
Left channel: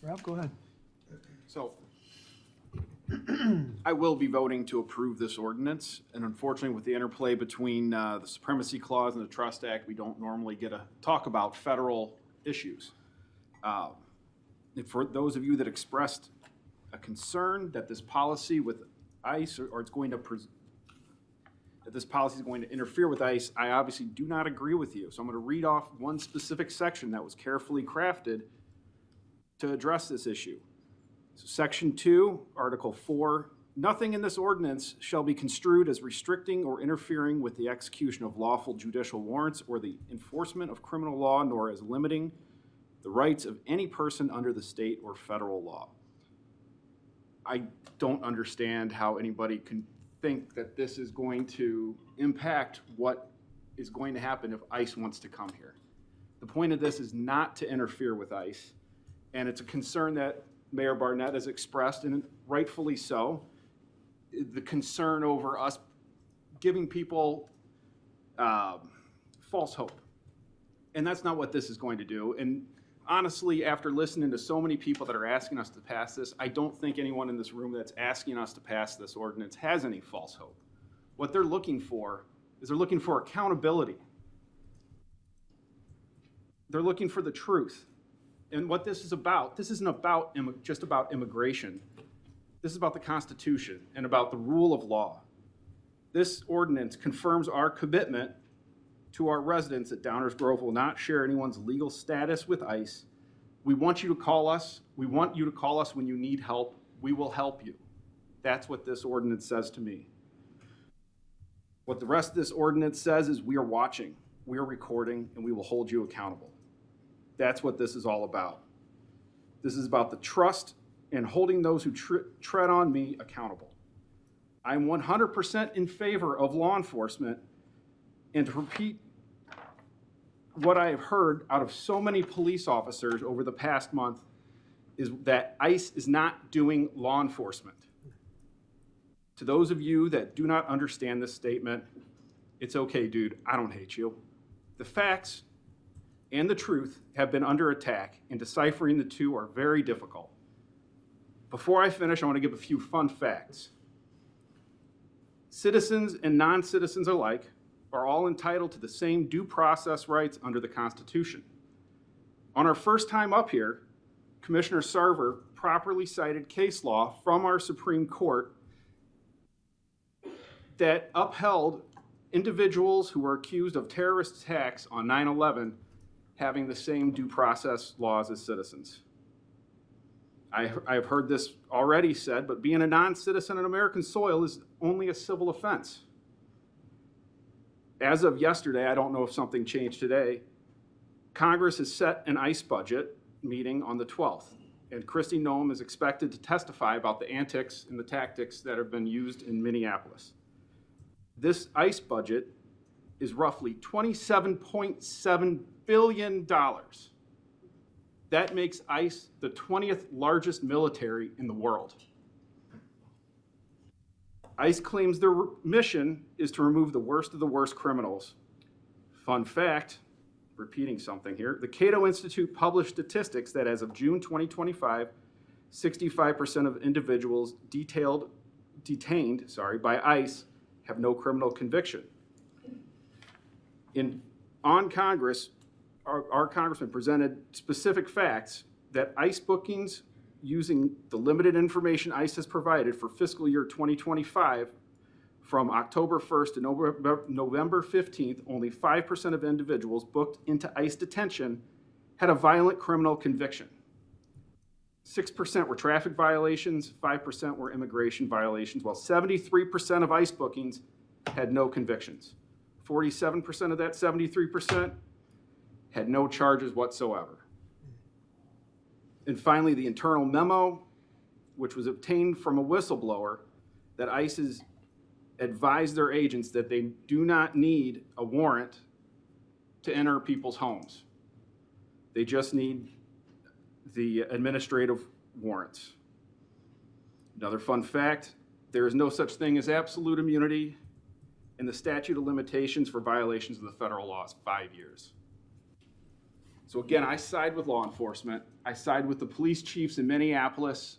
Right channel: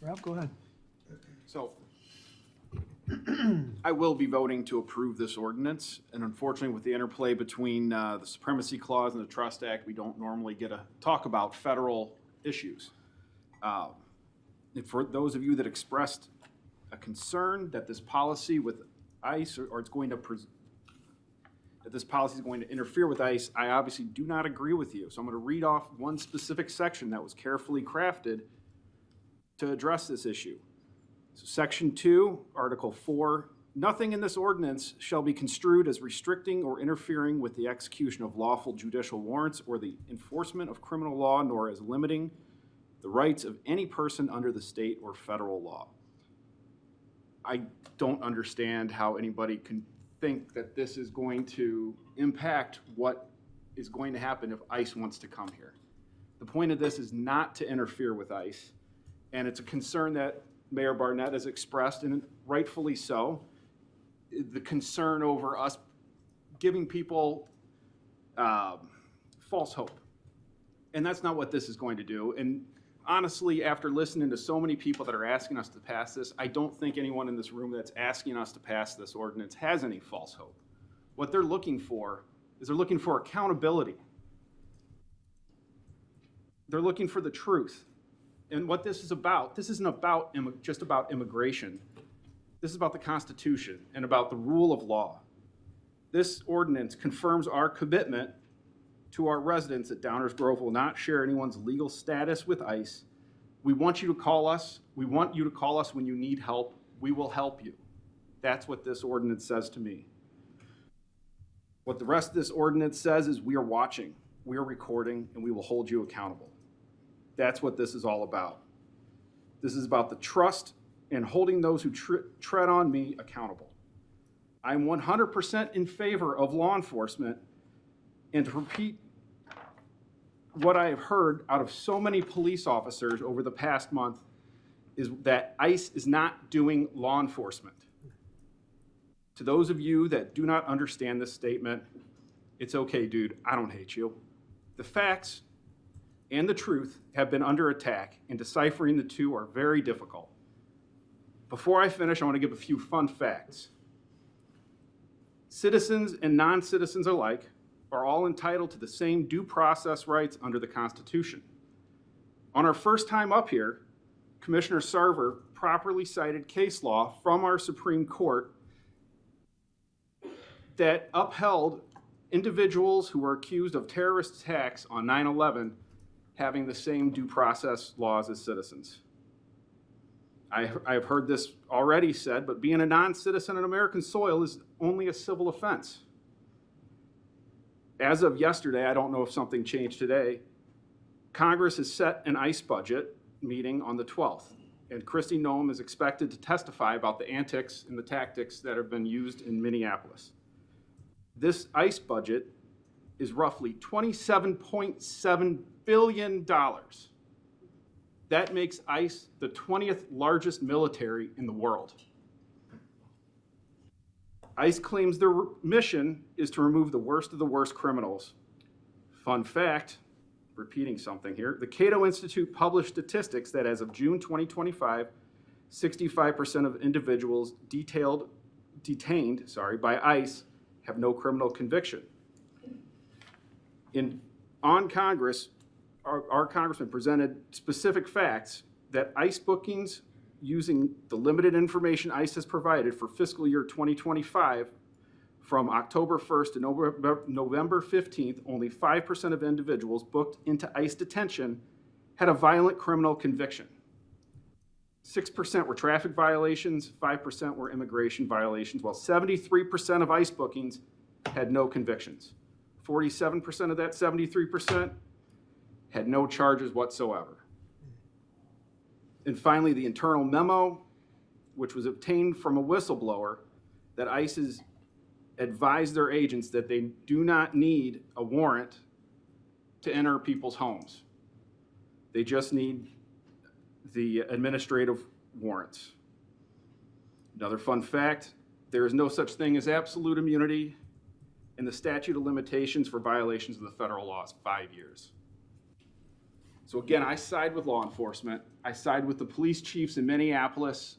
Ralph, go ahead. So, I will be voting to approve this ordinance, and unfortunately with the interplay between the Supremacy Clause and the Trust Act, we don't normally get to talk about federal issues. And for those of you that expressed a concern that this policy with ICE, or it's going to that this policy is going to interfere with ICE, I obviously do not agree with you. So I'm going to read off one specific section that was carefully crafted to address this issue. So Section 2, Article 4, nothing in this ordinance shall be construed as restricting or interfering with the execution of lawful judicial warrants or the enforcement of criminal law, nor as limiting the rights of any person under the state or federal law. I don't understand how anybody can think that this is going to impact what is going to happen if ICE wants to come here. The point of this is not to interfere with ICE, and it's a concern that Mayor Barnett has expressed, and rightfully so, the concern over us giving people false hope. And that's not what this is going to do. And honestly, after listening to so many people that are asking us to pass this, I don't think anyone in this room that's asking us to pass this ordinance has any false hope. What they're looking for is they're looking for accountability. They're looking for the truth. And what this isn't about just about immigration. This is about the Constitution and about the rule of law. This ordinance confirms our commitment to our residents that Downers Grove will not share anyone's legal status with ICE. We want you to call us. We want you to call us when you need help. We will help you. That's what this ordinance says to me. What the rest of this ordinance says is we are watching, we are recording, and we will hold you accountable. That's what this is all about. This is about the trust and holding those who tread on me accountable. I'm 100% in favor of law enforcement, and to repeat what I have heard out of so many police officers over the past month is that ICE is not doing law enforcement. To those of you that do not understand this statement, it's okay, dude, I don't hate you. The facts and the truth have been under attack, and deciphering the two are very difficult. Before I finish, I want to give a few fun facts. Citizens and non-citizens alike are all entitled to the same due process rights under the Constitution. On our first time up here, Commissioner Sarver properly cited case law from our Supreme Court that upheld individuals who were accused of terrorist attacks on 9/11 having the same due process laws as citizens. I've heard this already said, but being a non-citizen on American soil is only a civil offense. As of yesterday, I don't know if something changed today, Congress has set an ICE budget meeting on the 12th, and Kristi Noem is expected to testify about the antics and the tactics that have been used in Minneapolis. This ICE budget is roughly $27.7 billion. That makes ICE the 20th largest military in the world. ICE claims their mission is to remove the worst of the worst criminals. Fun fact, repeating something here, the Cato Institute published statistics that as of June 2025, 65% of individuals detained by ICE have no criminal conviction. On Congress, our congressman presented specific facts that ICE bookings using the limited information ICE has provided for fiscal year 2025 from October 1st to November 15th, only 5% of individuals booked into ICE detention had a violent criminal conviction. 6% were traffic violations, 5% were immigration violations, while 73% of ICE bookings had no convictions. 47% of that 73% had no charges whatsoever. And finally, the internal memo, which was obtained from a whistleblower, that ICE has advised their agents that they do not need a warrant to enter people's homes. They just need the administrative warrants. Another fun fact, there is no such thing as absolute immunity, and the statute of limitations for violations of the federal law is 5 years. So again, I side with law enforcement. I side with the police chiefs in Minneapolis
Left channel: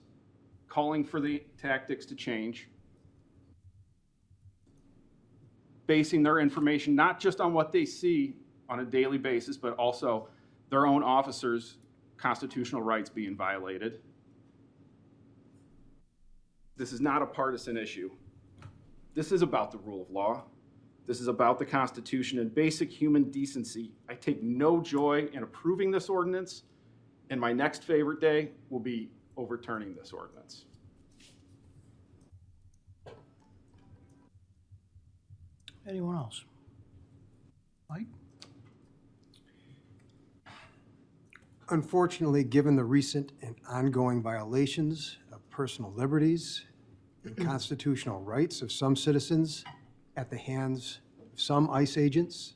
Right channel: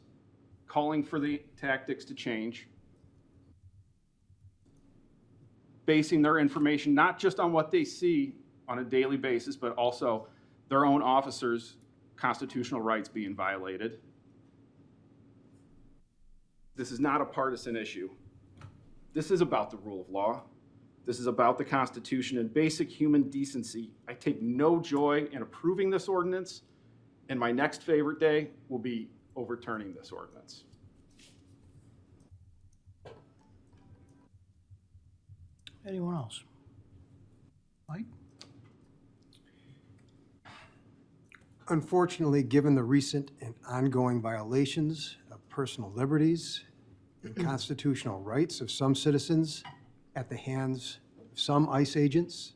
calling for the tactics to change, basing their information not just on what they see on a daily basis, but also their own officers' constitutional rights being violated. This is not a partisan issue. This is about the rule of law. This is about the Constitution and basic human decency. I take no joy in approving this ordinance, and my next favorite day will be overturning this ordinance. Anyone else? Mike? Unfortunately, given the recent and ongoing violations of personal liberties and constitutional rights of some citizens at the hands of some ICE agents,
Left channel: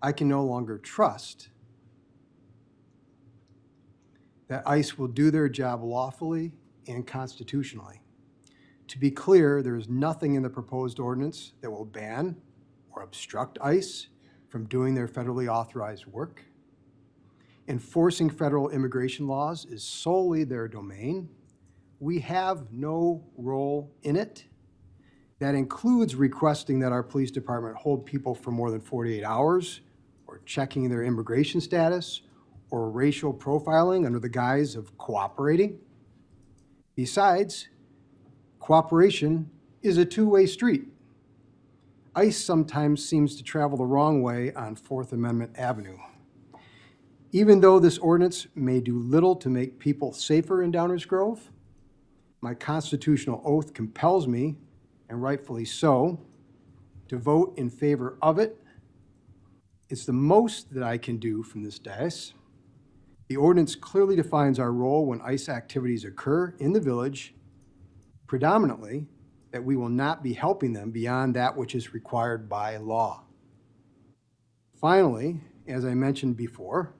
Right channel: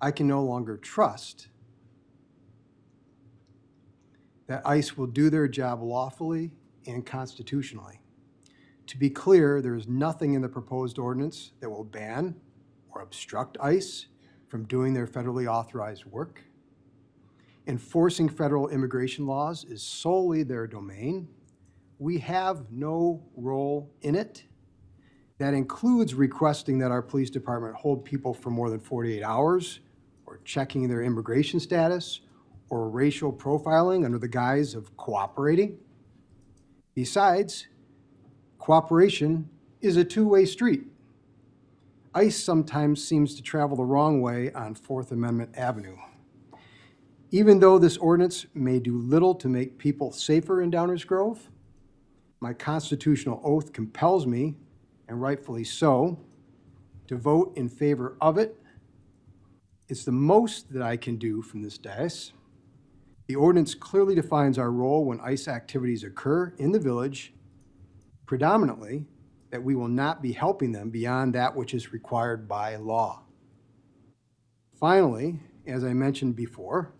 I can no longer trust that ICE will do their job lawfully and constitutionally. To be clear, there is nothing in the proposed ordinance that will ban or obstruct ICE from doing their federally authorized work. Enforcing federal immigration laws is solely their domain. We have no role in it. That includes requesting that our police department hold people for more than 48 hours or checking their immigration status or racial profiling under the guise of cooperating. Besides, cooperation is a two-way street. ICE sometimes seems to travel the wrong way on Fourth Amendment Avenue. Even though this ordinance may do little to make people safer in Downers Grove, my constitutional oath compels me, and rightfully so, to vote in favor of it. It's the most that I can do from this dais. The ordinance clearly defines our role when ICE activities occur in the village, predominantly that we will not be helping them beyond that which is required by law. Finally, as I mentioned before,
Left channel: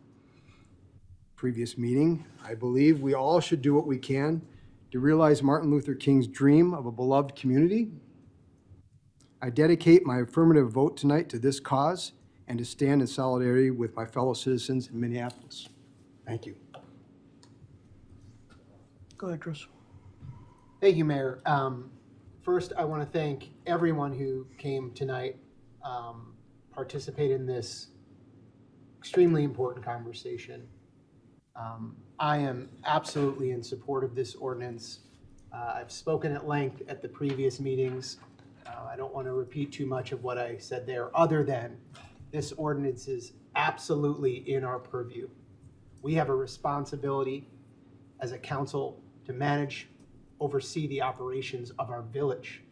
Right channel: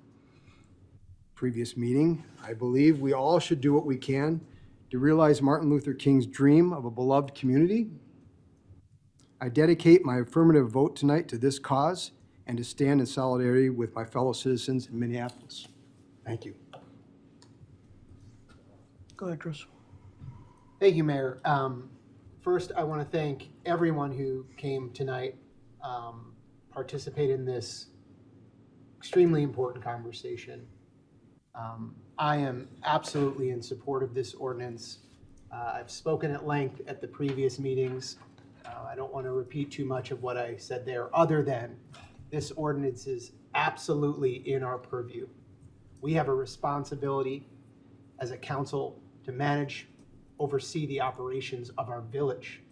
previous meeting, I believe we all should do what we can to realize Martin Luther King's dream of a beloved community. I dedicate my affirmative vote tonight to this cause and to stand in solidarity with my fellow citizens in Minneapolis. Thank you. Go ahead, Chris. Thank you, Mayor. First, I want to thank everyone who came tonight, participated in this extremely important conversation. I am absolutely in support of this ordinance. I've spoken at length at the previous meetings. I don't want to repeat too much of what I said there, other than this ordinance is absolutely in our purview. We have a responsibility as a council to manage, oversee the operations of our village.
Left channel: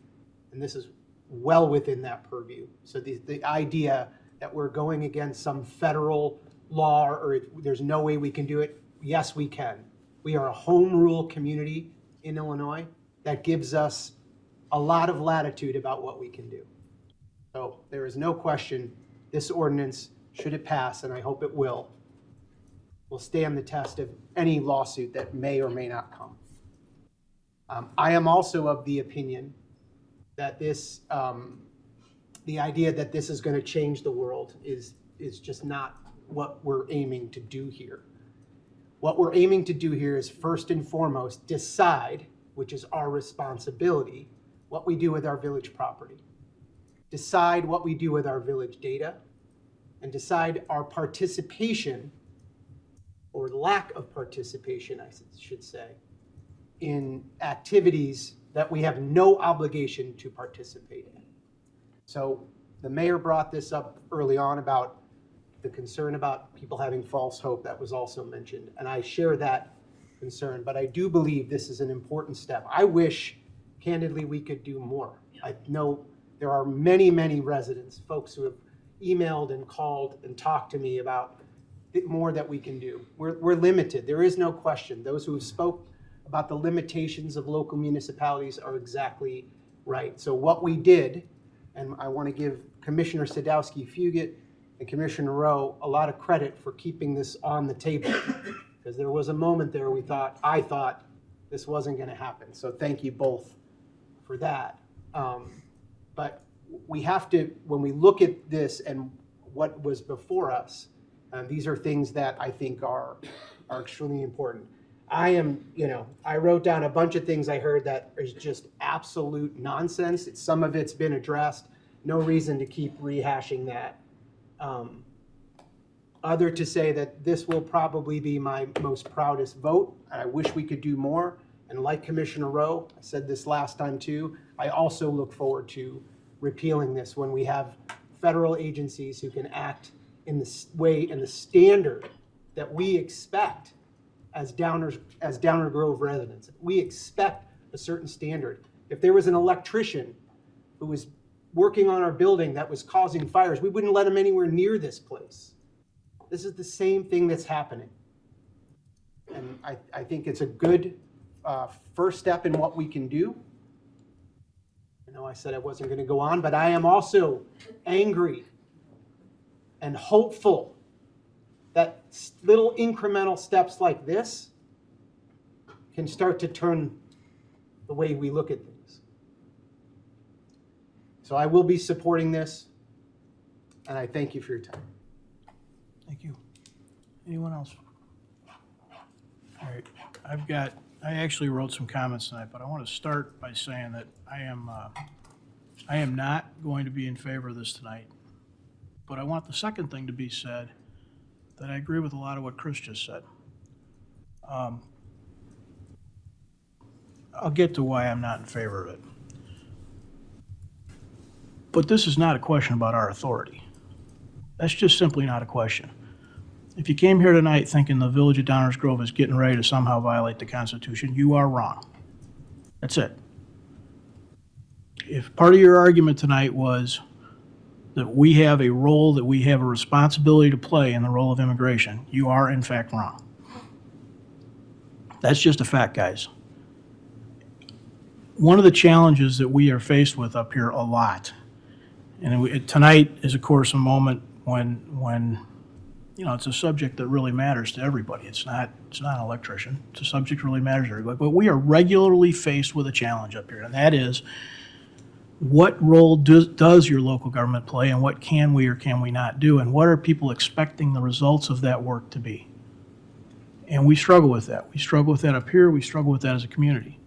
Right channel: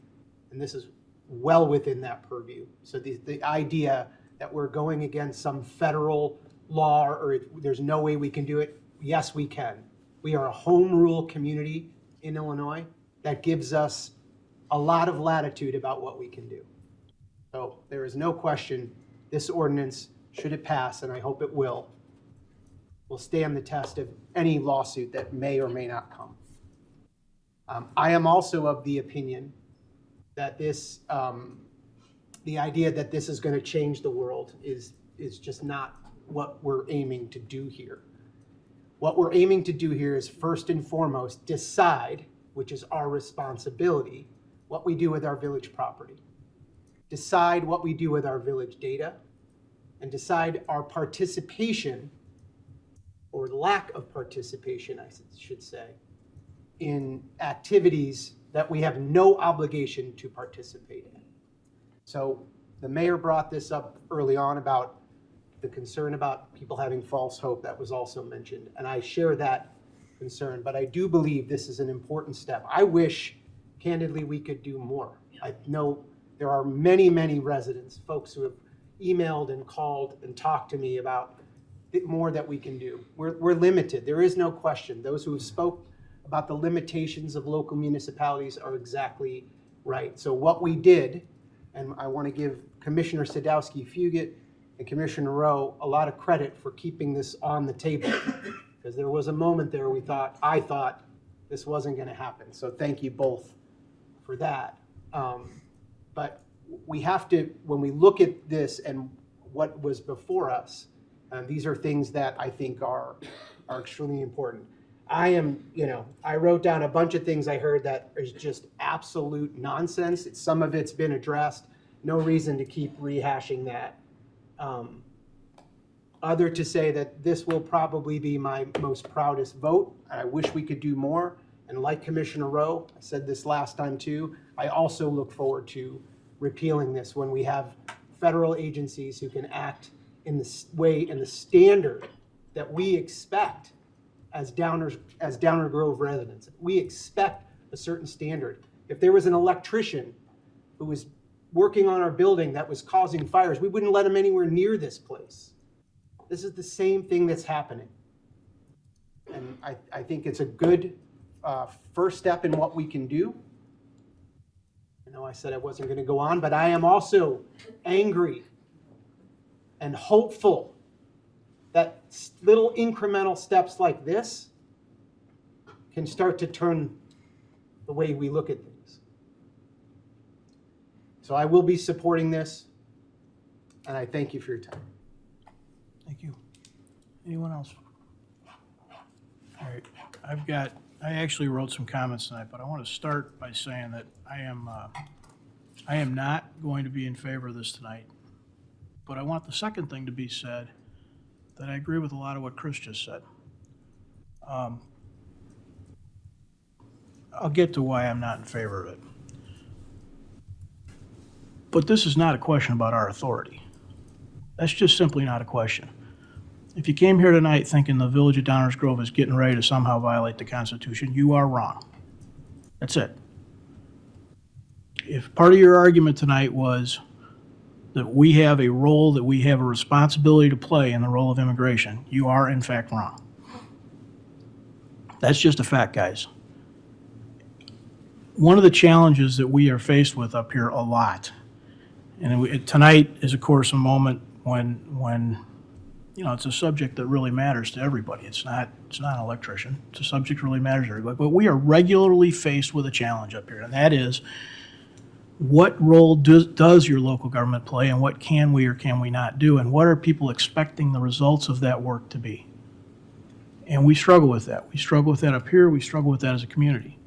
And this is well within that purview. So the idea that we're going against some federal law or there's no way we can do it, yes, we can. We are a home rule community in Illinois that gives us a lot of latitude about what we can do. So there is no question this ordinance, should it pass, and I hope it will stand the test of any lawsuit that may or may not come. I am also of the opinion that this, the idea that this is going to change the world is just not what we're aiming to do here. What we're aiming to do here is first and foremost decide, which is our responsibility, what we do with our village property. Decide what we do with our village data, and decide our participation, or lack of participation, I should say, in activities that we have no obligation to participate in. So the mayor brought this up early on about the concern about people having false hope. That was also mentioned, and I share that concern, but I do believe this is an important step. I wish, candidly, we could do more. I know there are many, many residents, folks who have emailed and called and talked to me about more that we can do. We're limited. There is no question. Those who have spoke about the limitations of local municipalities are exactly right. So what we did, and I want to give Commissioner Sadowski-Fugit and Commissioner Rowe a lot of credit for keeping this on the table, because there was a moment there I thought this wasn't going to happen. So thank you both for that. But we have to, when we look at this and what was before us, these are things that I think are extremely important. I wrote down a bunch of things I heard that is just absolute nonsense. Some of it's been addressed. No reason to keep rehashing that. Other to say that this will probably be my most proudest vote. I wish we could do more. And like Commissioner Rowe, I said this last time too, I also look forward to repealing this when we have federal agencies who can act in the way and the standard that we expect as Downer Grove residents. We expect a certain standard. If there was an electrician who was working on our building that was causing fires, we wouldn't let him anywhere near this place. This is the same thing that's happening. And I think it's a good first step in what we can do. I know I said I wasn't going to go on, but I am also angry and hopeful that little incremental steps like this can start to turn the way we look at things. So I will be supporting this, and I thank you for your time. Thank you. Anyone else? All right, I actually wrote some comments tonight, but I want to start by saying that I am not going to be in favor of this tonight. But I want the second thing to be said, that I agree with a lot of what Chris just said. I'll get to why I'm not in favor of it. But this is not a question about our authority. That's just simply not a question. If you came here tonight thinking the village of Downers Grove is getting ready to somehow violate the Constitution, you are wrong. That's it. If part of your argument tonight was that we have a role, that we have a responsibility to play in the role of immigration, you are in fact wrong. That's just a fact, guys. One of the challenges that we are faced with up here a lot, and tonight is of course a moment when you know, it's a subject that really matters to everybody. It's not an electrician. It's a subject that really matters to everybody. But we are regularly faced with a challenge up here, and that is, what role does your local government play, and what can we or can we not do, and what are people expecting the results of that work to be? And we struggle with that. We struggle with that up here. We struggle with that as a community.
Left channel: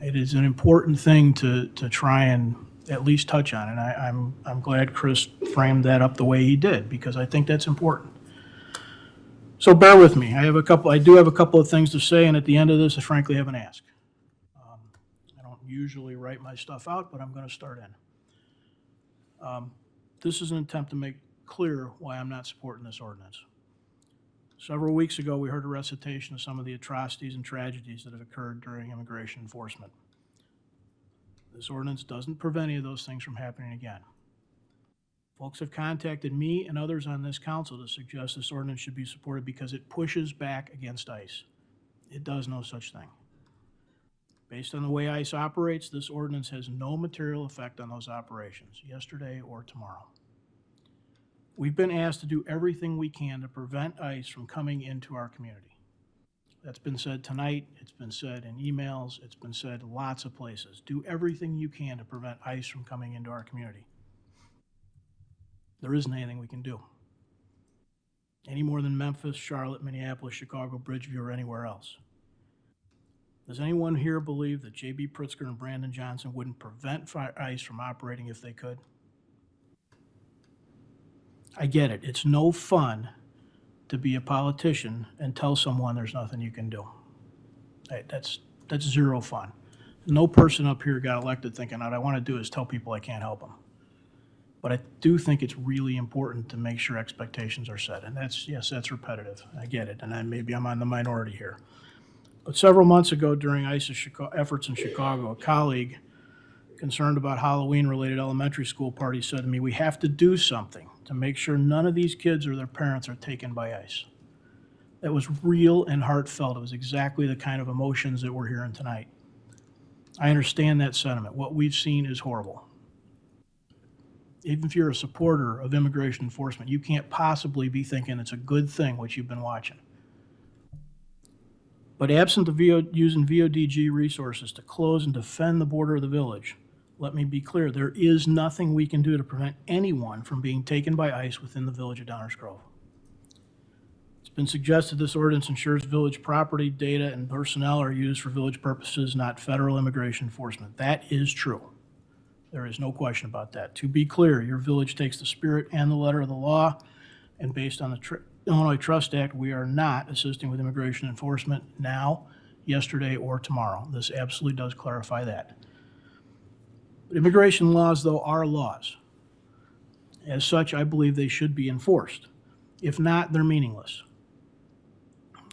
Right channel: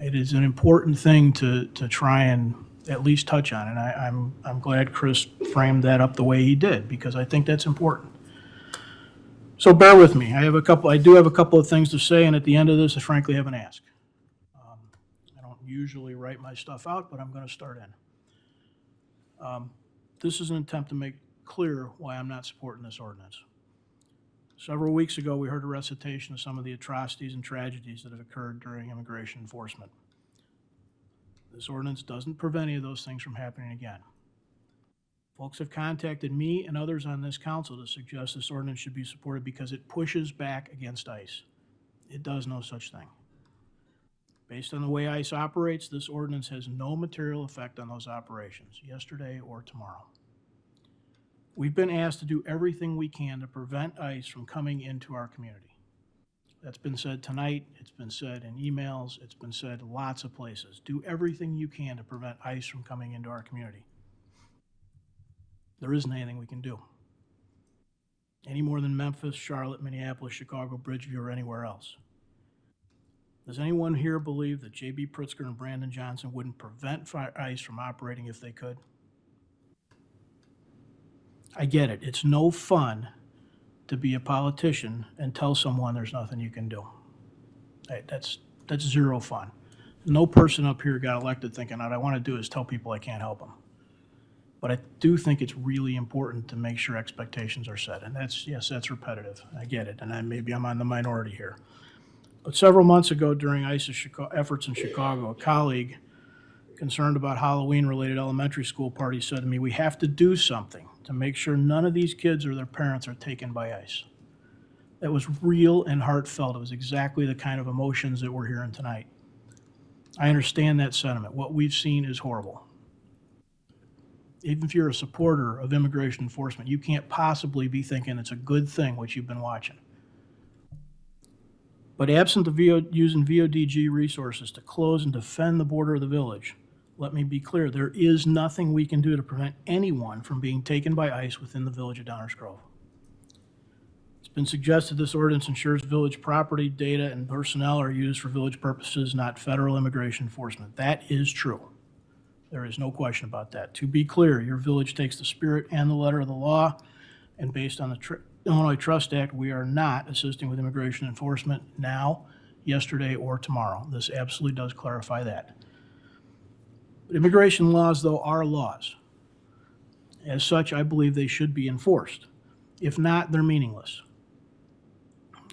It is an important thing to try and at least touch on, and I'm glad Chris framed that up the way he did, because I think that's important. So bear with me. I do have a couple of things to say, and at the end of this, I frankly have an ask. I don't usually write my stuff out, but I'm going to start in. This is an attempt to make clear why I'm not supporting this ordinance. Several weeks ago, we heard a recitation of some of the atrocities and tragedies that have occurred during immigration enforcement. This ordinance doesn't prevent any of those things from happening again. Folks have contacted me and others on this council to suggest this ordinance should be supported because it pushes back against ICE. It does no such thing. Based on the way ICE operates, this ordinance has no material effect on those operations, yesterday or tomorrow. We've been asked to do everything we can to prevent ICE from coming into our community. That's been said tonight, it's been said in emails, it's been said lots of places. Do everything you can to prevent ICE from coming into our community. There isn't anything we can do. Any more than Memphis, Charlotte, Minneapolis, Chicago, Bridgeview, or anywhere else. Does anyone here believe that J.B. Pritzker and Brandon Johnson wouldn't prevent ICE from operating if they could? I get it. It's no fun to be a politician and tell someone there's nothing you can do. Hey, that's zero fun. No person up here got elected thinking, what I want to do is tell people I can't help them. But I do think it's really important to make sure expectations are set. And that's repetitive. I get it. And maybe I'm on the minority here. But several months ago during ICE's efforts in Chicago, a colleague concerned about Halloween-related elementary school parties said to me, we have to do something to make sure none of these kids or their parents are taken by ICE. That was real and heartfelt. It was exactly the kind of emotions that we're hearing tonight. I understand that sentiment. What we've seen is horrible. Even if you're a supporter of immigration enforcement, you can't possibly be thinking it's a good thing what you've been watching. But absent of using VODG resources to close and defend the border of the village, let me be clear, there is nothing we can do to prevent anyone from being taken by ICE within the village of Downers Grove. It's been suggested this ordinance ensures village property, data, and personnel are used for village purposes, not federal immigration enforcement. That is true. There is no question about that. To be clear, your village takes the spirit and the letter of the law, and based on the Illinois Trust Act, we are not assisting with immigration enforcement now, yesterday, or tomorrow. This absolutely does clarify that. But immigration laws, though, are laws. As such, I believe they should be enforced. If not, they're meaningless.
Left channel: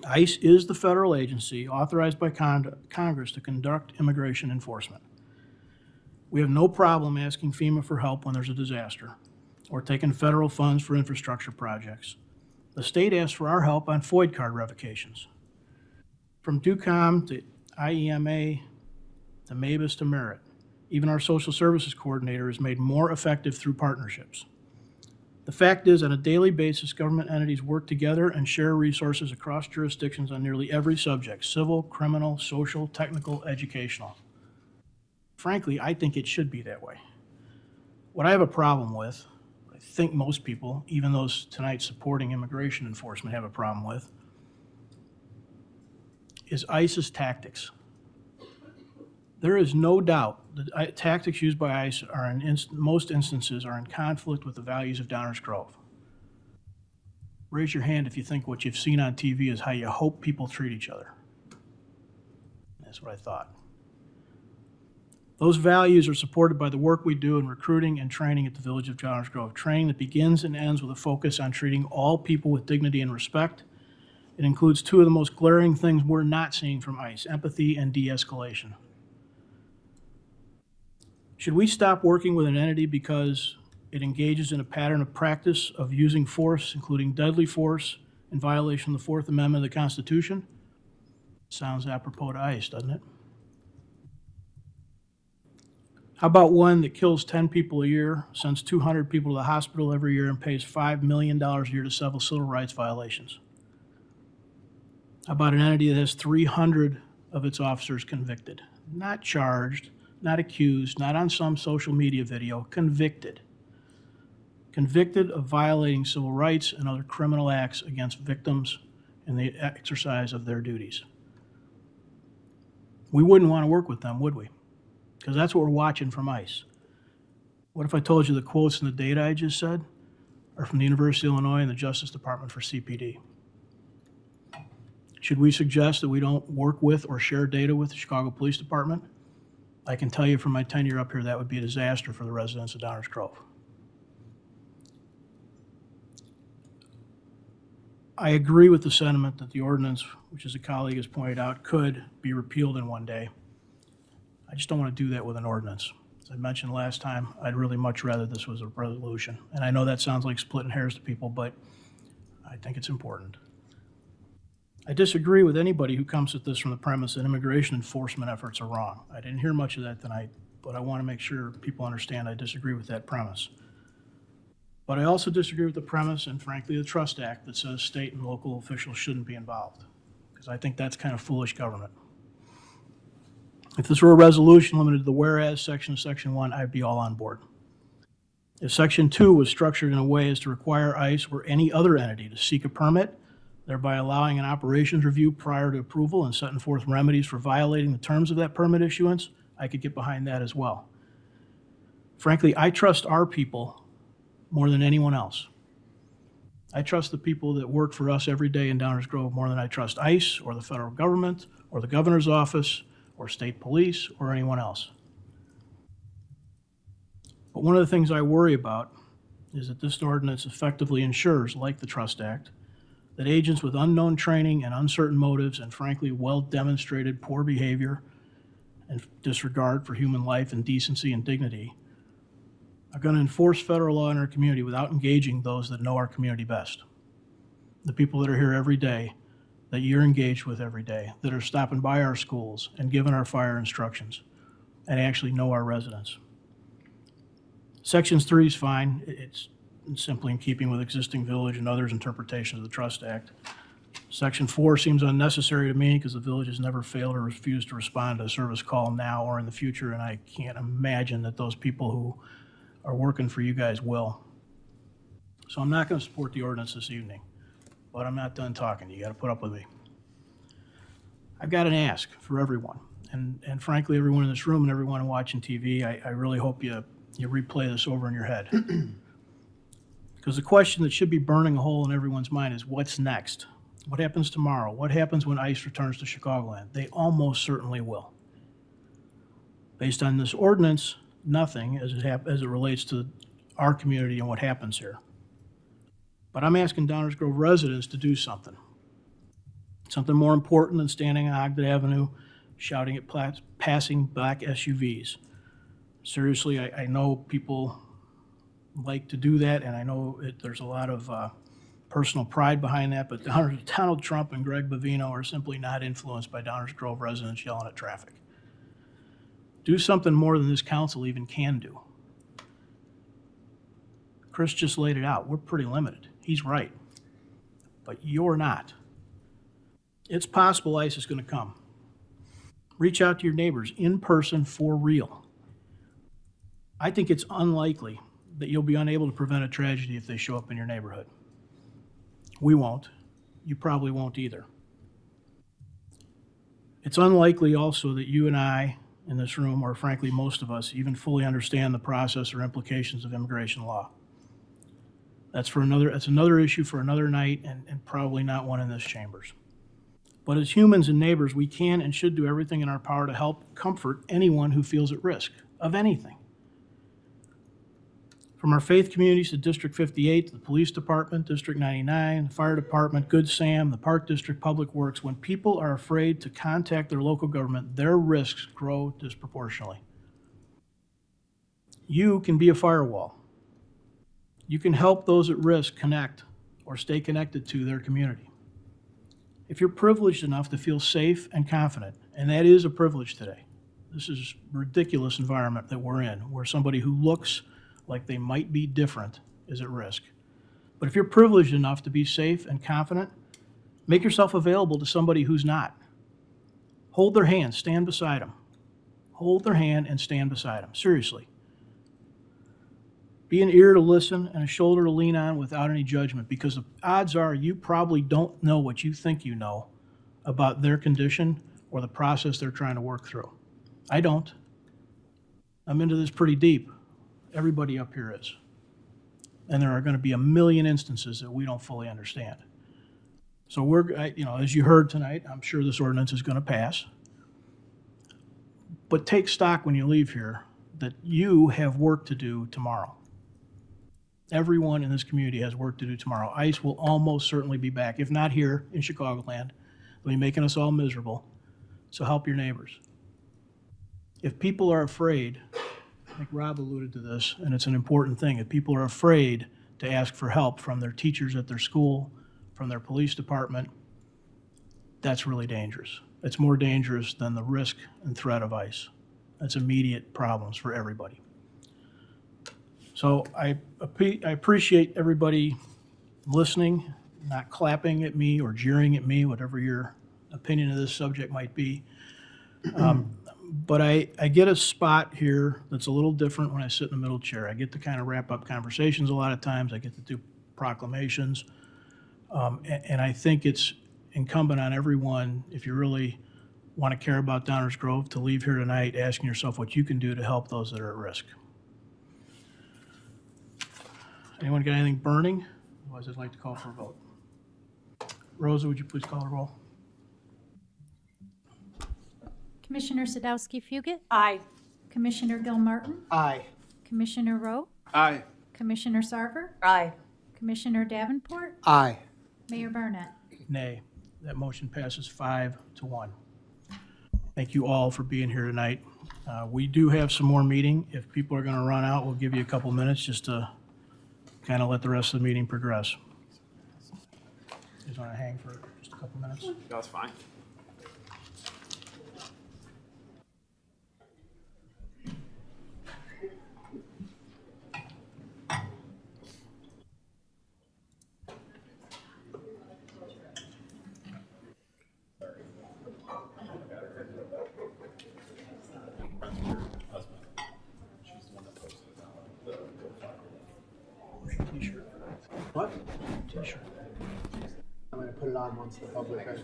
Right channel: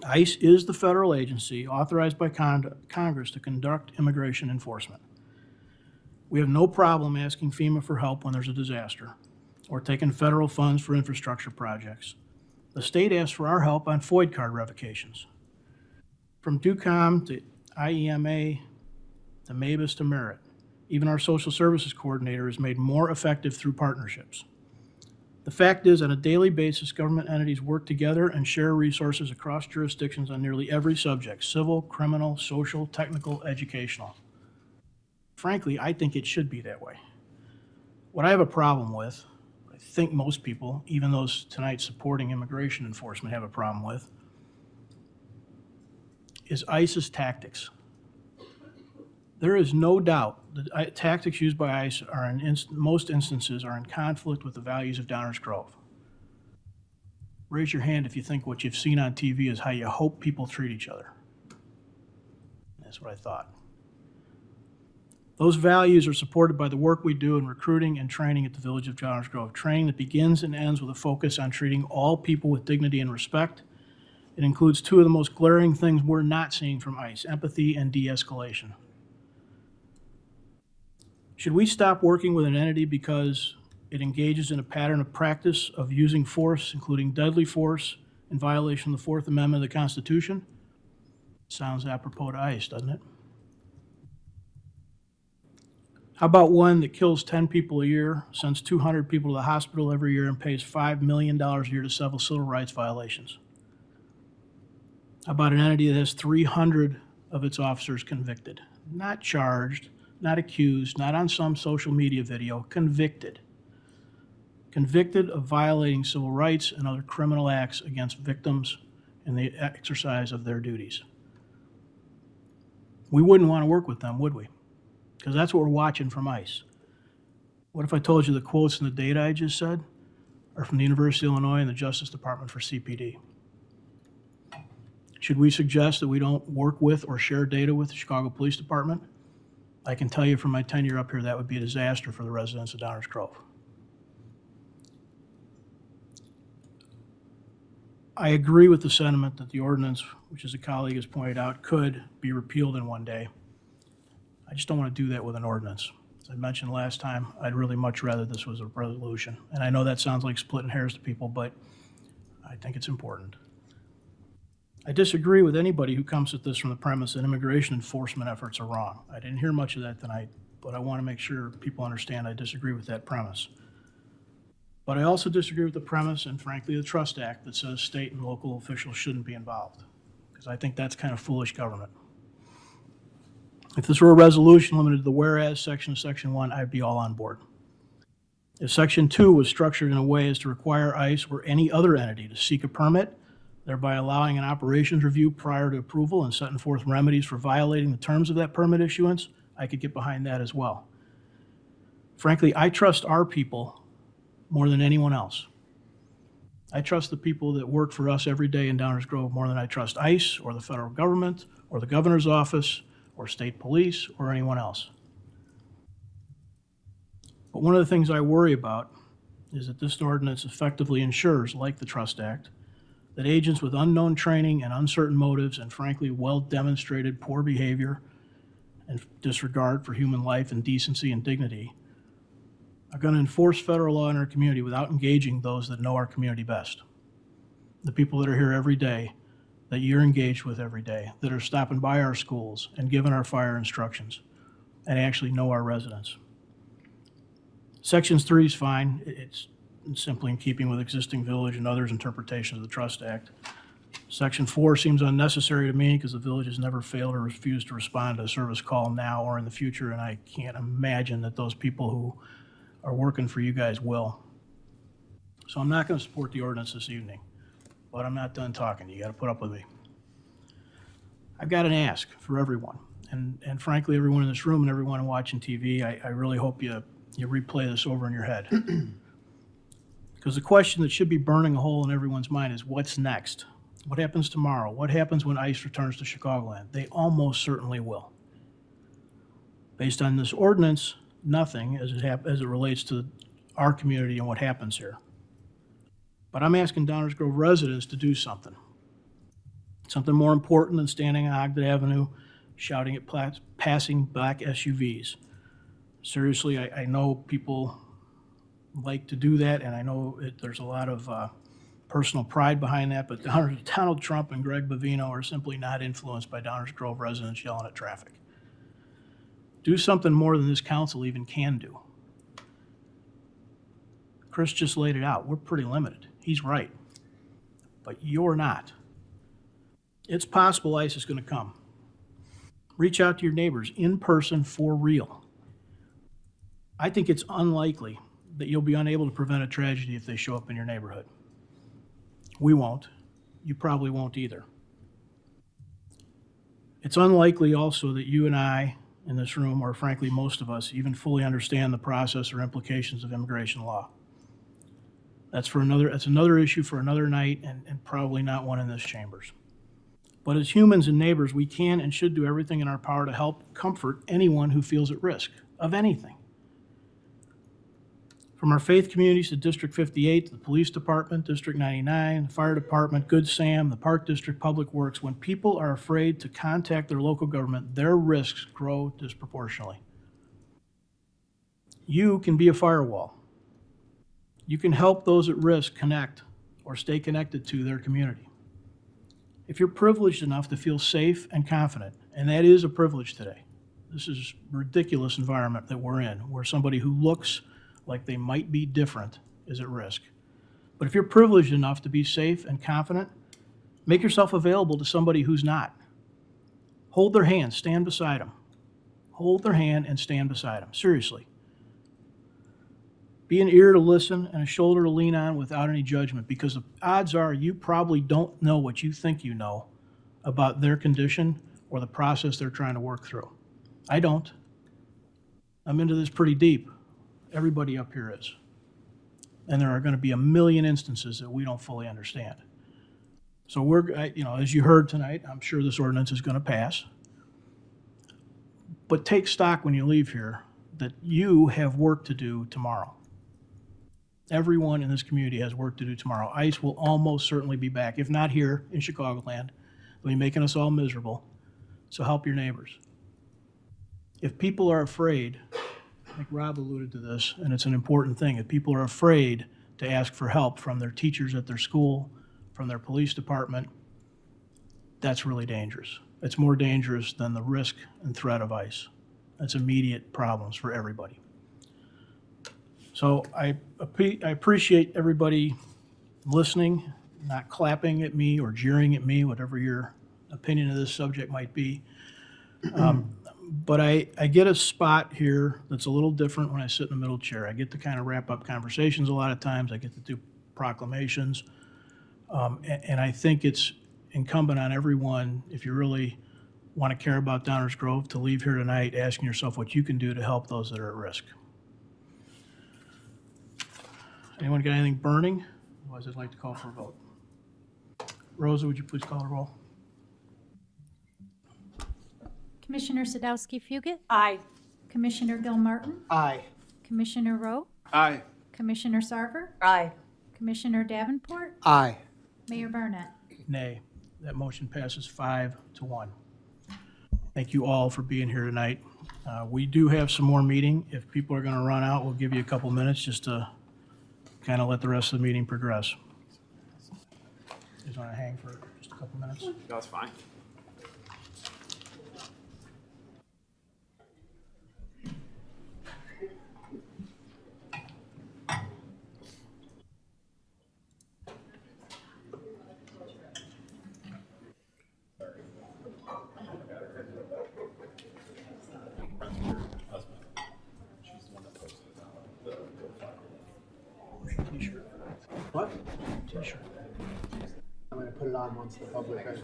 ICE is the federal agency authorized by Congress to conduct immigration enforcement. We have no problem asking FEMA for help when there's a disaster, or taking federal funds for infrastructure projects. The state asks for our help on FOID card revocations. From DUCOM to IEMA to MABUS to Merit, even our social services coordinator is made more effective through partnerships. The fact is, on a daily basis, government entities work together and share resources across jurisdictions on nearly every subject: civil, criminal, social, technical, educational. Frankly, I think it should be that way. What I have a problem with, I think most people, even those tonight supporting immigration enforcement, have a problem with, is ICE's tactics. There is no doubt that tactics used by ICE are most instances are in conflict with the values of Downers Grove. Raise your hand if you think what you've seen on TV is how you hope people treat each other. That's what I thought. Those values are supported by the work we do in recruiting and training at the Village of Downers Grove, training that begins and ends with a focus on treating all people with dignity and respect. It includes two of the most glaring things we're not seeing from ICE: empathy and de-escalation. Should we stop working with an entity because it engages in a pattern of practice of using force, including deadly force, in violation of the Fourth Amendment of the Constitution? Sounds apropos to ICE, doesn't it? How about one that kills 10 people a year, sends 200 people to the hospital every year, and pays $5 million a year to settle civil rights violations? How about an entity that has 300 of its officers convicted? Not charged, not accused, not on some social media video, convicted. Convicted of violating civil rights and other criminal acts against victims in the exercise of their duties. We wouldn't want to work with them, would we? Because that's what we're watching from ICE. What if I told you the quotes and the data I just said are from the University of Illinois and the Justice Department for CPD? Should we suggest that we don't work with or share data with the Chicago Police Department? I can tell you from my tenure up here, that would be a disaster for the residents of Downers Grove. I agree with the sentiment that the ordinance, which as a colleague has pointed out, could be repealed in one day. I just don't want to do that with an ordinance. As I mentioned last time, I'd really much rather this was a resolution. And I know that sounds like splitting hairs to people, but I think it's important. I disagree with anybody who comes at this from the premise that immigration enforcement efforts are wrong. I didn't hear much of that tonight, but I want to make sure people understand I disagree with that premise. But I also disagree with the premise and frankly the Trust Act that says state and local officials shouldn't be involved, because I think that's kind of foolish government. If this were a resolution limited to the whereas section of section 1, I'd be all on board. If section 2 was structured in a way as to require ICE or any other entity to seek a permit, thereby allowing an operations review prior to approval and setting forth remedies for violating the terms of that permit issuance, I could get behind that as well. Frankly, I trust our people more than anyone else. I trust the people that work for us every day in Downers Grove more than I trust ICE or the federal government or the governor's office or state police or anyone else. But one of the things I worry about is that this ordinance effectively ensures, like the Trust Act, that agents with unknown training and uncertain motives and frankly well-demonstrated poor behavior and disregard for human life and decency and dignity are going to enforce federal law in our community without engaging those that know our community best. The people that are here every day, that you're engaged with every day, that are stopping by our schools and giving our fire instructions and actually know our residents. Section 3 is fine. It's simply in keeping with existing village and others' interpretation of the Trust Act. Section 4 seems unnecessary to me because the village has never failed or refused to respond to a service call now or in the future, and I can't imagine that those people who are working for you guys will. So I'm not going to support the ordinance this evening, but I'm not done talking. You got to put up with me. I've got an ask for everyone, and frankly, everyone in this room and everyone watching TV, I really hope you replay this over in your head. Because the question that should be burning a hole in everyone's mind is what's next? What happens tomorrow? What happens when ICE returns to Chicagoland? They almost certainly will. Based on this ordinance, nothing as it relates to our community and what happens here. But I'm asking Downers Grove residents to do something. Something more important than standing on Ogden Avenue shouting at passing black SUVs. Seriously, I know people like to do that, and I know there's a lot of personal pride behind that, but Donald Trump and Greg Bovino are simply not influenced by Downers Grove residents yelling at traffic. Do something more than this council even can do. Chris just laid it out. We're pretty limited. He's right. But you're not. It's possible ICE is going to come. Reach out to your neighbors in person for real. I think it's unlikely that you'll be unable to prevent a tragedy if they show up in your neighborhood. We won't. You probably won't either. It's unlikely also that you and I in this room, or frankly, most of us, even fully understand the process or implications of immigration law. That's another issue for another night, and probably not one in this chambers. But as humans and neighbors, we can and should do everything in our power to help comfort anyone who feels at risk of anything. From our faith communities to District 58, the police department, District 99, the fire department, Good Sam, the Park District, Public Works, when people are afraid to contact their local government, their risks grow disproportionately. You can be a firewall. You can help those at risk connect or stay connected to their community. If you're privileged enough to feel safe and confident, and that is a privilege today, this is a ridiculous environment that we're in, where somebody who looks like they might be different is at risk. But if you're privileged enough to be safe and confident, make yourself available to somebody who's not. Hold their hand, stand beside them. Hold their hand and stand beside them, seriously. Be an ear to listen and a shoulder to lean on without any judgment, because the odds are you probably don't know what you think you know about their condition or the process they're trying to work through. I don't. I'm into this pretty deep. Everybody up here is. And there are going to be a million instances that we don't fully understand. So as you heard tonight, I'm sure this ordinance is going to pass. But take stock when you leave here that you have work to do tomorrow. Everyone in this community has work to do tomorrow. ICE will almost certainly be back, if not here in Chicagoland. They'll be making us all miserable. So help your neighbors. If people are afraid, I think Rob alluded to this, and it's an important thing. If people are afraid to ask for help from their teachers at their school, from their police department, that's really dangerous. It's more dangerous than the risk and threat of ICE. That's immediate problems for everybody. So I appreciate everybody listening, not clapping at me or jeering at me, whatever your opinion of this subject might be. But I get a spot here that's a little different when I sit in the middle chair. I get to kind of wrap up conversations a lot of times. I get to do proclamations. And I think it's incumbent on everyone, if you really want to care about Downers Grove, to leave here tonight asking yourself what you can do to help those that are at risk. Anyone got anything burning? Otherwise, I'd like to call for a vote. Rosa, would you please call the roll? Commissioner Sadowski Fugit? Aye. Commissioner Gilmartin? Aye. Commissioner Rowe? Aye. Commissioner Sarver? Aye. Commissioner Davenport? Aye. Mayor Burnett? Nay. That motion passes 5-1. Thank you all for being here tonight. We do have some more meeting. If people are going to run out, we'll give you a couple minutes just to kind of let the rest of the meeting progress. You just want to hang for just a couple minutes? That's fine. What? I'm going to put it on once the public has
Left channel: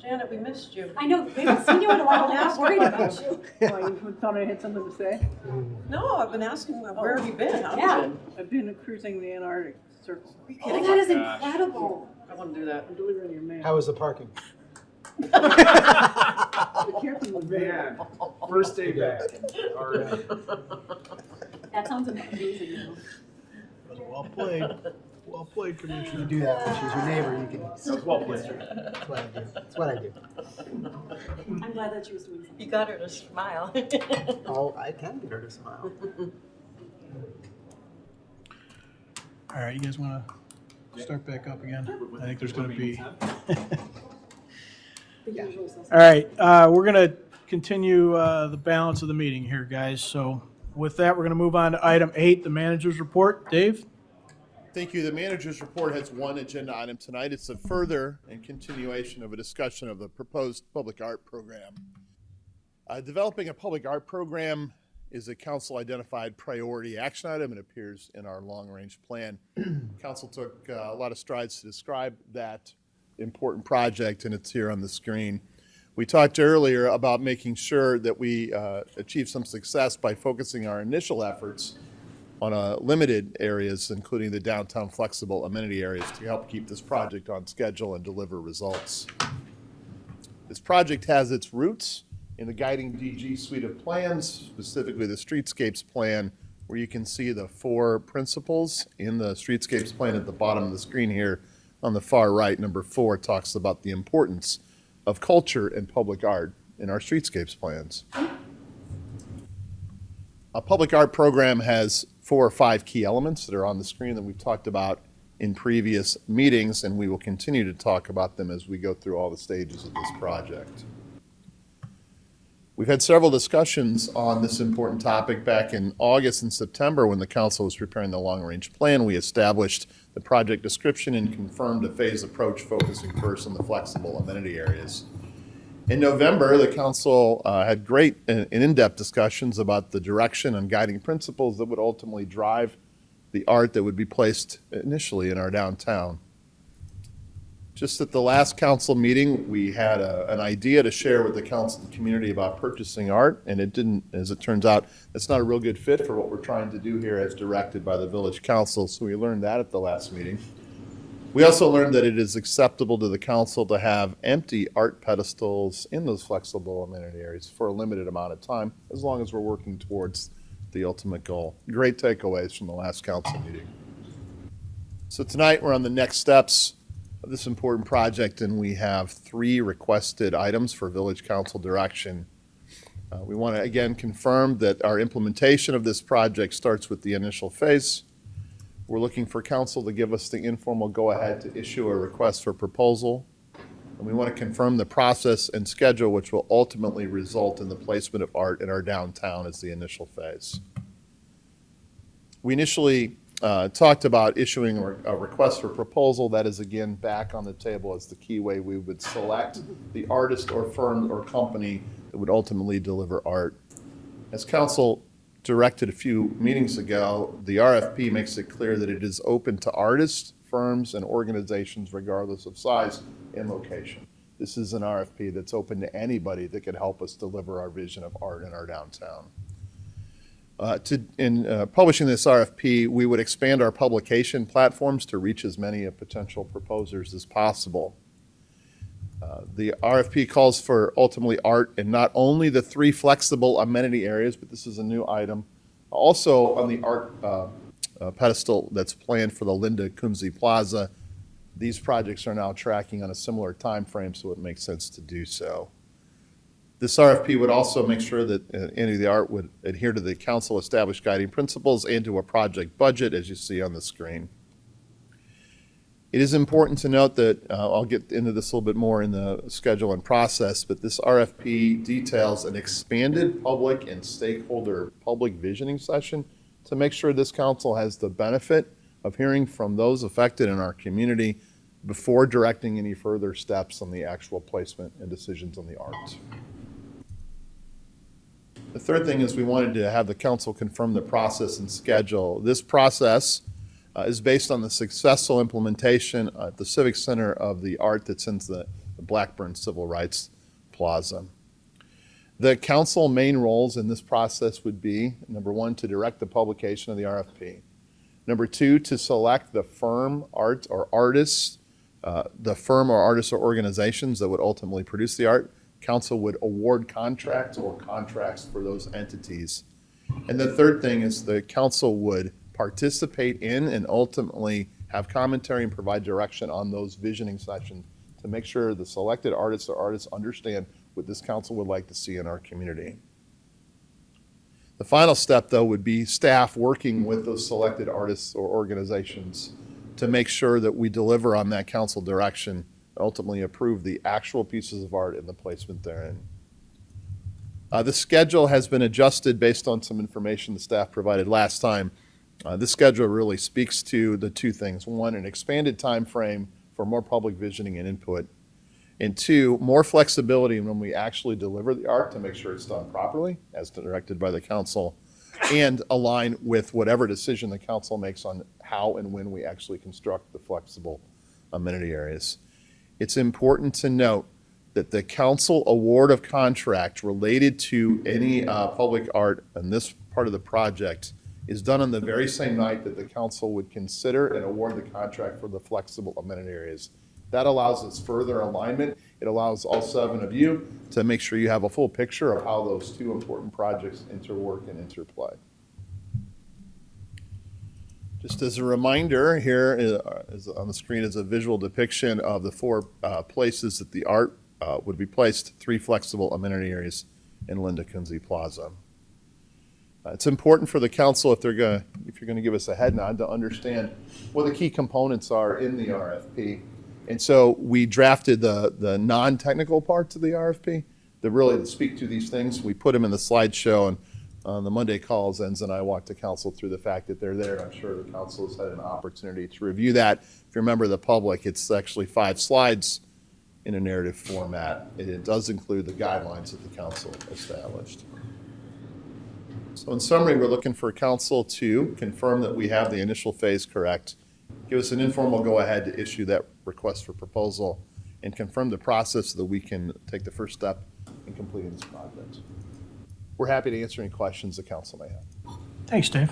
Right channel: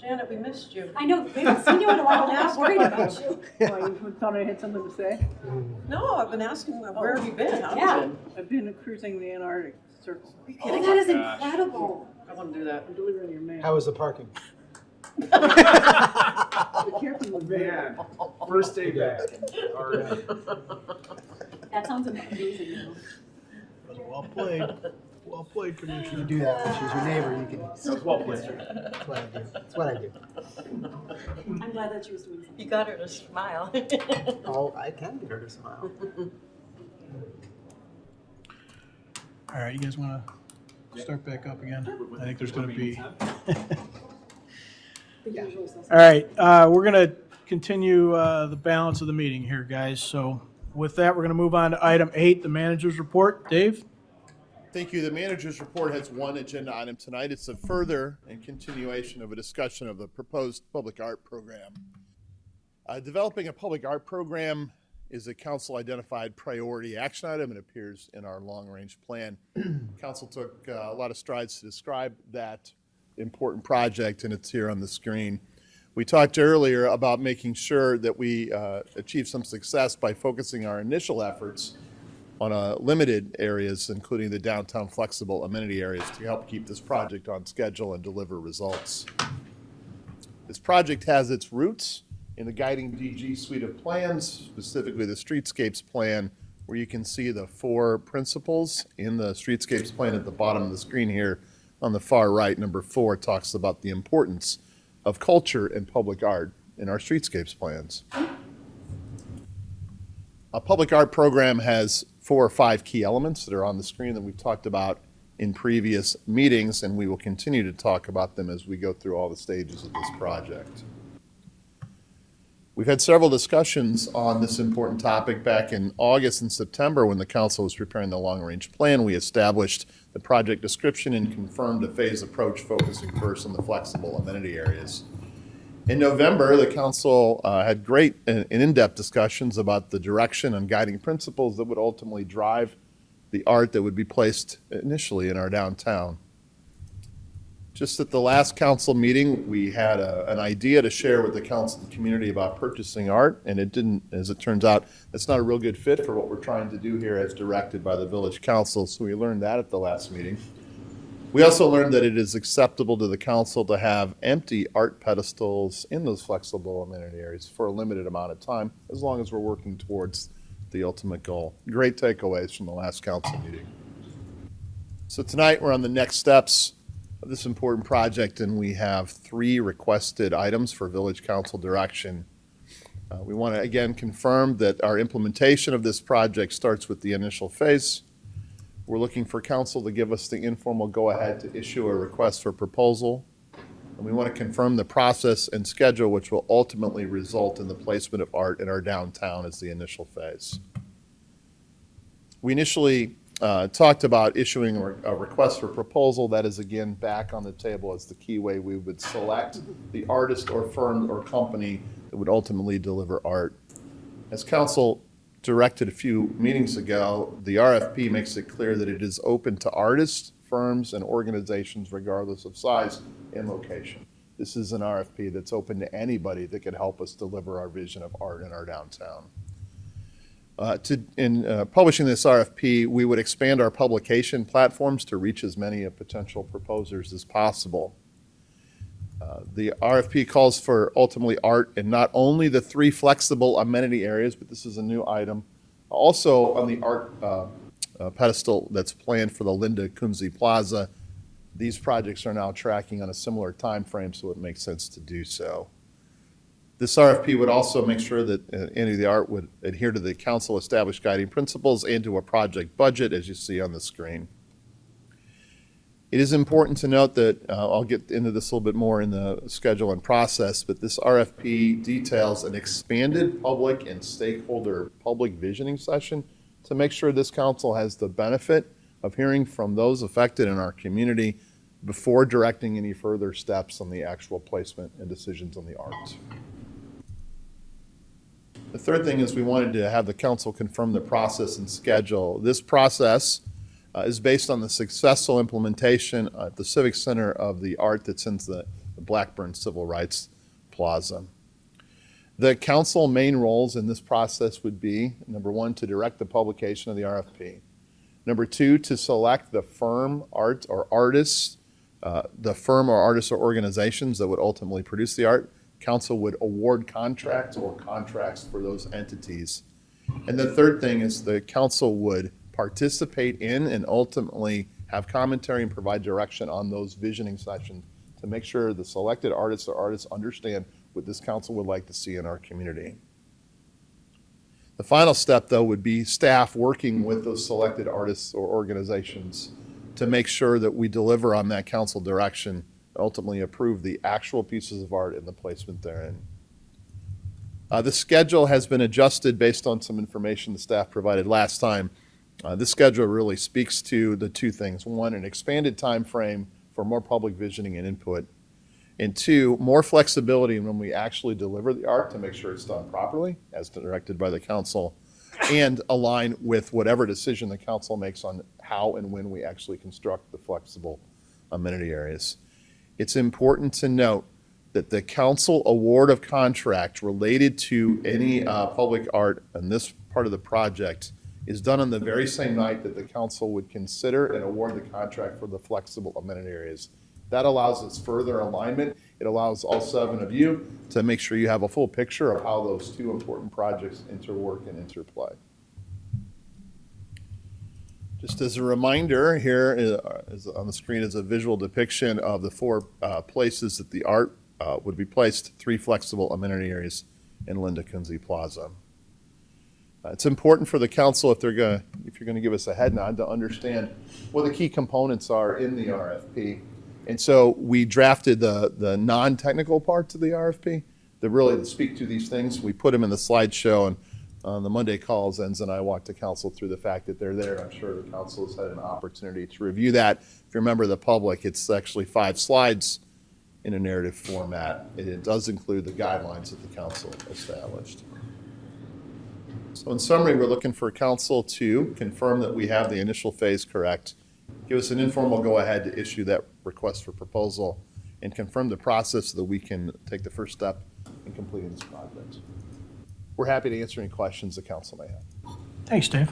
Janet, we missed you. I know, they haven't seen you in a while, I was worried about you. Thought I had something to say. No, I've been asking, where have you been? How Yeah. is it? I've been cruising the Antarctic circle. Oh, that is incredible. I want to do that. I'm delivering your mail. How was the parking? Be careful with me. Man, first day back. All right. That sounds amazing. Well played. Well played, Commissioner. You do that when she's your neighbor, you can. That was well played. That's what I do. That's what I do. I'm glad that you was doing something. You got her to smile. Oh, I can get her to smile. All right, you guys want to start back up again. I think there's going to be. Yeah. All right, we're going to continue the balance of the meeting here, guys. So with that, we're going to move on to item 8, the manager's report. Dave? Thank you. The manager's report has one agenda item tonight. It's a further and continuation of a discussion of the proposed public art program. Developing a public art program is a council identified priority action item. It appears in our long range plan. Council took a lot of strides to describe that important project, and it's here on the screen. We talked earlier about making sure that we achieve some success by focusing our initial efforts on limited areas, including the downtown flexible amenity areas, to help keep this project on schedule and deliver results. This project has its roots in the guiding DG suite of plans, specifically the streetscapes plan, where you can see the 4 principles in the streetscapes plan at the bottom of the screen here. On the far right, number 4 talks about the importance of culture and public art in our streetscapes plans. A public art program has 4 or 5 key elements that are on the screen that we've talked about in previous meetings, and we will continue to talk about them as we go through all the stages of this project. We've had several discussions on this important topic back in August and September when the council was preparing the long-range plan. We established the project description and confirmed a phased approach focusing first on the flexible amenity areas. In November, the council had great and in-depth discussions about the direction and guiding principles that would ultimately drive the art that would be placed initially in our downtown. Just at the last council meeting, we had an idea to share with the council community about purchasing art, and it didn't, as it turns out, it's not a real good fit for what we're trying to do here as directed by the village council, so we learned that at the last meeting. We also learned that it is acceptable to the council to have empty art pedestals in those flexible amenity areas for a limited amount of time, as long as we're working towards the ultimate goal. Great takeaways from the last council meeting. So tonight we're on the next steps of this important project, and we have 3 requested items for village council direction. We want to again confirm that our implementation of this project starts with the initial phase. We're looking for council to give us the informal go-ahead to issue a request for proposal. And we want to confirm the process and schedule which will ultimately result in the placement of art in our downtown as the initial phase. We initially talked about issuing a request for proposal. That is again back on the table as the key way we would select the artist or firm or company that would ultimately deliver art. As council directed a few meetings ago, the RFP makes it clear that it is open to artists, firms, and organizations regardless of size and location. This is an RFP that's open to anybody that could help us deliver our vision of art in our downtown. In publishing this RFP, we would expand our publication platforms to reach as many potential proposers as possible. The RFP calls for ultimately art in not only the 3 flexible amenity areas, but this is a new item, also on the art pedestal that's planned for the Linda Kunze Plaza. These projects are now tracking on a similar time frame, so it makes sense to do so. This RFP would also make sure that any of the art would adhere to the council established guiding principles and to a project budget, as you see on the screen. It is important to note that, I'll get into this a little bit more in the schedule and process, but this RFP details an expanded public and stakeholder public visioning session to make sure this council has the benefit of hearing from those affected in our community before directing any further steps on the actual placement and decisions on the art. The third thing is we wanted to have the council confirm the process and schedule. This process is based on the successful implementation at the Civic Center of the art that's in the Blackburn Civil Rights Plaza. The council main roles in this process would be, number 1, to direct the publication of the RFP. Number 2, to select the firm, art, or artists, the firm or artists or organizations that would ultimately produce the art. Council would award contracts or contracts for those entities. And the third thing is the council would participate in and ultimately have commentary and provide direction on those visioning sessions to make sure the selected artists or artists understand what this council would like to see in our community. The final step, though, would be staff working with those selected artists or organizations to make sure that we deliver on that council direction, ultimately approve the actual pieces of art and the placement therein. The schedule has been adjusted based on some information the staff provided last time. This schedule really speaks to the two things. One, an expanded time frame for more public visioning and input. And two, more flexibility when we actually deliver the art to make sure it's done properly as directed by the council and align with whatever decision the council makes on how and when we actually construct the flexible amenity areas. It's important to note that the council award of contract related to any public art in this part of the project is done on the very same night that the council would consider and award the contract for the flexible amenity areas. That allows us further alignment. It allows all 7 of you to make sure you have a full picture of how those 2 important projects interwork and interplay. Just as a reminder, here is on the screen is a visual depiction of the 4 places that the art would be placed, 3 flexible amenity areas in Linda Kunze Plaza. It's important for the council, if you're going to give us a head nod, to understand what the key components are in the RFP. And so we drafted the non-technical parts of the RFP that really speak to these things. We put them in the slideshow, and on the Monday calls, Enz and I walked the council through the fact that they're there. I'm sure the council has had an opportunity to review that. If you're a member of the public, it's actually 5 slides in a narrative format, and it does include the guidelines that the council established. So in summary, we're looking for council to confirm that we have the initial phase correct, give us an informal go-ahead to issue that request for proposal, and confirm the process so that we can take the first step in completing this project. We're happy to answer any questions the council may have. Thanks, Dave.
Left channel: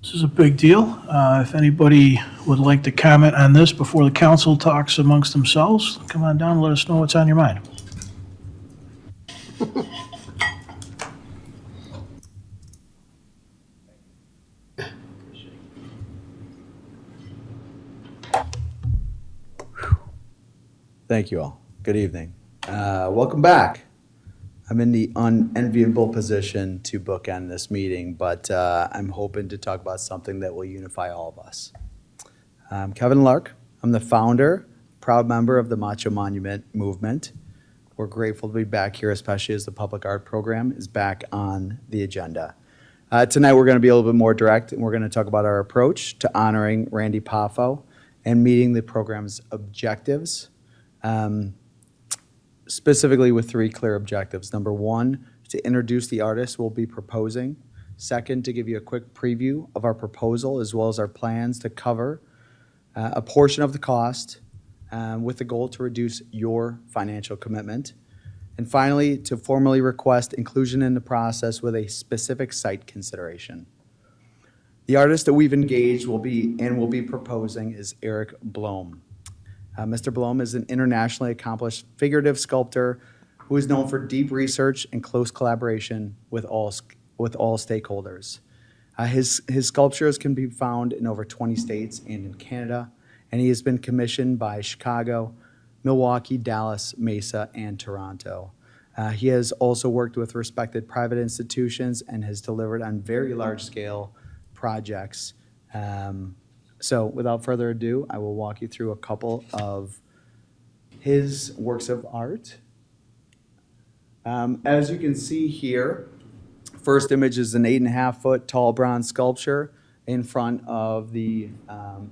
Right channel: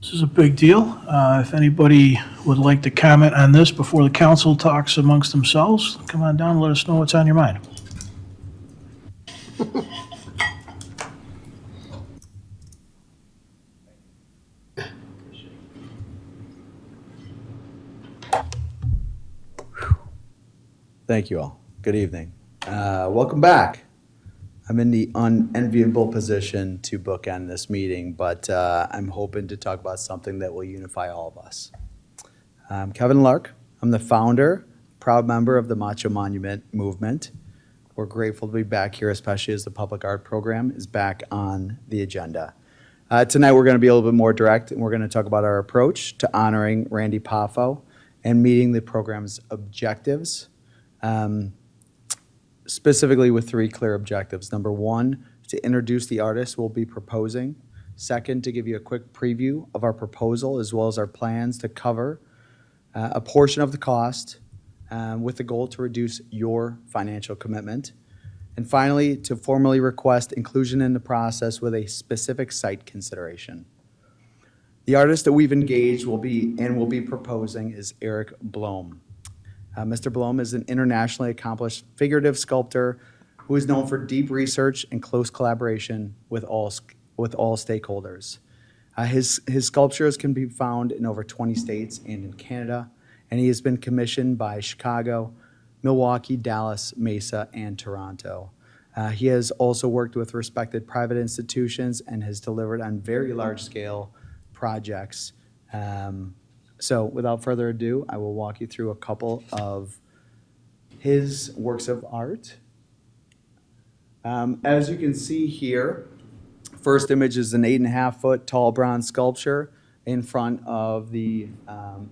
This is a big deal. If anybody would like to comment on this before the council talks amongst themselves, come on down and let us know what's on your mind. Thank you all. Good evening. Welcome back. I'm in the unenviable position to bookend this meeting, but I'm hoping to talk about something that will unify all of us. I'm Kevin Lark. I'm the founder, proud member of the Macho Monument movement. We're grateful to be back here, especially as the public art program is back on the agenda. Tonight, we're going to be a little bit more direct, and we're going to talk about our approach to honoring Randy Poffo and meeting the program's objectives. Specifically with 3 clear objectives. Number 1, to introduce the artist we'll be proposing. Second, to give you a quick preview of our proposal as well as our plans to cover a portion of the cost with the goal to reduce your financial commitment. And finally, to formally request inclusion in the process with a specific site consideration. The artist that we've engaged will be proposing is Eric Blom. Mr. Blom is an internationally accomplished figurative sculptor who is known for deep research and close collaboration with all stakeholders. His sculptures can be found in over 20 states and in Canada, and he has been commissioned by Chicago, Milwaukee, Dallas, Mesa, and Toronto. He has also worked with respected private institutions and has delivered on very large-scale projects. So without further ado, I will walk you through a couple of his works of art. As you can see here, first image is an 8.5-foot tall bronze sculpture in front of the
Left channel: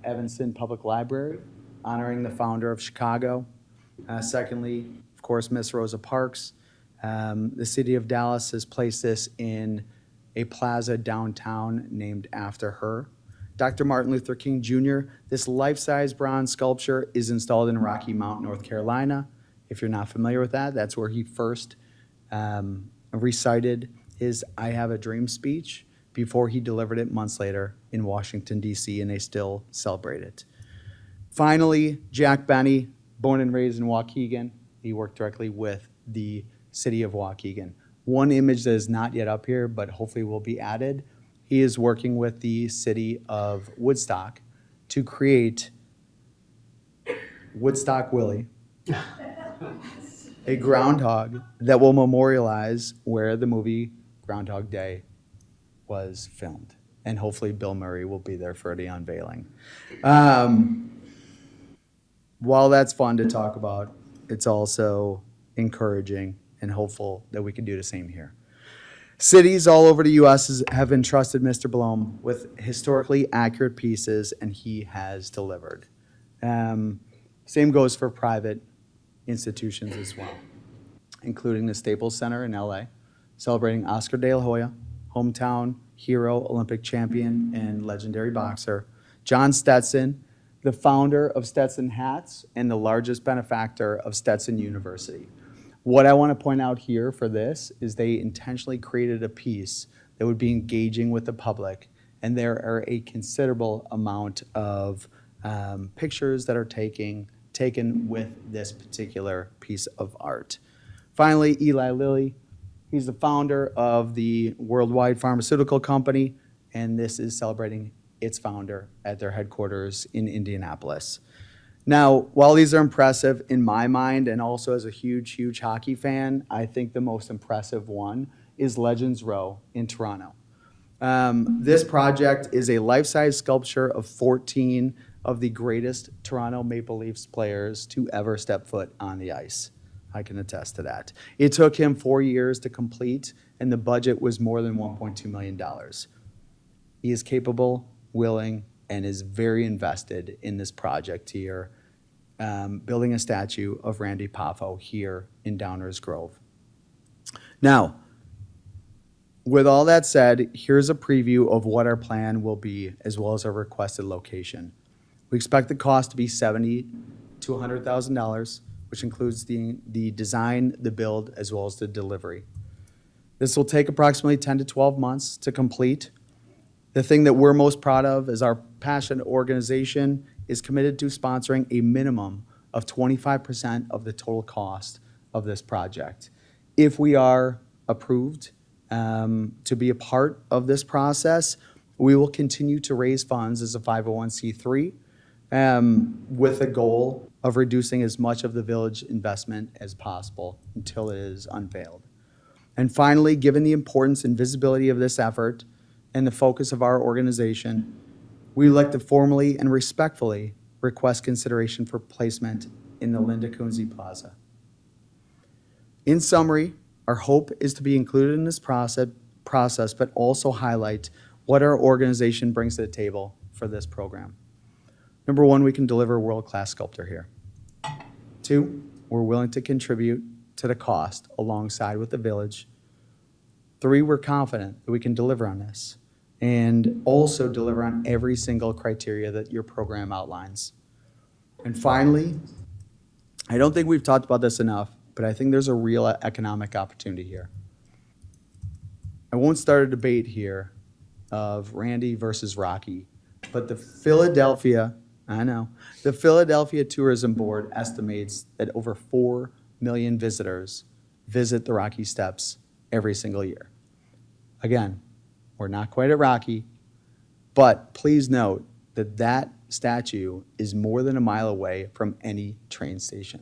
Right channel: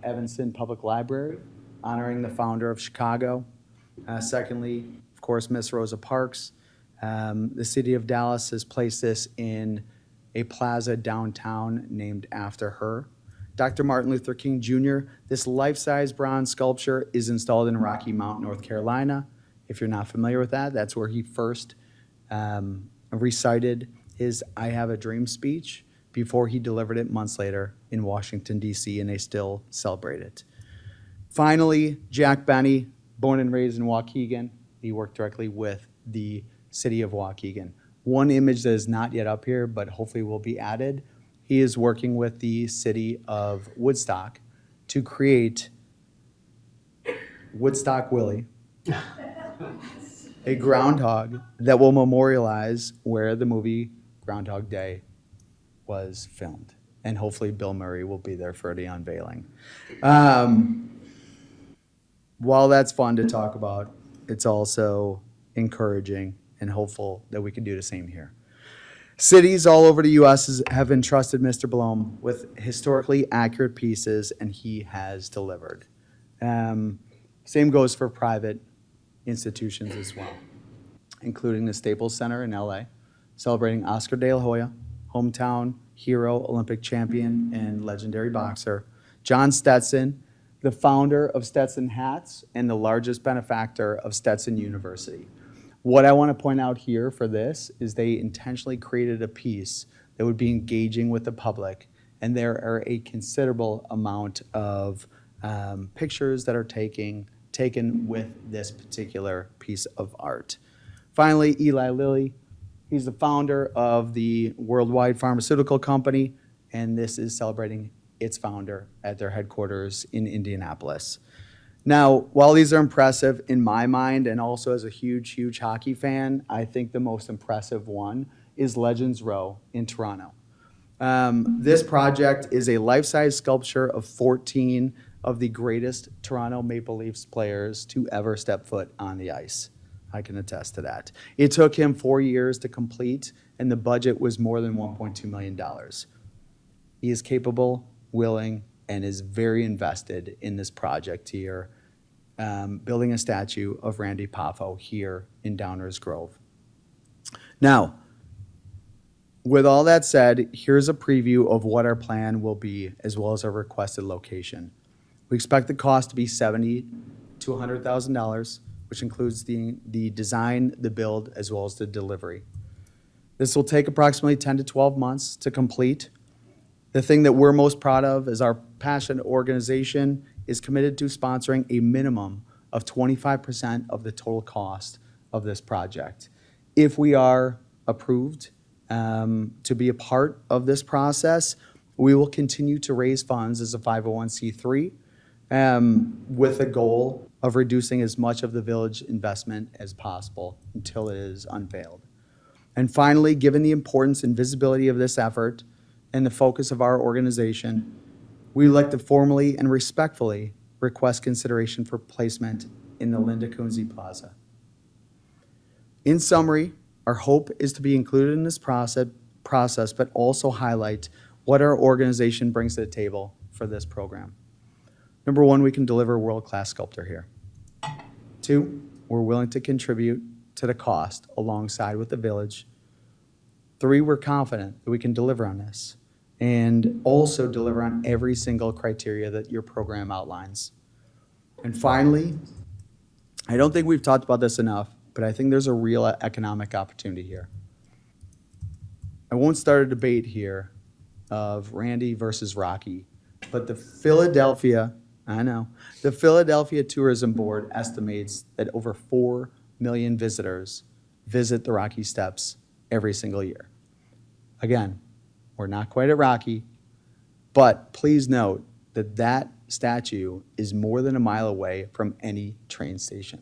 Evanston Public Library, honoring the founder of Chicago. Secondly, of course, Miss Rosa Parks. The city of Dallas has placed this in a plaza downtown named after her. Dr. Martin Luther King Jr., this life-size bronze sculpture is installed in Rocky Mount, North Carolina. If you're not familiar with that, that's where he first recited his I Have a Dream speech before he delivered it months later in Washington, D.C., and they still celebrate it. Finally, Jack Benny, born and raised in Waukegan. He worked directly with the city of Waukegan. One image that is not yet up here, but hopefully will be added. He is working with the city of Woodstock to create Woodstock Willie, a groundhog that will memorialize where the movie Groundhog Day was filmed. and hopefully Bill Murray will be there for the unveiling. While that's fun to talk about, it's also encouraging and hopeful that we can do the same here. Cities all over the U.S. have entrusted Mr. Blum with historically accurate pieces, and he has delivered. Same goes for private institutions as well, including the Staples Center in LA, celebrating Oscar De La Hoya, hometown hero, Olympic champion, and legendary boxer, John Stetson, the founder of Stetson Hats and the largest benefactor of Stetson University. What I want to point out here for this is they intentionally created a piece that would be engaging with the public, and there are a considerable amount of pictures that are taken with this particular piece of art. Finally, Eli Lilly, he's the founder of the Worldwide Pharmaceutical Company, and this is celebrating its founder at their headquarters in Indianapolis. Now, while these are impressive in my mind, and also as a huge hockey fan, I think the most impressive one is Legends Row in Toronto. This project is a life-size sculpture of 14 of the greatest Toronto Maple Leafs players to ever step foot on the ice. I can attest to that. It took him 4 years to complete, and the budget was more than $1.2 million. He is capable, willing, and is very invested in this project here, building a statue of Randy Poffo here in Downers Grove. Now, with all that said, here's a preview of what our plan will be, as well as our requested location. We expect the cost to be $70,000 to $100,000, which includes the design, the build, as well as the delivery. This will take approximately 10 to 12 months to complete. The thing that we're most proud of is our passionate organization is committed to sponsoring a minimum of 25% of the total cost of this project. If we are approved to be a part of this process, we will continue to raise funds as a 501c3 with a goal of reducing as much of the village investment as possible until it is unveiled. And finally, given the importance and visibility of this effort and the focus of our organization, we would like to formally and respectfully request consideration for placement in the Linda Kunze Plaza. In summary, our hope is to be included in this process, but also highlight what our organization brings to the table for this program. Number one, we can deliver a world-class sculptor here. 2, we're willing to contribute to the cost alongside with the village. 3, we're confident that we can deliver on this and also deliver on every single criteria that your program outlines. And finally, I don't think we've talked about this enough, but I think there's a real economic opportunity here. I won't start a debate here of Randy versus Rocky, but the Philadelphia Tourism Board estimates that over 4 million visitors visit the Rocky Steps every single year. Again, we're not quite at Rocky, but please note that that statue is more than a mile away from any train station.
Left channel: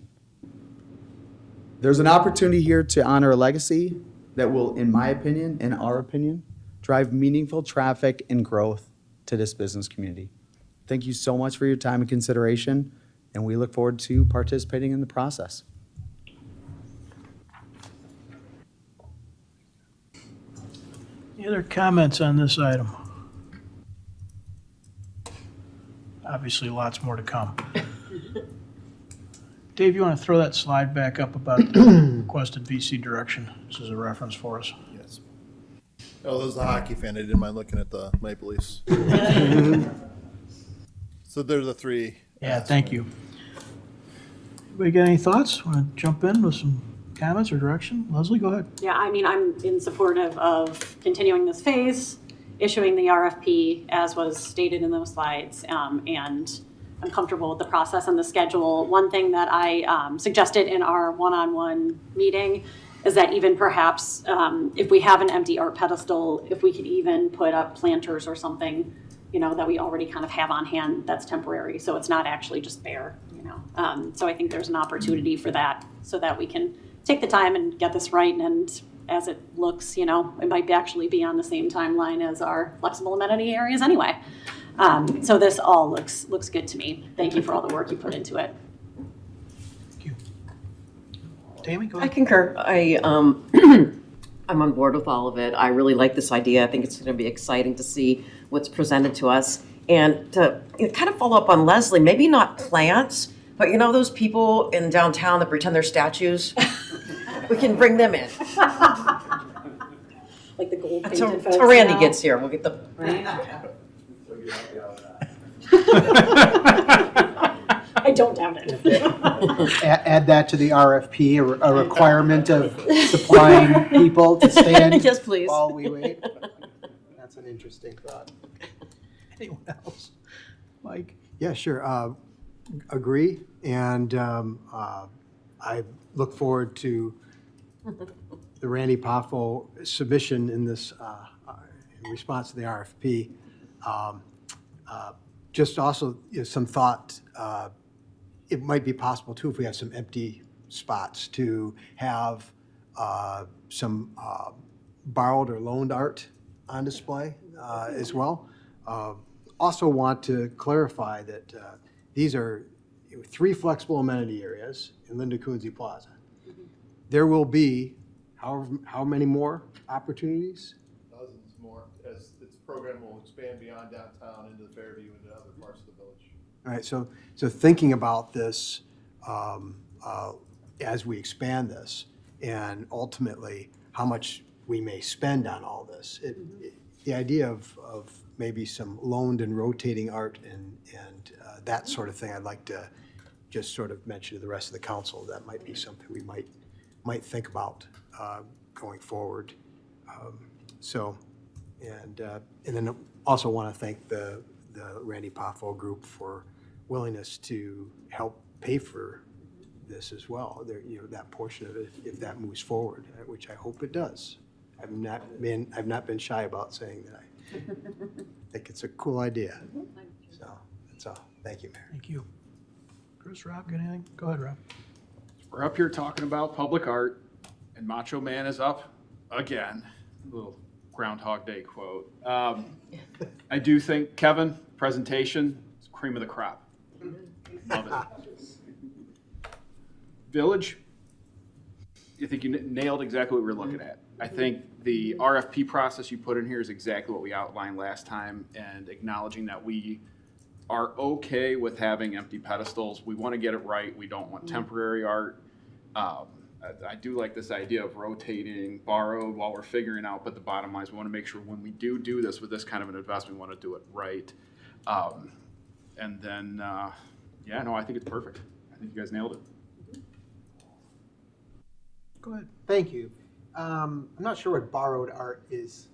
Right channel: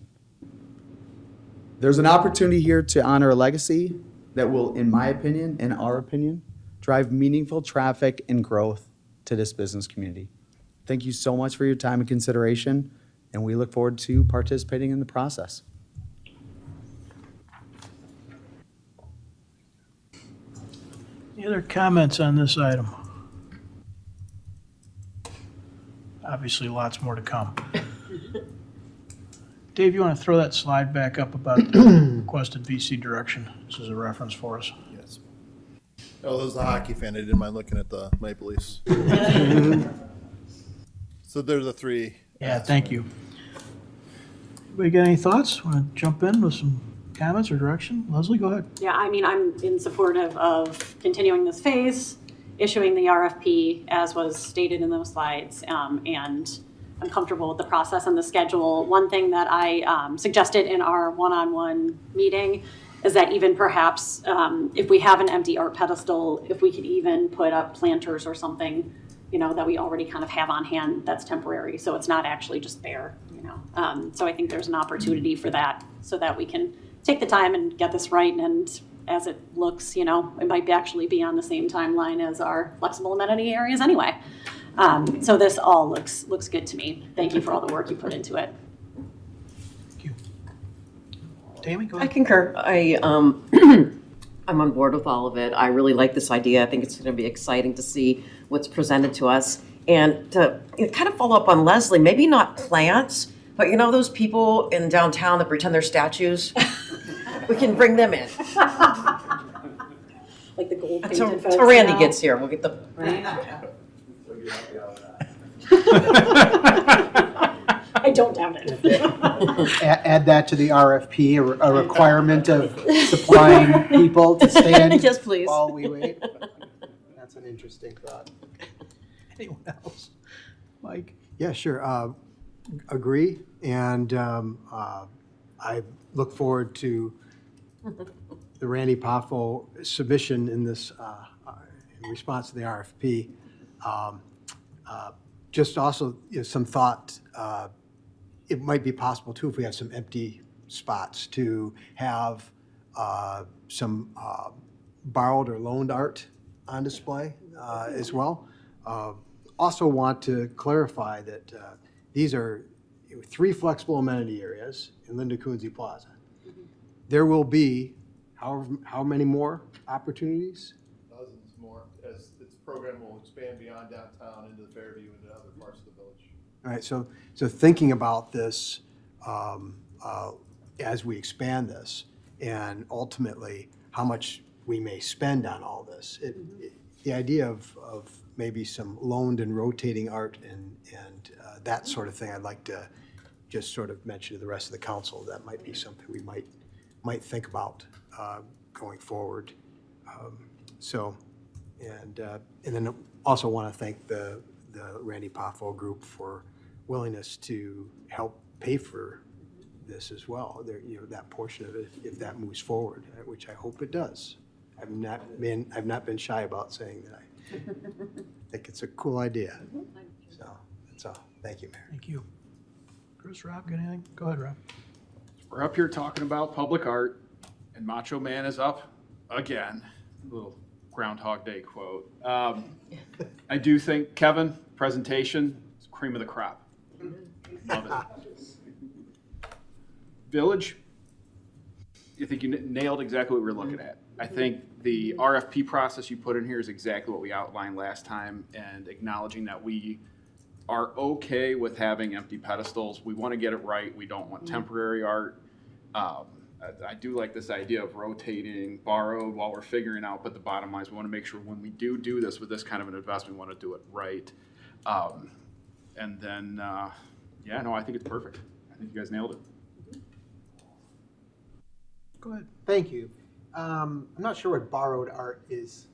There's an opportunity here to honor a legacy that will, in my opinion, in our opinion, drive meaningful traffic and growth to this business community. Thank you so much for your time and consideration, and we look forward to participating in the process. Any other comments on this item? Obviously, lots more to come. Dave, you want to throw that slide back up about the requested VC direction? This is a reference for us. Yes. Oh, those are the hockey fan. I didn't mind looking at the Maple Leafs. So there's the 3. Yeah, thank you. Anybody got any thoughts? Want to jump in with some comments or direction? Leslie, go ahead. Yeah, I mean, I'm in support of continuing this phase, issuing the RFP as was stated in those slides, and I'm comfortable with the process and the schedule. One thing that I suggested in our one-on-one meeting is that even perhaps if we have an empty art pedestal, if we could even put up planters or something, you know, that we already kind of have on hand that's temporary, so it's not actually just bare, you know. So I think there's an opportunity for that so that we can take the time and get this right and as it looks, it might actually be on the same timeline as our flexible amenity areas anyway. So this all looks good to me. Thank you for all the work you put into it. Tammy, go I ahead. concur. I'm on board with all of it. I really like this idea. I think it's going to be exciting to see what's presented to us. And to kind of follow up on Leslie, maybe not plants, but those people in downtown that pretend they're statues? We can bring them in. Like the gold Until painted folks Randy now. gets here, we'll get the. I don't doubt it. Add that to the RFP, a requirement of supplying people to stand. Yes, please. While we wait. That's an interesting thought. Anyone else? Mike? Yeah, sure. Agree. And I look forward to the Randy Poffo submission in this, in response to the RFP. Just also some thought, it might be possible too, if we have some empty spots, to have some borrowed or loaned art on display as well. Also want to clarify that these are 3 flexible amenity areas in Linda Coonsey Plaza. There will be how many more opportunities? Dozens more, as this program will expand beyond downtown into Fairview and other parts of the village. All right, so thinking about this as we expand this, and ultimately how much we may spend on all this, the idea of maybe some loaned and rotating art and that sort of thing, I'd like to just sort of mention to the rest of the council. That might be something we might think about going forward. And then also want to thank the Randy Poffo group for willingness to help pay for this as well. That portion of it, if that moves forward, which I hope it does. I've not been shy about saying that I think it's a cool idea. So that's all. Thank you, Mayor. Thank you. Chris, Rob, got anything? Go ahead, Rob. We're up here talking about public art, and Macho Man is up again. Little Groundhog Day quote. I do think, Kevin, presentation is cream of the crop. Love it. Village, I think you nailed exactly what we were looking at. I think the RFP process you put in here is exactly what we outlined last time, and acknowledging that we are okay with having empty pedestals. We want to get it right. We don't want temporary art. I do like this idea of rotating, borrowed while we're figuring out, but the bottom line is we want to make sure when we do this with this kind of an investment, we want to do it right. And then, I think it's perfect. I think you guys nailed it. Go ahead. Thank you. I'm not sure what borrowed art is.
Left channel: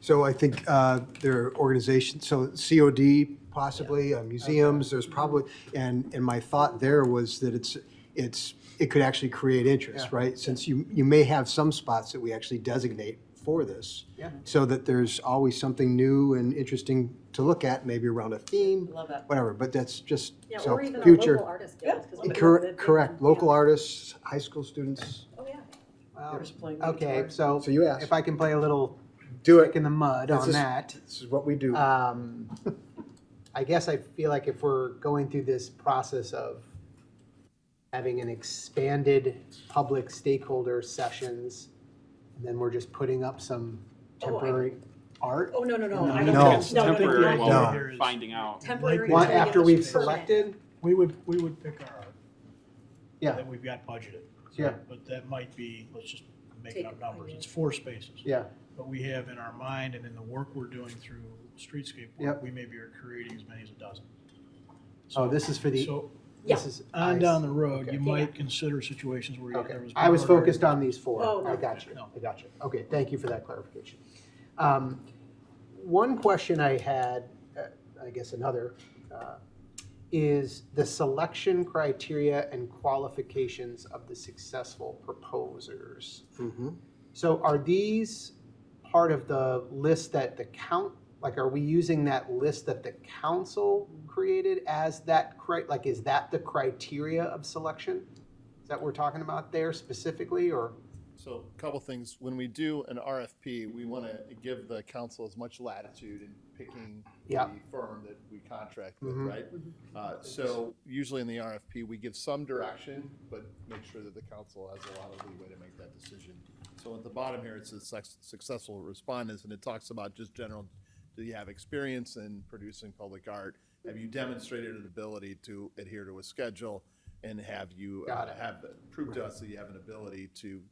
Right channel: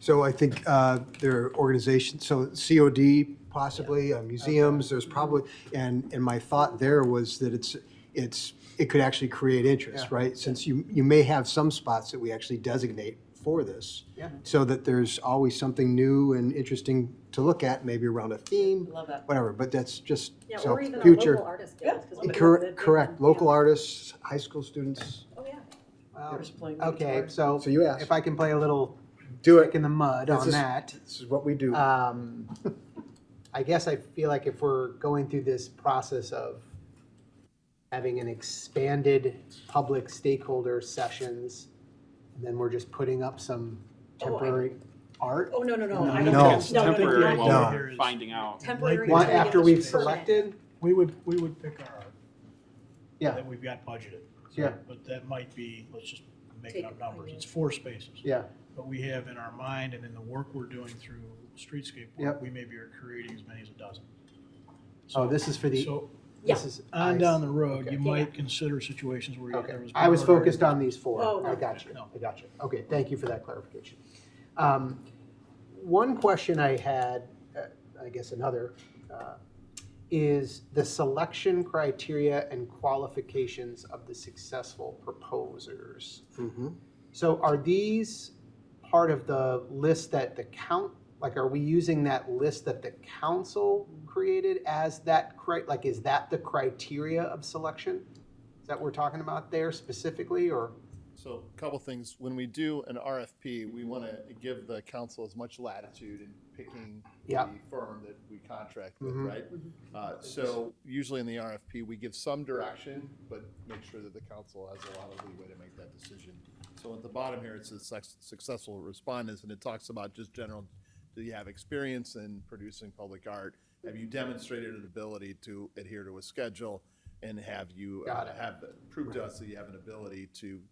So I think there are organizations, so COD possibly, museums, there's probably, and my thought there was that it could actually create interest, right? Since you may have some spots that we actually designate for this, so that there's always something new and interesting to look at, maybe around a theme, whatever, but that's just, so or even future. a local artist guild, 'cause we Correct, local artists, high school students. Okay, so you asked. if I can play a little Do stick in the mud on that. This is what we do. I guess I feel like if we're going through this process of having an expanded public stakeholder sessions, and then we're just putting up some temporary art. Oh, no. I I don't don't think know. Temporary No. while we're finding out. Temporary. One until we get after a we've permit. selected. We would pick our art. Yeah. That we've got budgeted. Yeah. But that might be, let's just make up numbers. It's 4 spaces. Yeah. But we have in our mind and in the work we're doing through streetscape work, we maybe are creating as many as a dozen. Oh, this is for the. So This is on nice. down the road, Okay. you might consider situations where Okay. there was. I was borrowed focused art. on these 4. Oh, I got you. no. I got you. Okay, thank you for that clarification. One question I had, I guess another, is the selection criteria and qualifications of the successful proposers. So are these part of the list that are we using that list that the council created as that, is that the criteria of selection? Is that what we're talking about there specifically, or? So a couple things. When we do an RFP, we want to give the council as much latitude in picking Yeah. the firm that we contract with, Mhm. right? So usually in the RFP, we give some direction, but make sure that the council has a lot of leeway to make that decision. So at the bottom here, it says successful respondents, and it talks about just general, do you have experience in producing public art? Have you demonstrated an ability to adhere to a schedule? And have you have proved to us that you have an ability to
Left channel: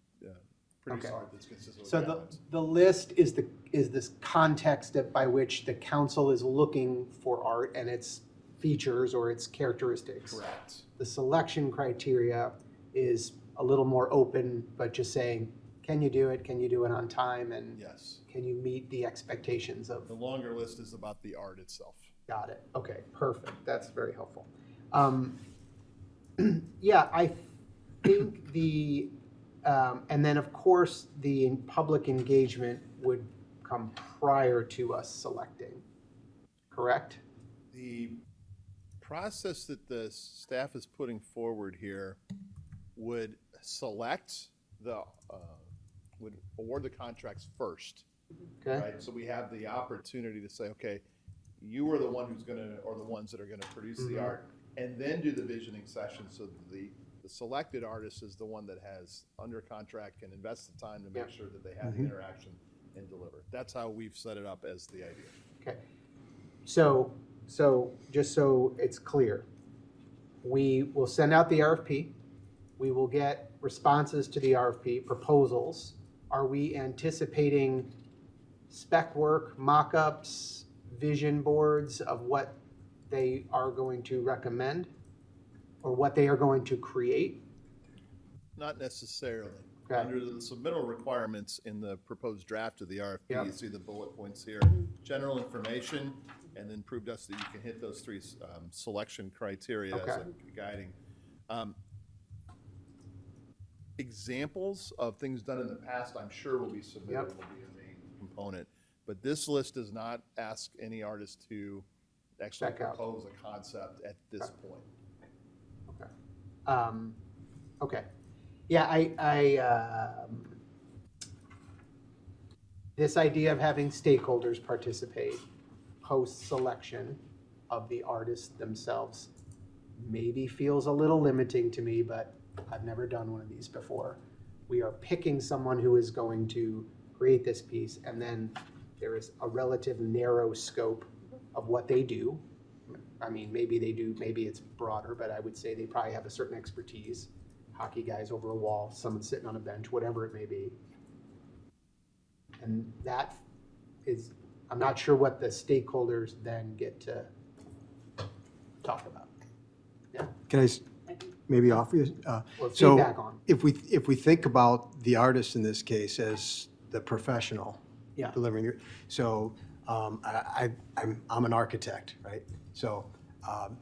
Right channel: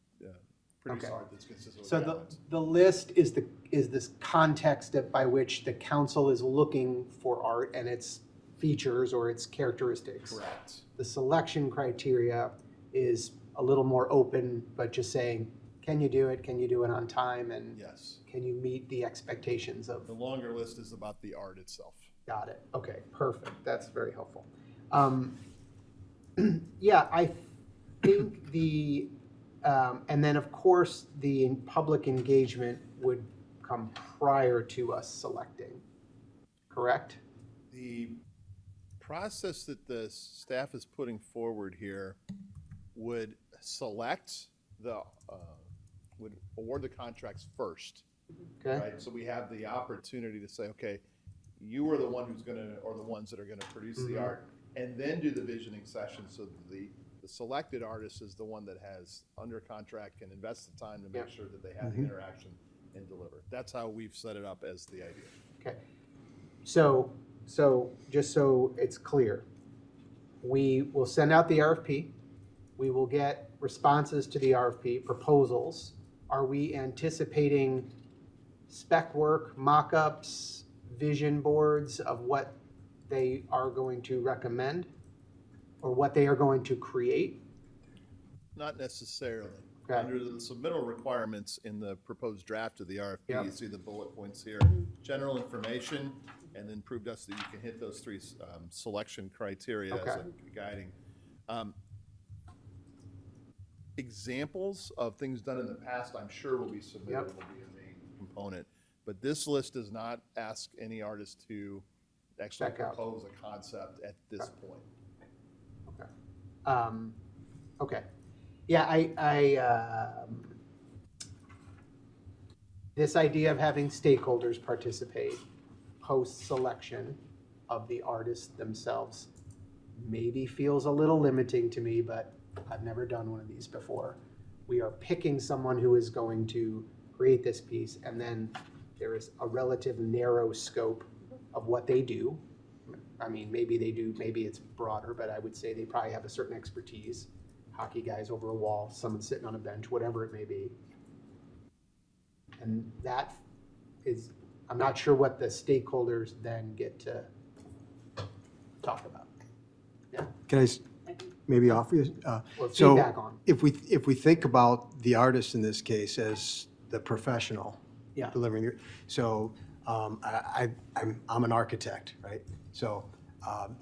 produce Okay. art that's consistent with So the list is this context by which the council is looking for art and its features or its characteristics. Correct. The selection criteria is a little more open, but just saying, can you do it? Can you do it on time? And yes, can you meet the expectations of? The longer list is about the art itself. Got it. Okay, perfect. That's very helpful. Yeah, I think and then of course, the public engagement would come prior to us selecting, correct? The process that the staff is putting forward here would select would award the contracts first. Okay. Right, so we have the opportunity to say, okay, you are the one who's gonna, or the ones that are gonna produce the Mhm. art, and then do the visioning session, so that the selected artist is the one that has under contract, can invest the time to make sure that they have the Mhm. interaction and deliver. That's how we've set it up as the idea. Okay. So just so it's clear, we will send out the RFP. We will get responses to the RFP, proposals. Are we anticipating spec work, mock-ups, vision boards of what they are going to recommend or what they are going to create? Not necessarily. Okay. Under the submittal requirements in the proposed draft of the RFP, Yeah. you see the bullet points here, general information, and then prove to us that you can hit those three selection criteria as Okay. a guiding. Examples of things done in the past, I'm sure will be submitted, Yep. will be a main component. But this list does not ask any artist to actually Check out. propose a concept at this point. Okay. Yeah, this idea of having stakeholders participate post-selection of the artists themselves maybe feels a little limiting to me, but I've never done one of these before. We are picking someone who is going to create this piece, and then there is a relative narrow scope of what they do. I mean, maybe they do, maybe it's broader, but I would say they probably have a certain expertise. Hockey guys over a wall, someone sitting on a bench, whatever it may be. And that is, I'm not sure what the stakeholders then get to talk about. Can I maybe offer you? Or So feedback on. if we think about the artist in this case as the professional Yeah. delivering it, so I'm an architect, right? So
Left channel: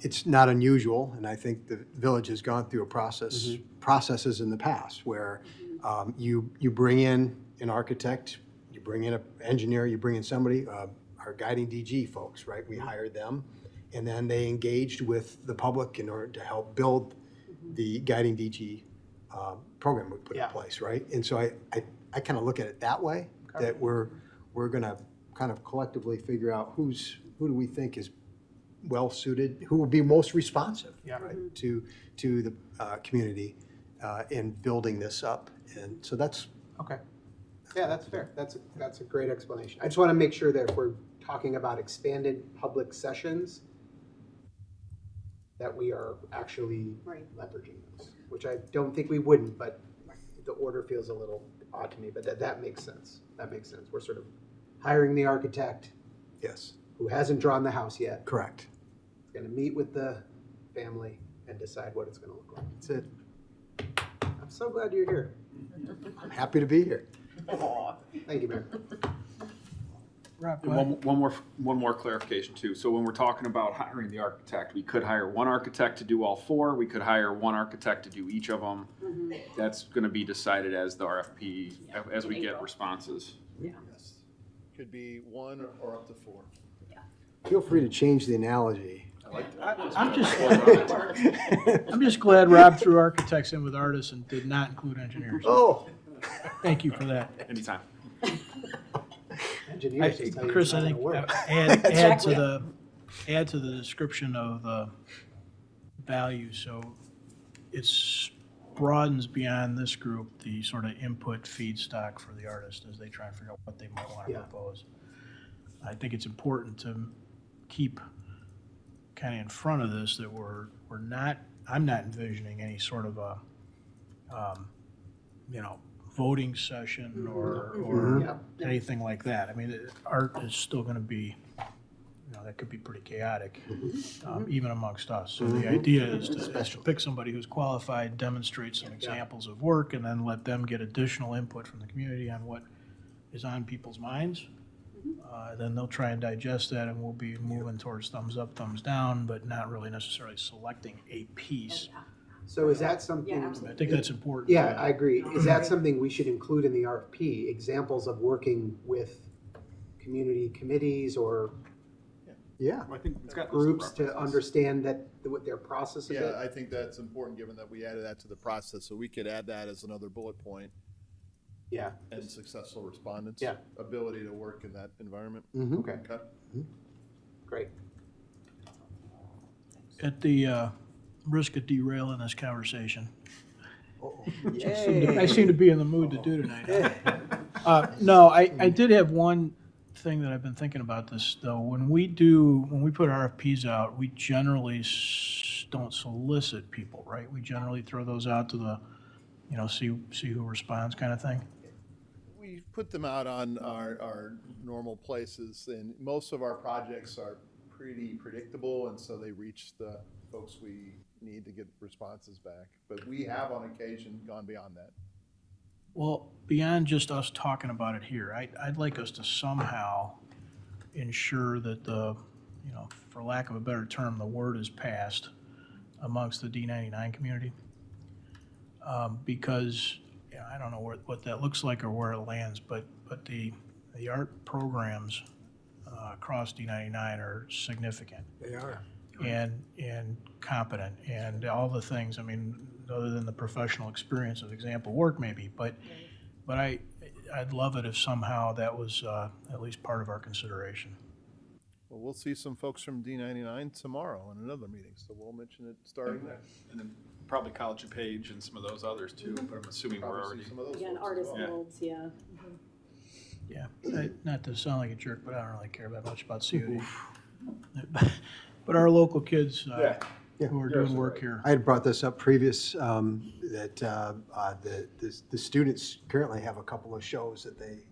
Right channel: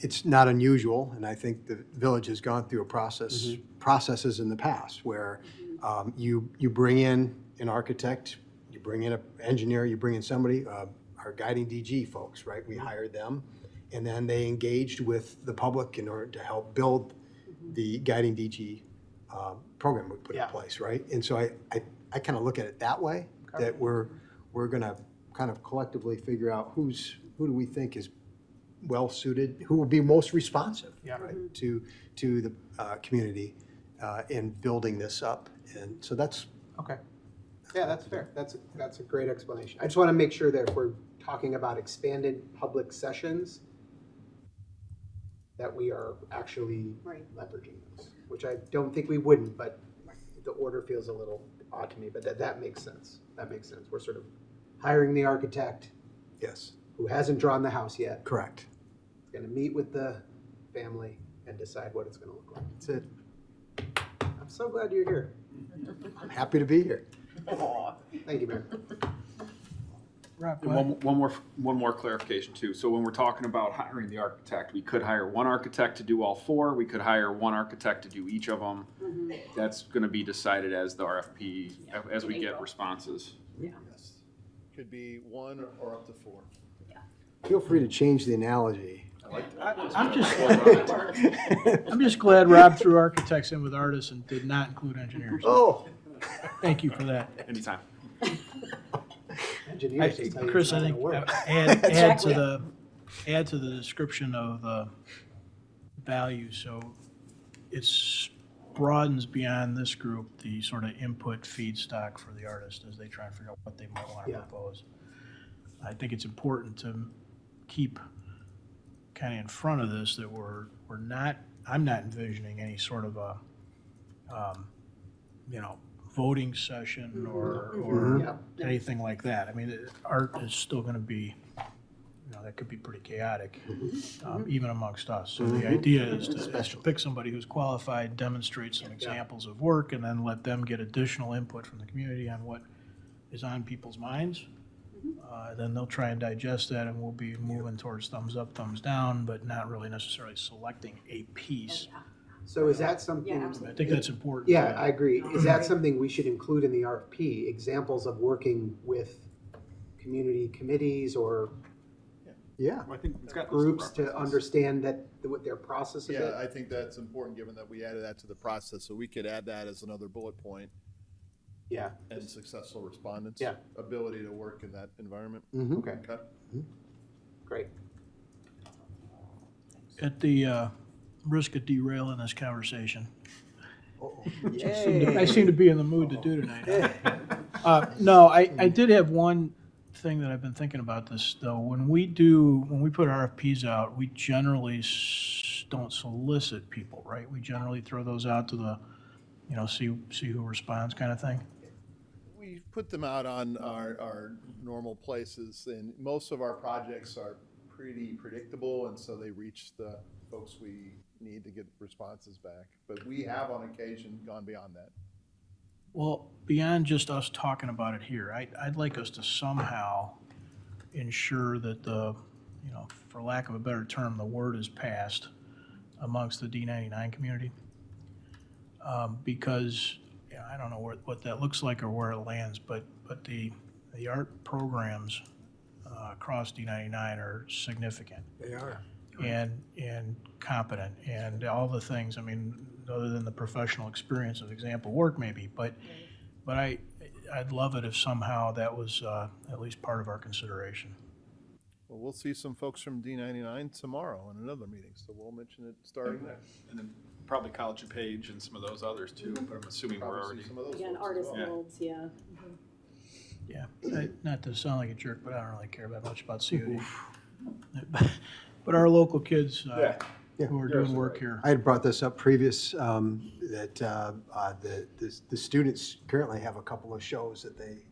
it's not unusual, and I think the village has gone through processes in the past where you bring in an architect, you bring in an engineer, you bring in somebody, our guiding DG folks, right? We hired them, and then they engaged with the public in order to help build the guiding DG program we put in place, right? And so I kind of look at it that way, that we're gonna kind of collectively figure out who do we think is well suited, who will be most responsive, right, to the community in building this up. And so that's Okay. Yeah, that's fair. That's a great explanation. I just want to make sure that if we're talking about expanded public sessions, that we are actually leveraging those, which I don't think we wouldn't, but the order feels a little odd to me, but that makes sense. That makes sense. We're sort of hiring the architect. Yes. Who hasn't drawn the house yet. Correct. Going to meet with the family and decide what it's going to look like. That's it. I'm so glad you're here. I'm happy to be here. Thank you, Mayor. And one more clarification too. So when we're talking about hiring the architect, we could hire one architect to do all four. We could hire one architect to do each of them. That's going to be decided as the RFP, as we get responses. Yes. Could be one or up to four. Feel free to change the analogy. I'm just glad Rob threw architects in with artists and did not include engineers. Oh. Thank you for that. Anytime. Engineers just tell you Chris, it's I not think gonna work. add to the description of the value, so it's broadens beyond this group, the sort of input feedstock for the artist as they try and figure out what they might want to propose. I think it's important to keep kind of in front of this, that I'm not envisioning any sort of a, voting session or anything like that. I mean, art is still going to be, that could be pretty chaotic, even amongst us. So the idea is to pick somebody who's qualified, demonstrate some examples of work, and then let them get additional input from the community on what is on people's minds. Then they'll try and digest that, and we'll be moving towards thumbs up, thumbs down, but not really necessarily selecting a piece. So is that something? I think that's important. Yeah, I agree. Is that something we should include in the RFP? Examples of working with community committees or I think it's got groups to understand what their process is? Yeah, I think that's important, given that we added that to the process, so we could add that as another bullet point. Yeah. And successful respondents. Yeah. Ability to work in that environment. Okay. Great. At the risk of derailing this conversation, which Yay. I seem to be in the mood to do tonight. No, I did have one thing that I've been thinking about this, though. When we put RFPs out, we generally don't solicit people, right? We generally throw those out to the, see who responds kind of thing. We put them out on our normal places, and most of our projects are pretty predictable, and so they reach the folks we need to get responses back. But we have on occasion gone beyond that. Well, beyond just us talking about it here, I'd like us to somehow ensure that for lack of a better term, the word is passed amongst the D99 community. Because I don't know what that looks like or where it lands, but the art programs across D99 are significant. They are. And competent, and all the things, I mean, other than the professional experience of example work maybe, but I'd love it if somehow that was at least part of our consideration. Well, we'll see some folks from D99 tomorrow in another meeting, so we'll mention it starting there. And then probably College of Page and some of those others too, but I'm assuming we're already. And artist guilds, yeah. Yeah, not to sound like a jerk, but I don't really care that much about COD. But our local kids who are doing work here. I had brought this up previous, that the students currently have a couple of shows that they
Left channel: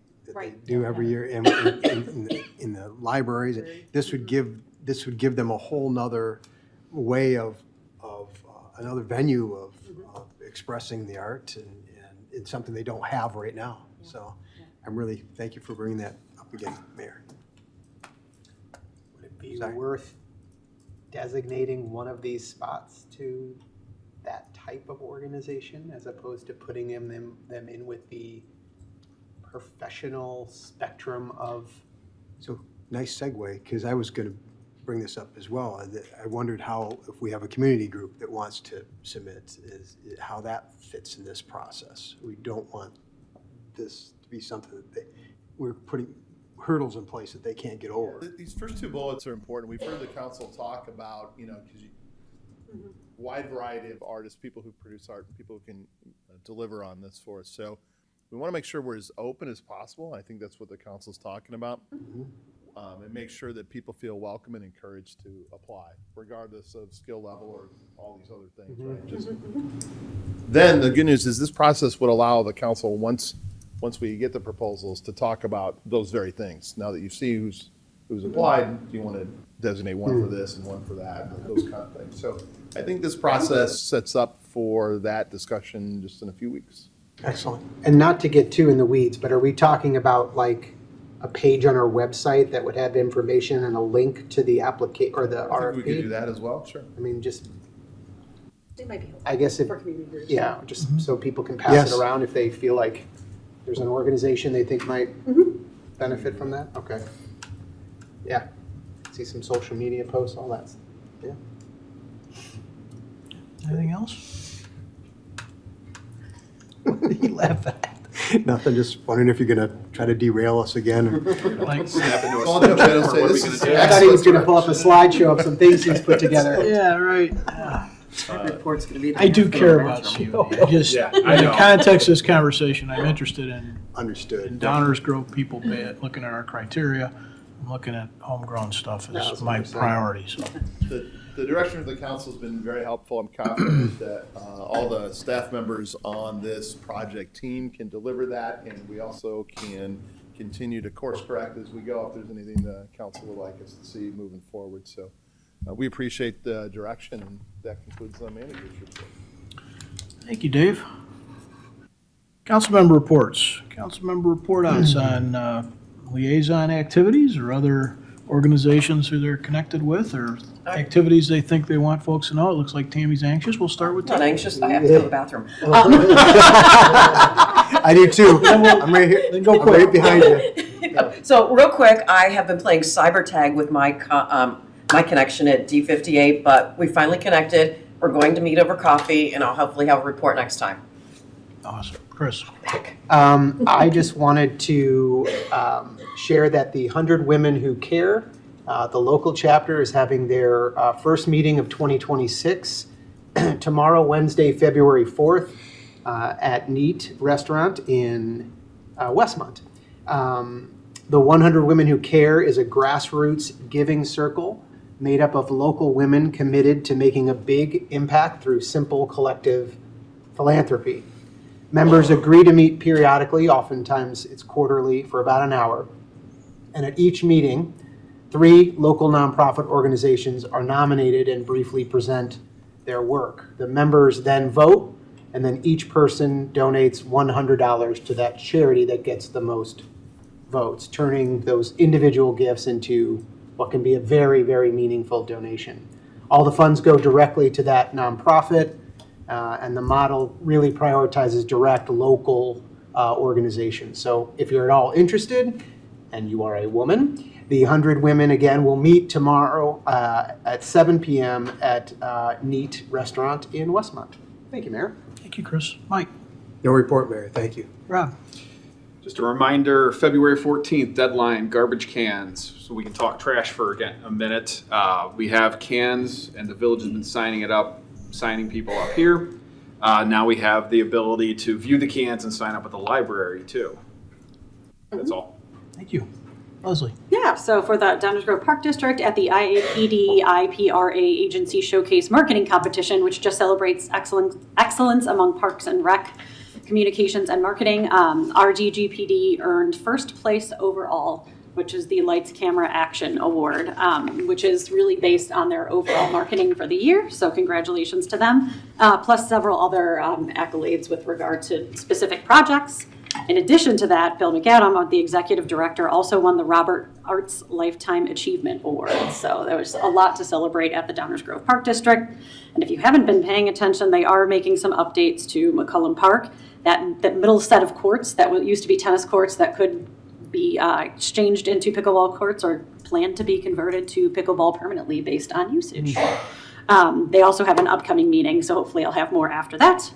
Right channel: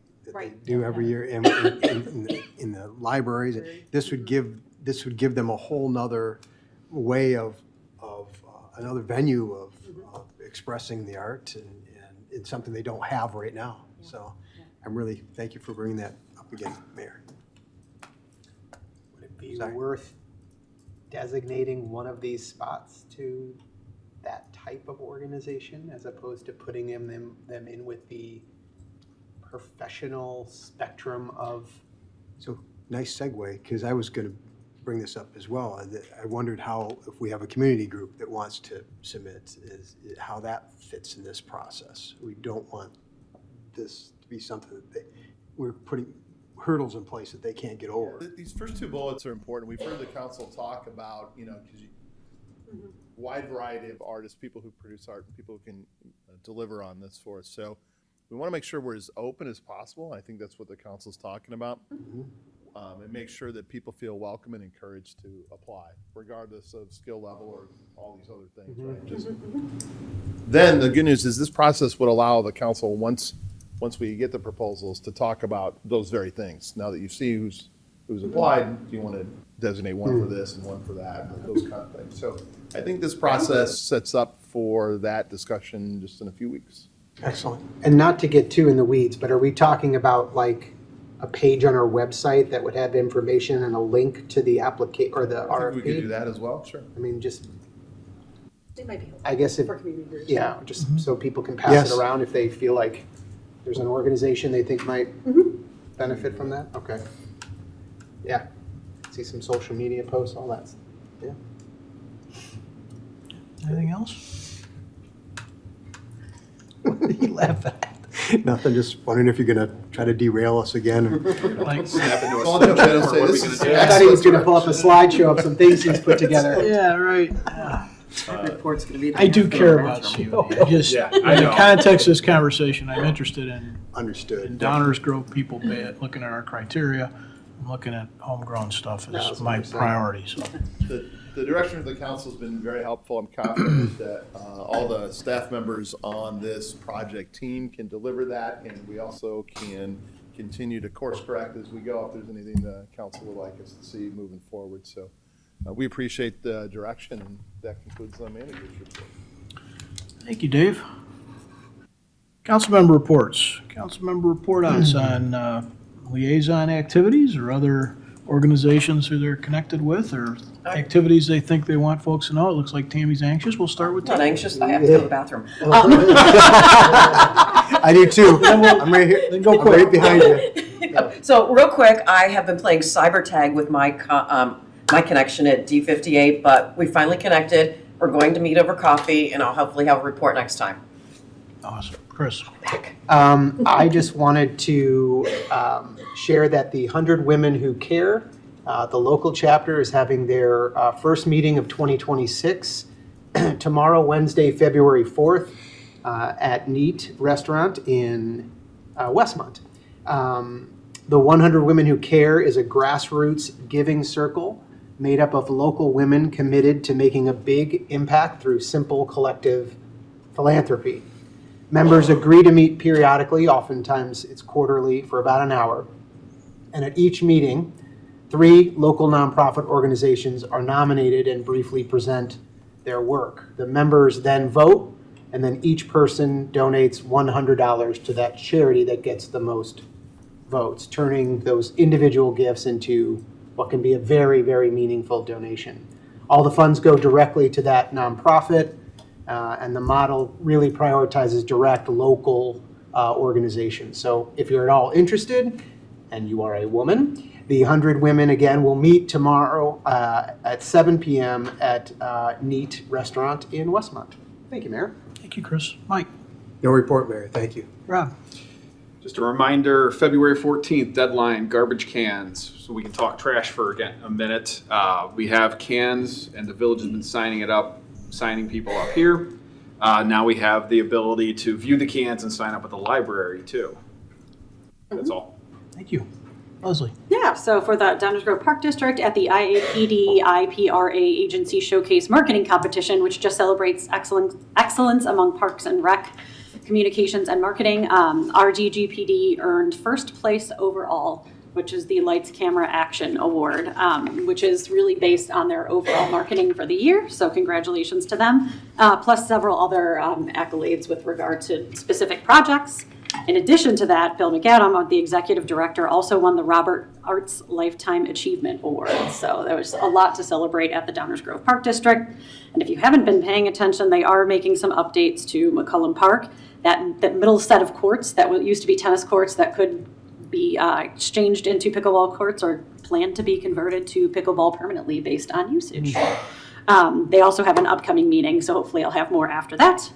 do every year in the libraries. This would give them a whole nother way of another venue of expressing the art, and it's something they don't have right now. So I'm really, thank you for bringing that up again, Mayor. Would it be worth designating one of these spots to that type of organization as opposed to putting them in with the professional spectrum of? So nice segue, because I was going to bring this up as well. I wondered how, if we have a community group that wants to submit, how that fits in this process. We don't want this to be something that we're putting hurdles in place that they can't get over. These first two bullets are important. We've heard the council talk about, because wide variety of artists, people who produce art, and people who can deliver on this for us. So we want to make sure we're as open as possible. I think that's what the council's talking about. And make sure that people feel welcome and encouraged to apply, regardless of skill level or all these other things. Right? Then the good news is this process would allow the council, once we get the proposals, to talk about those very things. Now that you see who's applied, do you want to designate one for this and one for that, those kind of things. So I think this process sets up for that discussion just in a few weeks. Excellent. And not to get too in the weeds, but are we talking about like a page on our website that would have information and a link to the application or the RFP? We could do that as well, sure. I mean, just, It might be I guess it, for community groups. yeah, just so people can pass Yes. it around if they feel like there's an organization they think might benefit from that. Okay. Yeah. See some social media posts, all that. Yeah. Anything else? What did you laugh at? Nothing, just wondering if you're gonna try to derail us again. Like, I thought he was gonna pull up a slideshow of some things he's put together. Yeah, right. Yeah. Report's gonna be. I do care about COD. I just, Yeah, in I the know. context of this conversation, I'm interested in Understood. Downers Grove people, looking at our criteria. I'm looking at homegrown stuff as my priority, so. The direction of the council has been very helpful. I'm confident that all the staff members on this project team can deliver that, and we also can continue to course correct as we go if there's anything the council would like us to see moving forward. So we appreciate the direction, and that concludes the manager's report. Thank you, Dave. Councilmember reports. Councilmember report outs on liaison activities or other organizations who they're connected with or activities they think they want folks to know. It looks like Tammy's anxious. We'll start with Not Tammy. anxious, I have to go to the bathroom. I do too. I'm right here. Then go quick. Right behind you. So real quick, I have been playing cyber tag with my my connection at D58, but we finally connected. We're going to meet over coffee, and I'll hopefully have a report next time. Awesome. Chris. I just wanted to share that the 100 Women Who Care, the local chapter, is having their first meeting of 2026 tomorrow, Wednesday, February 4th, at Neat Restaurant in Westmont. The 100 Women Who Care is a grassroots giving circle made up of local women committed to making a big impact through simple collective philanthropy. Members agree to meet periodically, oftentimes it's quarterly, for about an hour. And at each meeting, 3 local nonprofit organizations are nominated and briefly present their work. The members then vote, and then each person donates $100 to that charity that gets the most votes, turning those individual gifts into what can be a very, very meaningful donation. All the funds go directly to that nonprofit. And the model really prioritizes direct local organizations. So if you're at all interested, and you are a woman, the 100 Women, again, will meet tomorrow at 7 p.m. at Neat Restaurant in Westmont. Thank you, Mayor. Thank you, Chris. Mike. No report, Mayor. Thank you. Rob. Just a reminder, February 14th, deadline, garbage cans. So we can talk trash for a minute. We have cans, and the village has been signing people up here. Now we have the ability to view the cans and sign up at the library too. That's all. Thank you. Leslie. Yeah, so for the Downers Grove Park District at the IAPD IPRA Agency Showcase Marketing Competition, which just celebrates excellence among parks and rec communications and marketing, RGGPD earned first place overall, which is the Lights Camera Action Award, which is really based on their overall marketing for the year. So congratulations to them, plus several other accolades with regard to specific projects. In addition to that, Bill McAdam, the executive director, also won the Robert Arts Lifetime Achievement Award. So there was a lot to celebrate at the Downers Grove Park District. And if you haven't been paying attention, they are making some updates to McCullum Park. That middle set of courts that used to be tennis courts that could be exchanged into pickleball courts or planned to be converted to pickleball permanently based on usage. They also have an upcoming meeting, so hopefully I'll have more after that.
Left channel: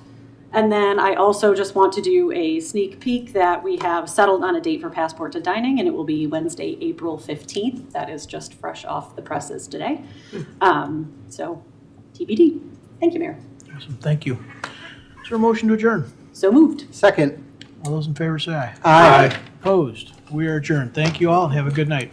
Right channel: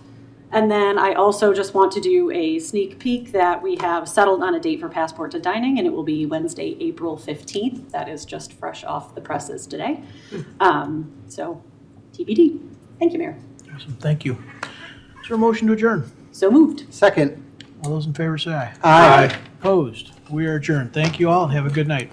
And then I also just want to do a sneak peek that we have settled on a date for Passport to Dining, and it will be Wednesday, April 15th. That is just fresh off the presses today. So TBD. Thank you, Mayor. Awesome. Thank you. Is there a motion to adjourn? So moved. Second. All those in favor say aye. Aye. Opposed? We are adjourned. Thank you all and have a good night.